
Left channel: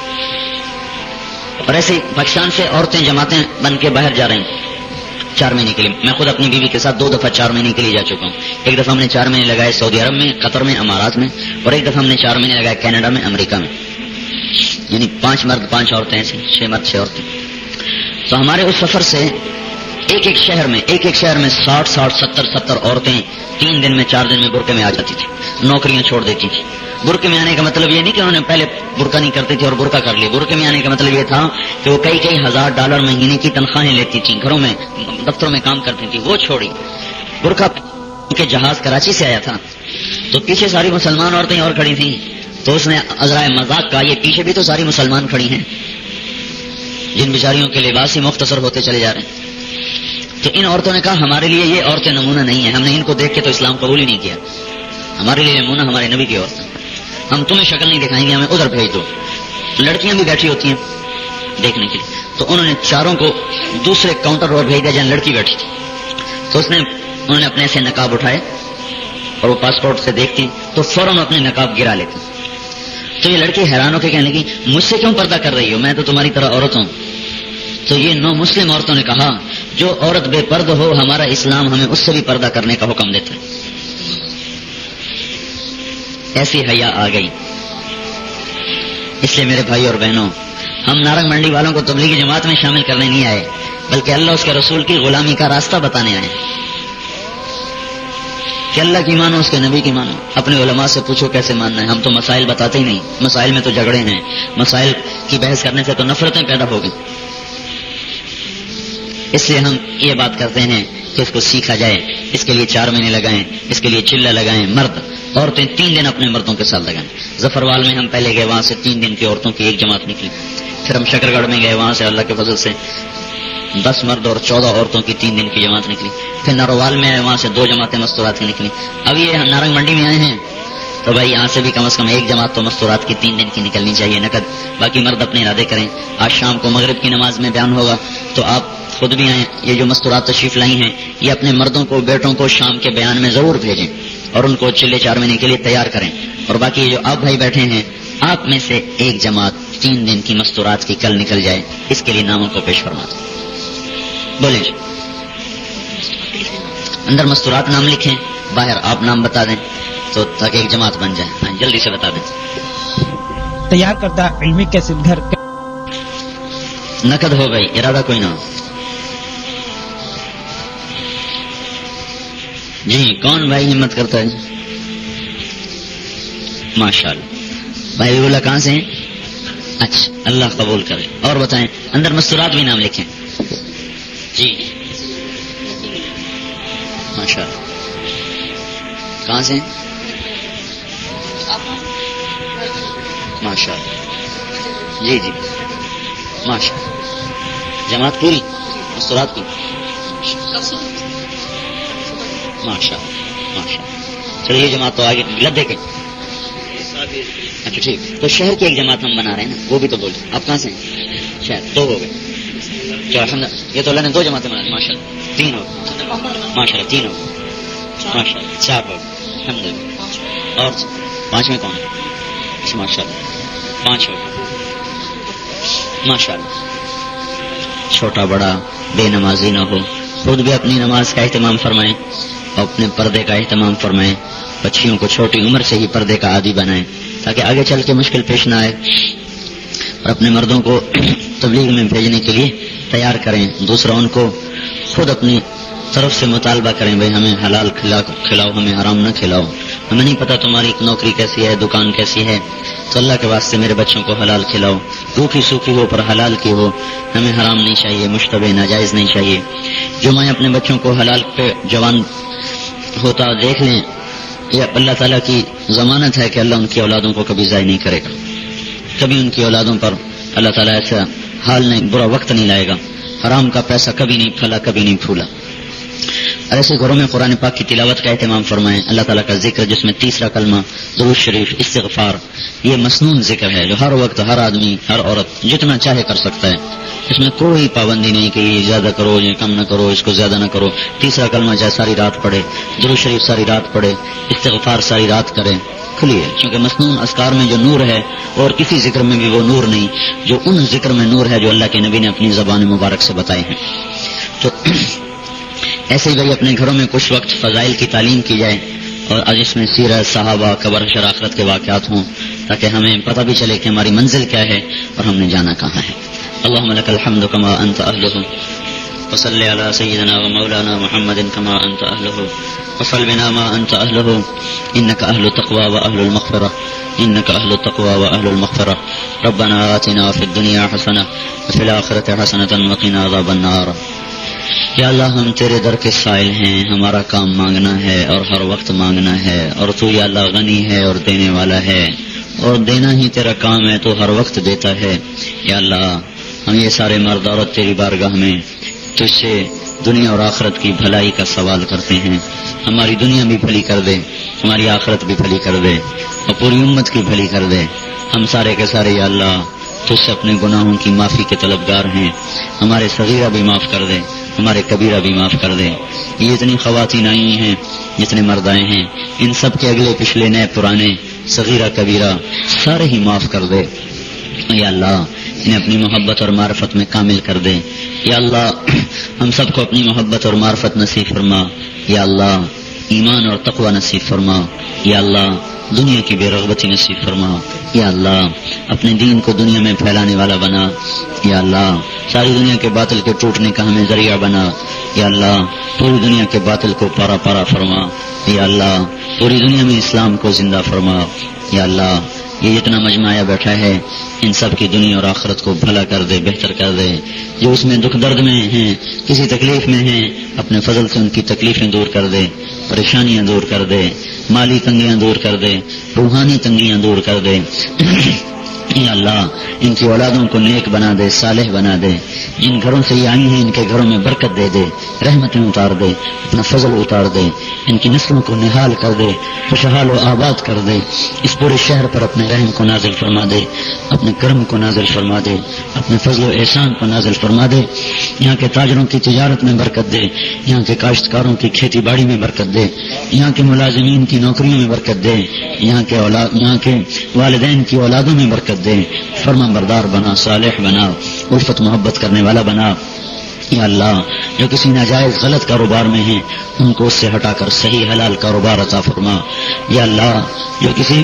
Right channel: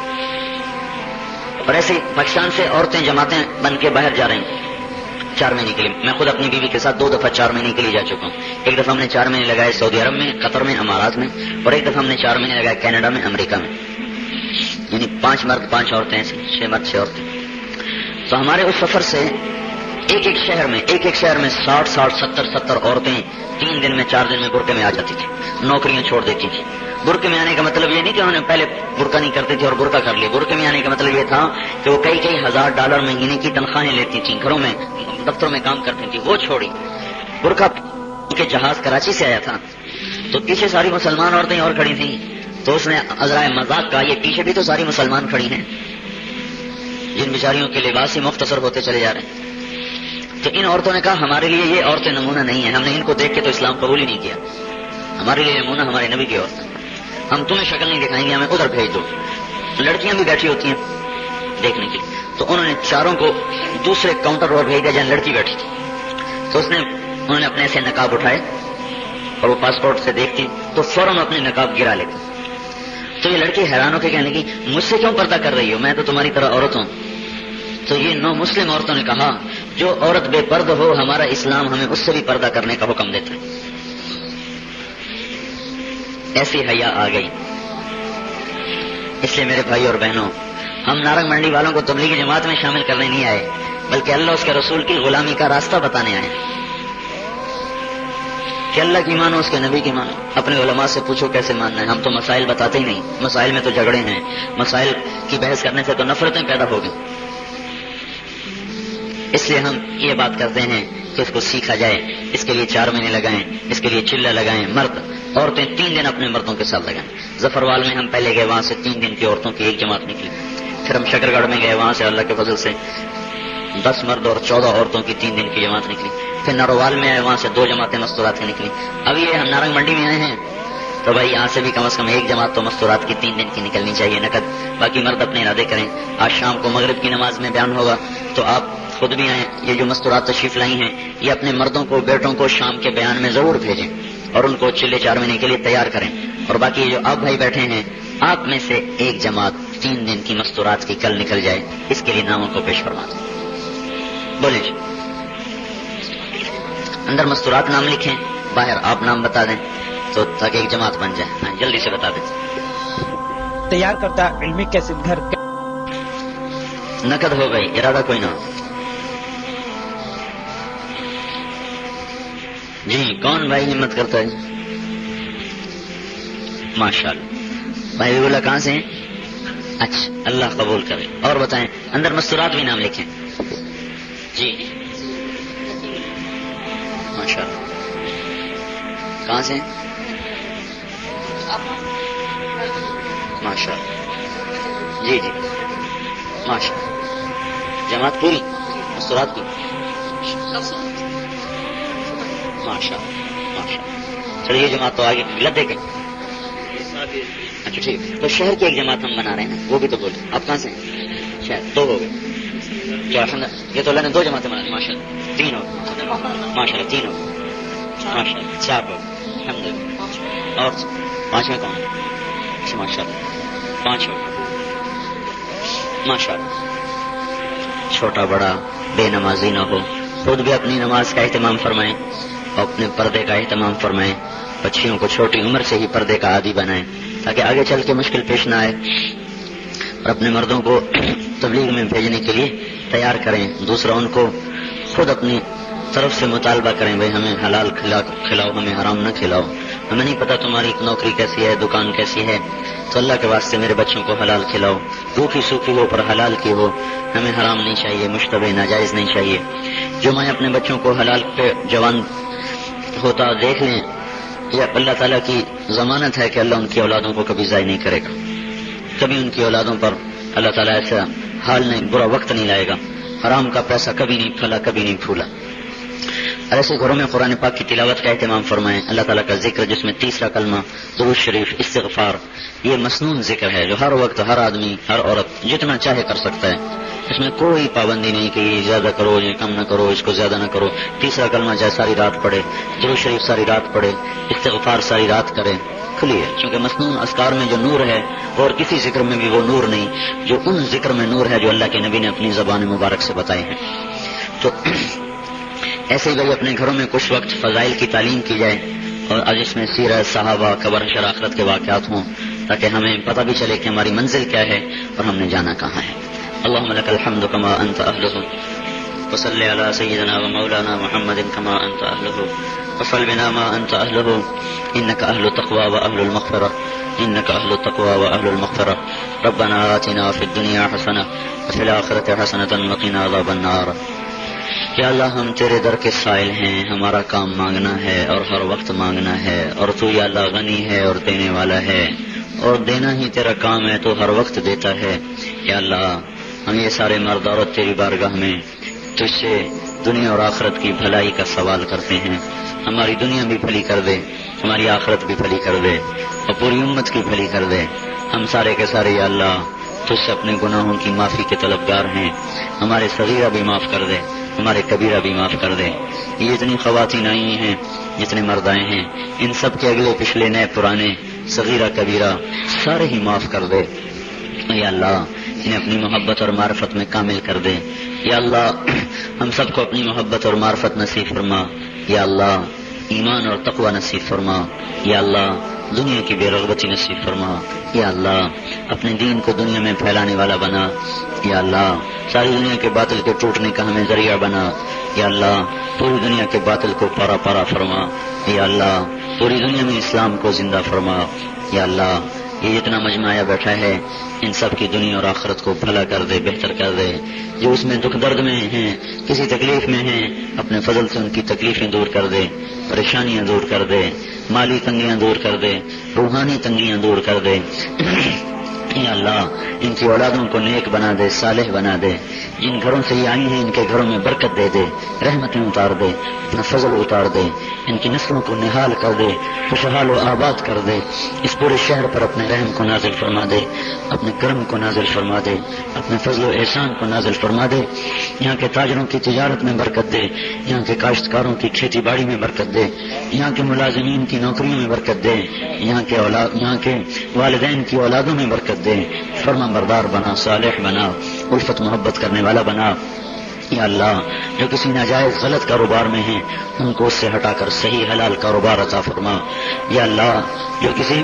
اور ایسے ہی پاکستان سے عورتیں جماعتیں بن کے باہر جا رہے ہیں 4 مہینے کے لیے. میں خود اپنی بیوی کے ساتھ 2 دفعہ 4 مہینے کے لیے جا چکا ہوں. ایک دفعہ ہم نے 4 مہینے لگائے سعودی عرب میں, قطر میں, امارات میں, اور ایک دفعہ ہم نے 4 مہینے لگائے کینیڈا میں, امریکہ میں. یعنی 5 مرد 5 عورتیں ایسی, 6 مرد 6 عورتیں. تو ہمارے اس سفر سے ایک ایک شہر میں 60-70 عورتیں 3 دن میں 4 دن میں برقعے میں آ جاتی تھی, نوکریاں چھوڑ دیتی تھی. برقعے میں آنے کا مطلب یہ نہیں کہ انہوں نے پہلے برقع نہیں کرتے تھے اور برقع کر لی. برقعے میں آنے کا مطلب یہ تھا کہ وہ کئی $1000 مہینے کی تنخواہیں لیتی تھیں, گھروں میں دفتروں میں کام کرتی تھی, وہ چھوڑی. برقع کے جہاز کراچی سے آیا تھا, تو پیچھے ساری مسلمان عورتیں اور کھڑی تھیں, تو اس نے عذرائے مذاق کہا یہ پیچھے بھی تو ساری مسلمان کھڑی ہیں جن بیچاریوں کے لباس ہی مختصر ہوتے چلے جا رہے ہیں. کہ ان عورتوں نے کہا ہمارے لیے یہ عورتیں نمونہ نہیں ہیں, ہم نے ان کو دیکھ کے تو اسلام قبول ہی نہیں کیا. ہمارے لیے نمونہ ہمارے نبی کی عورتیں, ہم تمہیں شکل نہیں دکھائیں گے, ہمیں ادھر بھیج دو. لڑکیاں بھی بیٹھی ہوتی ہیں دیکھنے کی, تو انہوں نے چاروں کو دوسرے کاؤنٹر پر بھیج دیا جہاں لڑکی بیٹھی تھی. تو انہوں نے اپنے ایسے نقاب اٹھائے اور وہ پاسپورٹ سے دیکھتی تو فوراً اپنے نقاب گرا لیتے. تو یہ لڑکی حیران ہو کے کہنے کی مجھ سے کیوں پردہ کر رہی ہو, میں تو تمہاری طرح عورت ہوں. تو یہ 9 مسلم عورتوں نے کہا جو عورت بے پردہ ہو ہمارا اسلام ہمیں اس سے بھی پردہ کرنے کا حکم دیتا ہے. ایسی حیا آ گئی. اس لیے میرے بھائی اور بہنوں, ہم نارنگ منڈی والوں کو تبلیغی جماعت میں شامل کرنے نہیں آئے, بلکہ اللہ اس کے رسول کی غلامی کا راستہ بتانے آئے کہ اللہ کی مانو, اس کے نبی کی مانو. اپنے علماء سے پوچھو کیسے ماننا ہے, ہم تو مسائل بتاتے ہی نہیں. مسائل میں تو جھگڑے ہیں, مسائل کی بحث کرنے سے تو نفرتیں پیدا ہوگی. اس لیے ہم یہ بات کرتے ہیں کہ اس کو سیکھا جائے, اس کے لیے 4 مہینے لگائیں, اس کے لیے چلہ لگائیں. مرد عورتیں 3 دن اپنے مردوں کے ساتھ لگائیں. ظفروال میں ہم پہلے گئے, وہاں سے 3 دن کی عورتوں کی ایک جماعت نکلی. پھر ہم شکر گڑھ میں گئے, وہاں سے اللہ کے فضل سے 10 مرد اور 14 عورتوں کی 3 دن کی جماعت نکلی. پھر نروال میں آئے, وہاں سے 2 جماعتیں مستورات کی نکلی. اب یہ ہم نارنگ منڈی میں آئے ہیں تو بھائی یہاں سے بھی کم از کم ایک جماعت تو مستورات کی 3 دن کی نکلنی چاہیے نقد. باقی مرد اپنے ارادے کریں. آج شام کو مغرب کی نماز میں بیان ہوگا, تو آپ خود بھی ہیں, یہ جو مستورات تشریف لائی ہیں یہ اپنے مردوں کو, بیٹوں کو شام کے بیان میں ضرور بھیجیں اور ان کو چلے 4 مہینے کے لیے تیار کریں. اور باقی جو آپ بھائی بیٹھے ہیں, آپ میں سے ایک جماعت 3 دن کی مستورات کی کل نکل جائیں. اس کے لیے ناموں کو پیش فرما دیں. بولے جی, اندر مستورات نام لکھیں, باہر آپ نام بتا دیں, تو تاکہ ایک جماعت بن جائے. جلدی سے بتا دیں. تیار کردہ علمی کیسٹ گھر نقد ہو گئی, ارادہ کوئی نہ ہو. جی کون بھائی ہمت کرتا ہے؟ ماشاء اللہ. بھائی بولا کہاں سے ہیں؟ اچھا, اللہ قبول کرے. اور بتائیں, اندر مستورات بھی نام لکھیں. جی ماشاء اللہ. کہاں سے ہیں؟ ماشاء اللہ. جی جی ماشاء اللہ. جماعت پوری مستورات کی ماشاء اللہ. چلیے یہ جماعت تو آگے لدے کر. ٹھیک, تو شہر کی ایک جماعت ہم بنا رہے ہیں, وہ بھی تو بولتے. آپ کہاں سے ہیں؟ شہر تو یہ تو اللہ نے 2 جماعتیں بنا دی. ماشاء اللہ 3 ہو, ماشاء اللہ 3 ہو, ماشاء اللہ 4 ہو, الحمد للہ. اور 5ویں کون؟ ماشاء اللہ 5 ہو, ماشاء اللہ. چھوٹا بڑا بے نمازی نہ ہو, خود بھی اپنی نماز کا اہتمام فرمائیں, اپنے پردے کا اہتمام فرمائیں. بچیوں کو چھوٹی عمر سے ہی پردے کا عادی بنائیں تاکہ آگے چل کے مشکل پیش نہ آئے. اور اپنے مردوں کو تبلیغ میں بھیجنے کے لیے تیار کریں. دوسرا ان کو خود اپنی طرف سے مطالبہ کریں, بھائی ہمیں حلال کھلاؤ, ہمیں حرام نہ کھلاؤ. ہمیں نہیں پتا تمہاری نوکری کیسی ہے, دکان کیسی ہے, تو اللہ کے واسطے میرے بچوں کو حلال کھلاؤ. بھوکی سوکھی ہو پر حلال کی ہو, ہمیں حرام نہیں چاہیے, مشتبہ ناجائز نہیں چاہیے. جو میں اپنے بچوں کو حلال پہ جوان ہوتا دیکھ لیں, یہ اللہ تعالیٰ کی ضمانت ہے کہ اللہ ان کی اولادوں کو کبھی ضائع نہیں کرے گا, کبھی ان کی اولادوں پر اللہ تعالیٰ ایسا حال نہیں، برا وقت نہیں لائے گا، حرام کا پیسہ کبھی نہیں پھلا، کبھی نہیں پھولا. ایسے گھروں میں قرآن پاک کی تلاوت کا اہتمام فرمائیں، اللہ تعالیٰ کا ذکر جس میں تیسرا کلمہ درود شریف استغفار، یہ مسنون ذکر ہے جو ہر وقت ہر آدمی ہر عورت جتنا چاہے کر سکتا ہے. اس میں کوئی پابندی نہیں کہ یہ زیادہ کرو یہ کم نہ کرو، اس کو زیادہ نہ کرو. تیسرا کلمہ چاہے ساری رات پڑھے، درود شریف ساری رات پڑھے، استغفار ساری رات کرے، کھلی ہے. کیونکہ مسنون اذکار میں جو نور ہے اور کسی ذکر میں بھی وہ نور نہیں جو ان ذکر میں نور ہے جو اللہ کے نبی نے اپنی زبان مبارک سے بتائے ہیں. تو ایسے ہی اپنے گھروں میں کچھ وقت فضائل کی تعلیم کی جائے اور آج اس میں سیرت صحابہ قبر حشر آخرت کے واقعات ہوں تاکہ ہمیں پتہ بھی چلے کہ ہماری منزل کیا ہے اور ہم نے جانا کہاں ہے. اللهم لك الحمد كما انت اهله وصل على سيدنا ومولانا محمد كما انت اهله وصل بنا ما انت اهله انك اهل التقوى واهل المغفرة انك اهل التقوى واهل المغفرة. ربنا آتنا في الدنيا حسنة وفي الآخرة حسنة وقنا عذاب النار. یا اللہ ہم تیرے در کے سائل ہیں، ہمارا کام مانگنا ہے اور ہر وقت مانگنا ہے، اور تو یا اللہ غنی ہے اور دینے والا ہے اور دینا ہی تیرا کام ہے، تو ہر وقت دیتا ہے. یا اللہ ہم یہ سارے مرد عورت تیری بارگاہ میں تجھ سے دنیا اور آخرت کی بھلائی کا سوال کرتے ہیں. ہماری دنیا بھی بھلی کر دے، ہماری آخرت بھی بھلی کر دے اور پوری امت کی بھلی کر دے. ہم سارے کے سارے یا اللہ تجھ سے اپنے گناہوں کی معافی کے طلبگار ہیں. ہمارے صغیرہ بھی معاف کر دے، ہمارے کبیرہ بھی معاف کر دے. یہ اتنی خواتین آئی ہیں، جتنے مرد آئے ہیں، ان سب کے اگلے پچھلے نئے پرانے صغیرہ کبیرہ سارے ہی معاف کر دے. یا اللہ انہیں اپنی محبت اور معرفت میں کامل کر دے. یا اللہ ہم سب کو اپنی محبت اور معرفت نصیب فرما. یا اللہ ایمان اور تقوی نصیب فرما. یا اللہ دنیا کی بے رغبتی نصیب فرما. یا اللہ اپنے دین کو دنیا میں پھیلانے والا بنا. یا اللہ ساری دنیا کے باطل کے ٹوٹنے کا ہمیں ذریعہ بنا. یا اللہ پوری دنیا کے باطل کو پارا پارا فرما. یا اللہ پوری دنیا میں اسلام کو زندہ فرما. یا اللہ یہ جتنا مجمع آیا بیٹھا ہے ان سب کی دنیا اور آخرت کو بھلا کر دے، بہتر کر دے. جو اس میں دکھ درد میں ہیں، کسی تکلیف میں ہیں، اپنے فضل سے ان کی تکلیفیں دور کر دے، پریشانیاں دور کر دے، مالی تنگیاں دور کر دے، روحانی تنگیاں دور کر دے. یا اللہ ان کی اولادوں کو نیک بنا دے، صالح بنا دے. جن گھروں سے یہ آئی ہیں ان کے گھروں میں برکت دے دے، رحمتیں اتار دے، اپنا فضل اتار دے، ان کی نسلوں کو نہال کر دے، خوشحال و آباد کر دے. اس پورے شہر پر اپنے رحم کو نازل فرما دے، اپنے کرم کو نازل فرما دے، اپنے فضل و احسان کو نازل فرما دے. یہاں کے تاجروں کی تجارت میں برکت دے، یہاں کے کاشتکاروں کی کھیتی باڑی میں برکت دے، یہاں کے ملازمین کی نوکریوں میں برکت دے، یہاں کے والدین کی اولادوں میں برکت دے. فرما بردار بنا، صالح بنا، الفت محبت کرنے والا بنا. یا اللہ جو کسی ناجائز غلط کاروبار میں ہیں ان کو اس سے ہٹا کر صحیح حلال کاروبار عطا فرما. یا اللہ جو کسی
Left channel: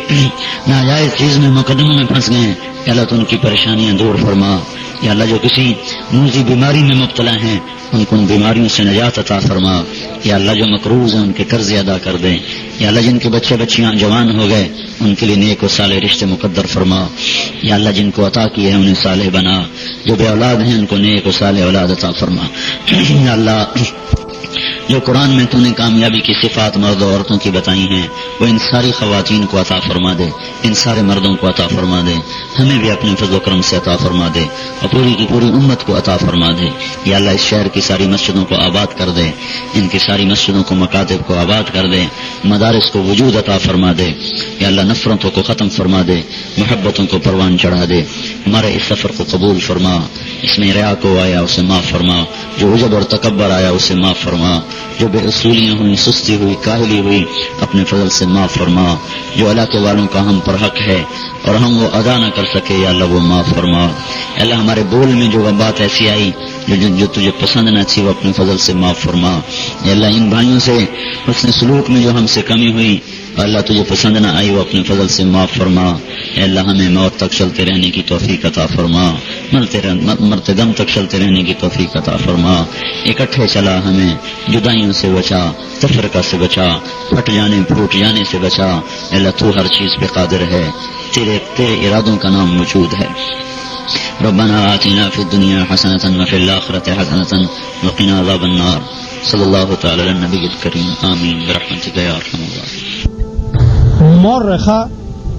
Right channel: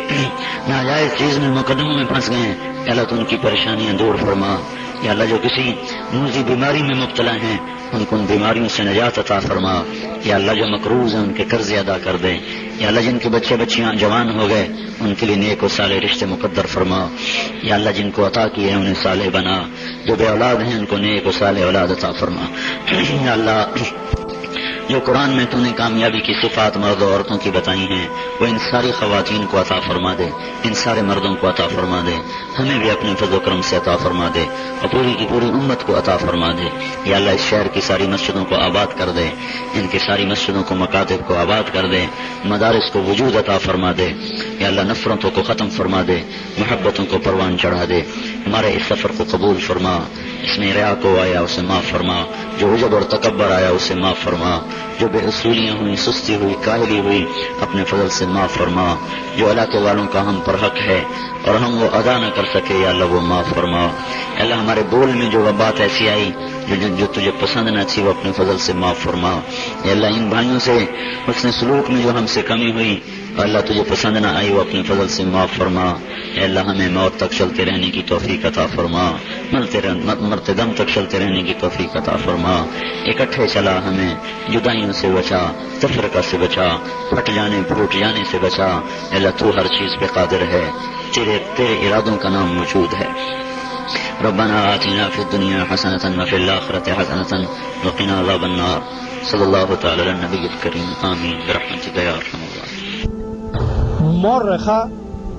ناجائز چیز میں مقدموں میں پھنس گئے ہیں اللہ تو ان کی پریشانیاں دور فرما. یا اللہ جو کسی موذی بیماری میں مبتلا ہیں ان کو ان بیماریوں سے نجات عطا فرما. یا اللہ جو مقروض ہیں ان کے قرض ادا کر دے. یا اللہ جن کے بچے بچیاں جوان ہو گئے ان کے لیے نیک و صالح رشتے مقدر فرما. یا اللہ جن کو عطا کیے ہیں انہیں صالح بنا، جو بے اولاد ہیں ان کو نیک و صالح اولاد عطا فرما. یا اللہ جو قرآن میں تو نے کامیابی کی صفات مرد و عورتوں کی بتائی ہیں وہ ان ساری خواتین کو عطا فرما دے، ان سارے مردوں کو عطا فرما دے، ہمیں بھی اپنے فضل و کرم سے عطا فرما دے اور پوری کی پوری امت کو عطا فرما دے. یا اللہ اس شہر کی ساری مسجدوں کو آباد کر دے، ان کی ساری مسجدوں کو مکاتب کو آباد کر دے، مدارس کو وجود عطا فرما دے. یا اللہ نفرتوں کو ختم فرما دے، محبتوں کو پروان چڑھا دے. ہمارے اس سفر کو قبول فرما، اس میں ریا کو آیا اسے معاف فرما، جو عجب اور تکبر آیا اسے معاف فرما، جو بے اصولیاں ہوئی، سستی ہوئی، کاہلی ہوئی اپنے فضل سے معاف فرما. جو علاقے والوں کا ہم پر حق ہے اور ہم وہ ادا نہ کر سکے یا اللہ وہ معاف فرما. اللہ ہمارے بول میں جو بات ایسی آئی جو تجھے پسند نہ تھی وہ اپنے فضل سے معاف فرما. یا اللہ ان بھائیوں سے اس نے سلوک میں جو ہم سے کمی ہوئی اللہ تجھے پسند نہ آئی وہ اپنے فضل سے معاف فرما. اے اللہ ہمیں موت تک چلتے رہنے کی توفیق عطا فرما، مرتے دم تک چلتے رہنے کی توفیق عطا فرما. اکٹھے چلا ہمیں جدائیوں سے بچا، تفرقہ سے بچا، پھٹ جانے پھوٹ جانے سے بچا. اے اللہ تو ہر چیز پہ قادر ہے، تیرے ارادوں کا نام موجود ہے. ربنا آتنا فی الدنیا حسنة وفی الآخرة حسنة وقنا عذاب النار. صلی اللہ تعالی علی النبی الکریم. آمین برحمتک یا ارحم الراحمین. مورخة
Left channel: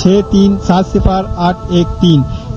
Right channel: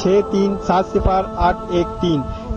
63700813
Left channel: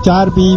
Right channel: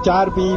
4B,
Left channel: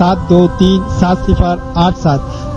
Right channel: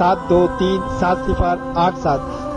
7237087।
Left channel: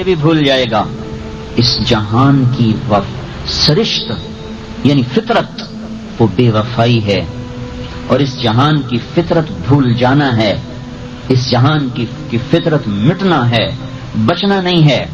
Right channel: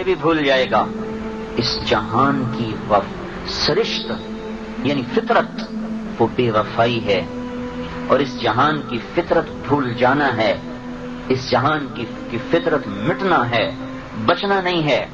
یہ بھی بھول جائے گا. اس جہان کی سرشت یعنی فطرت وہ بے وفائی ہے، اور اس جہان کی فطرت بھول جانا ہے، اس جہان کی فطرت مٹنا ہے، بچنا نہیں ہے.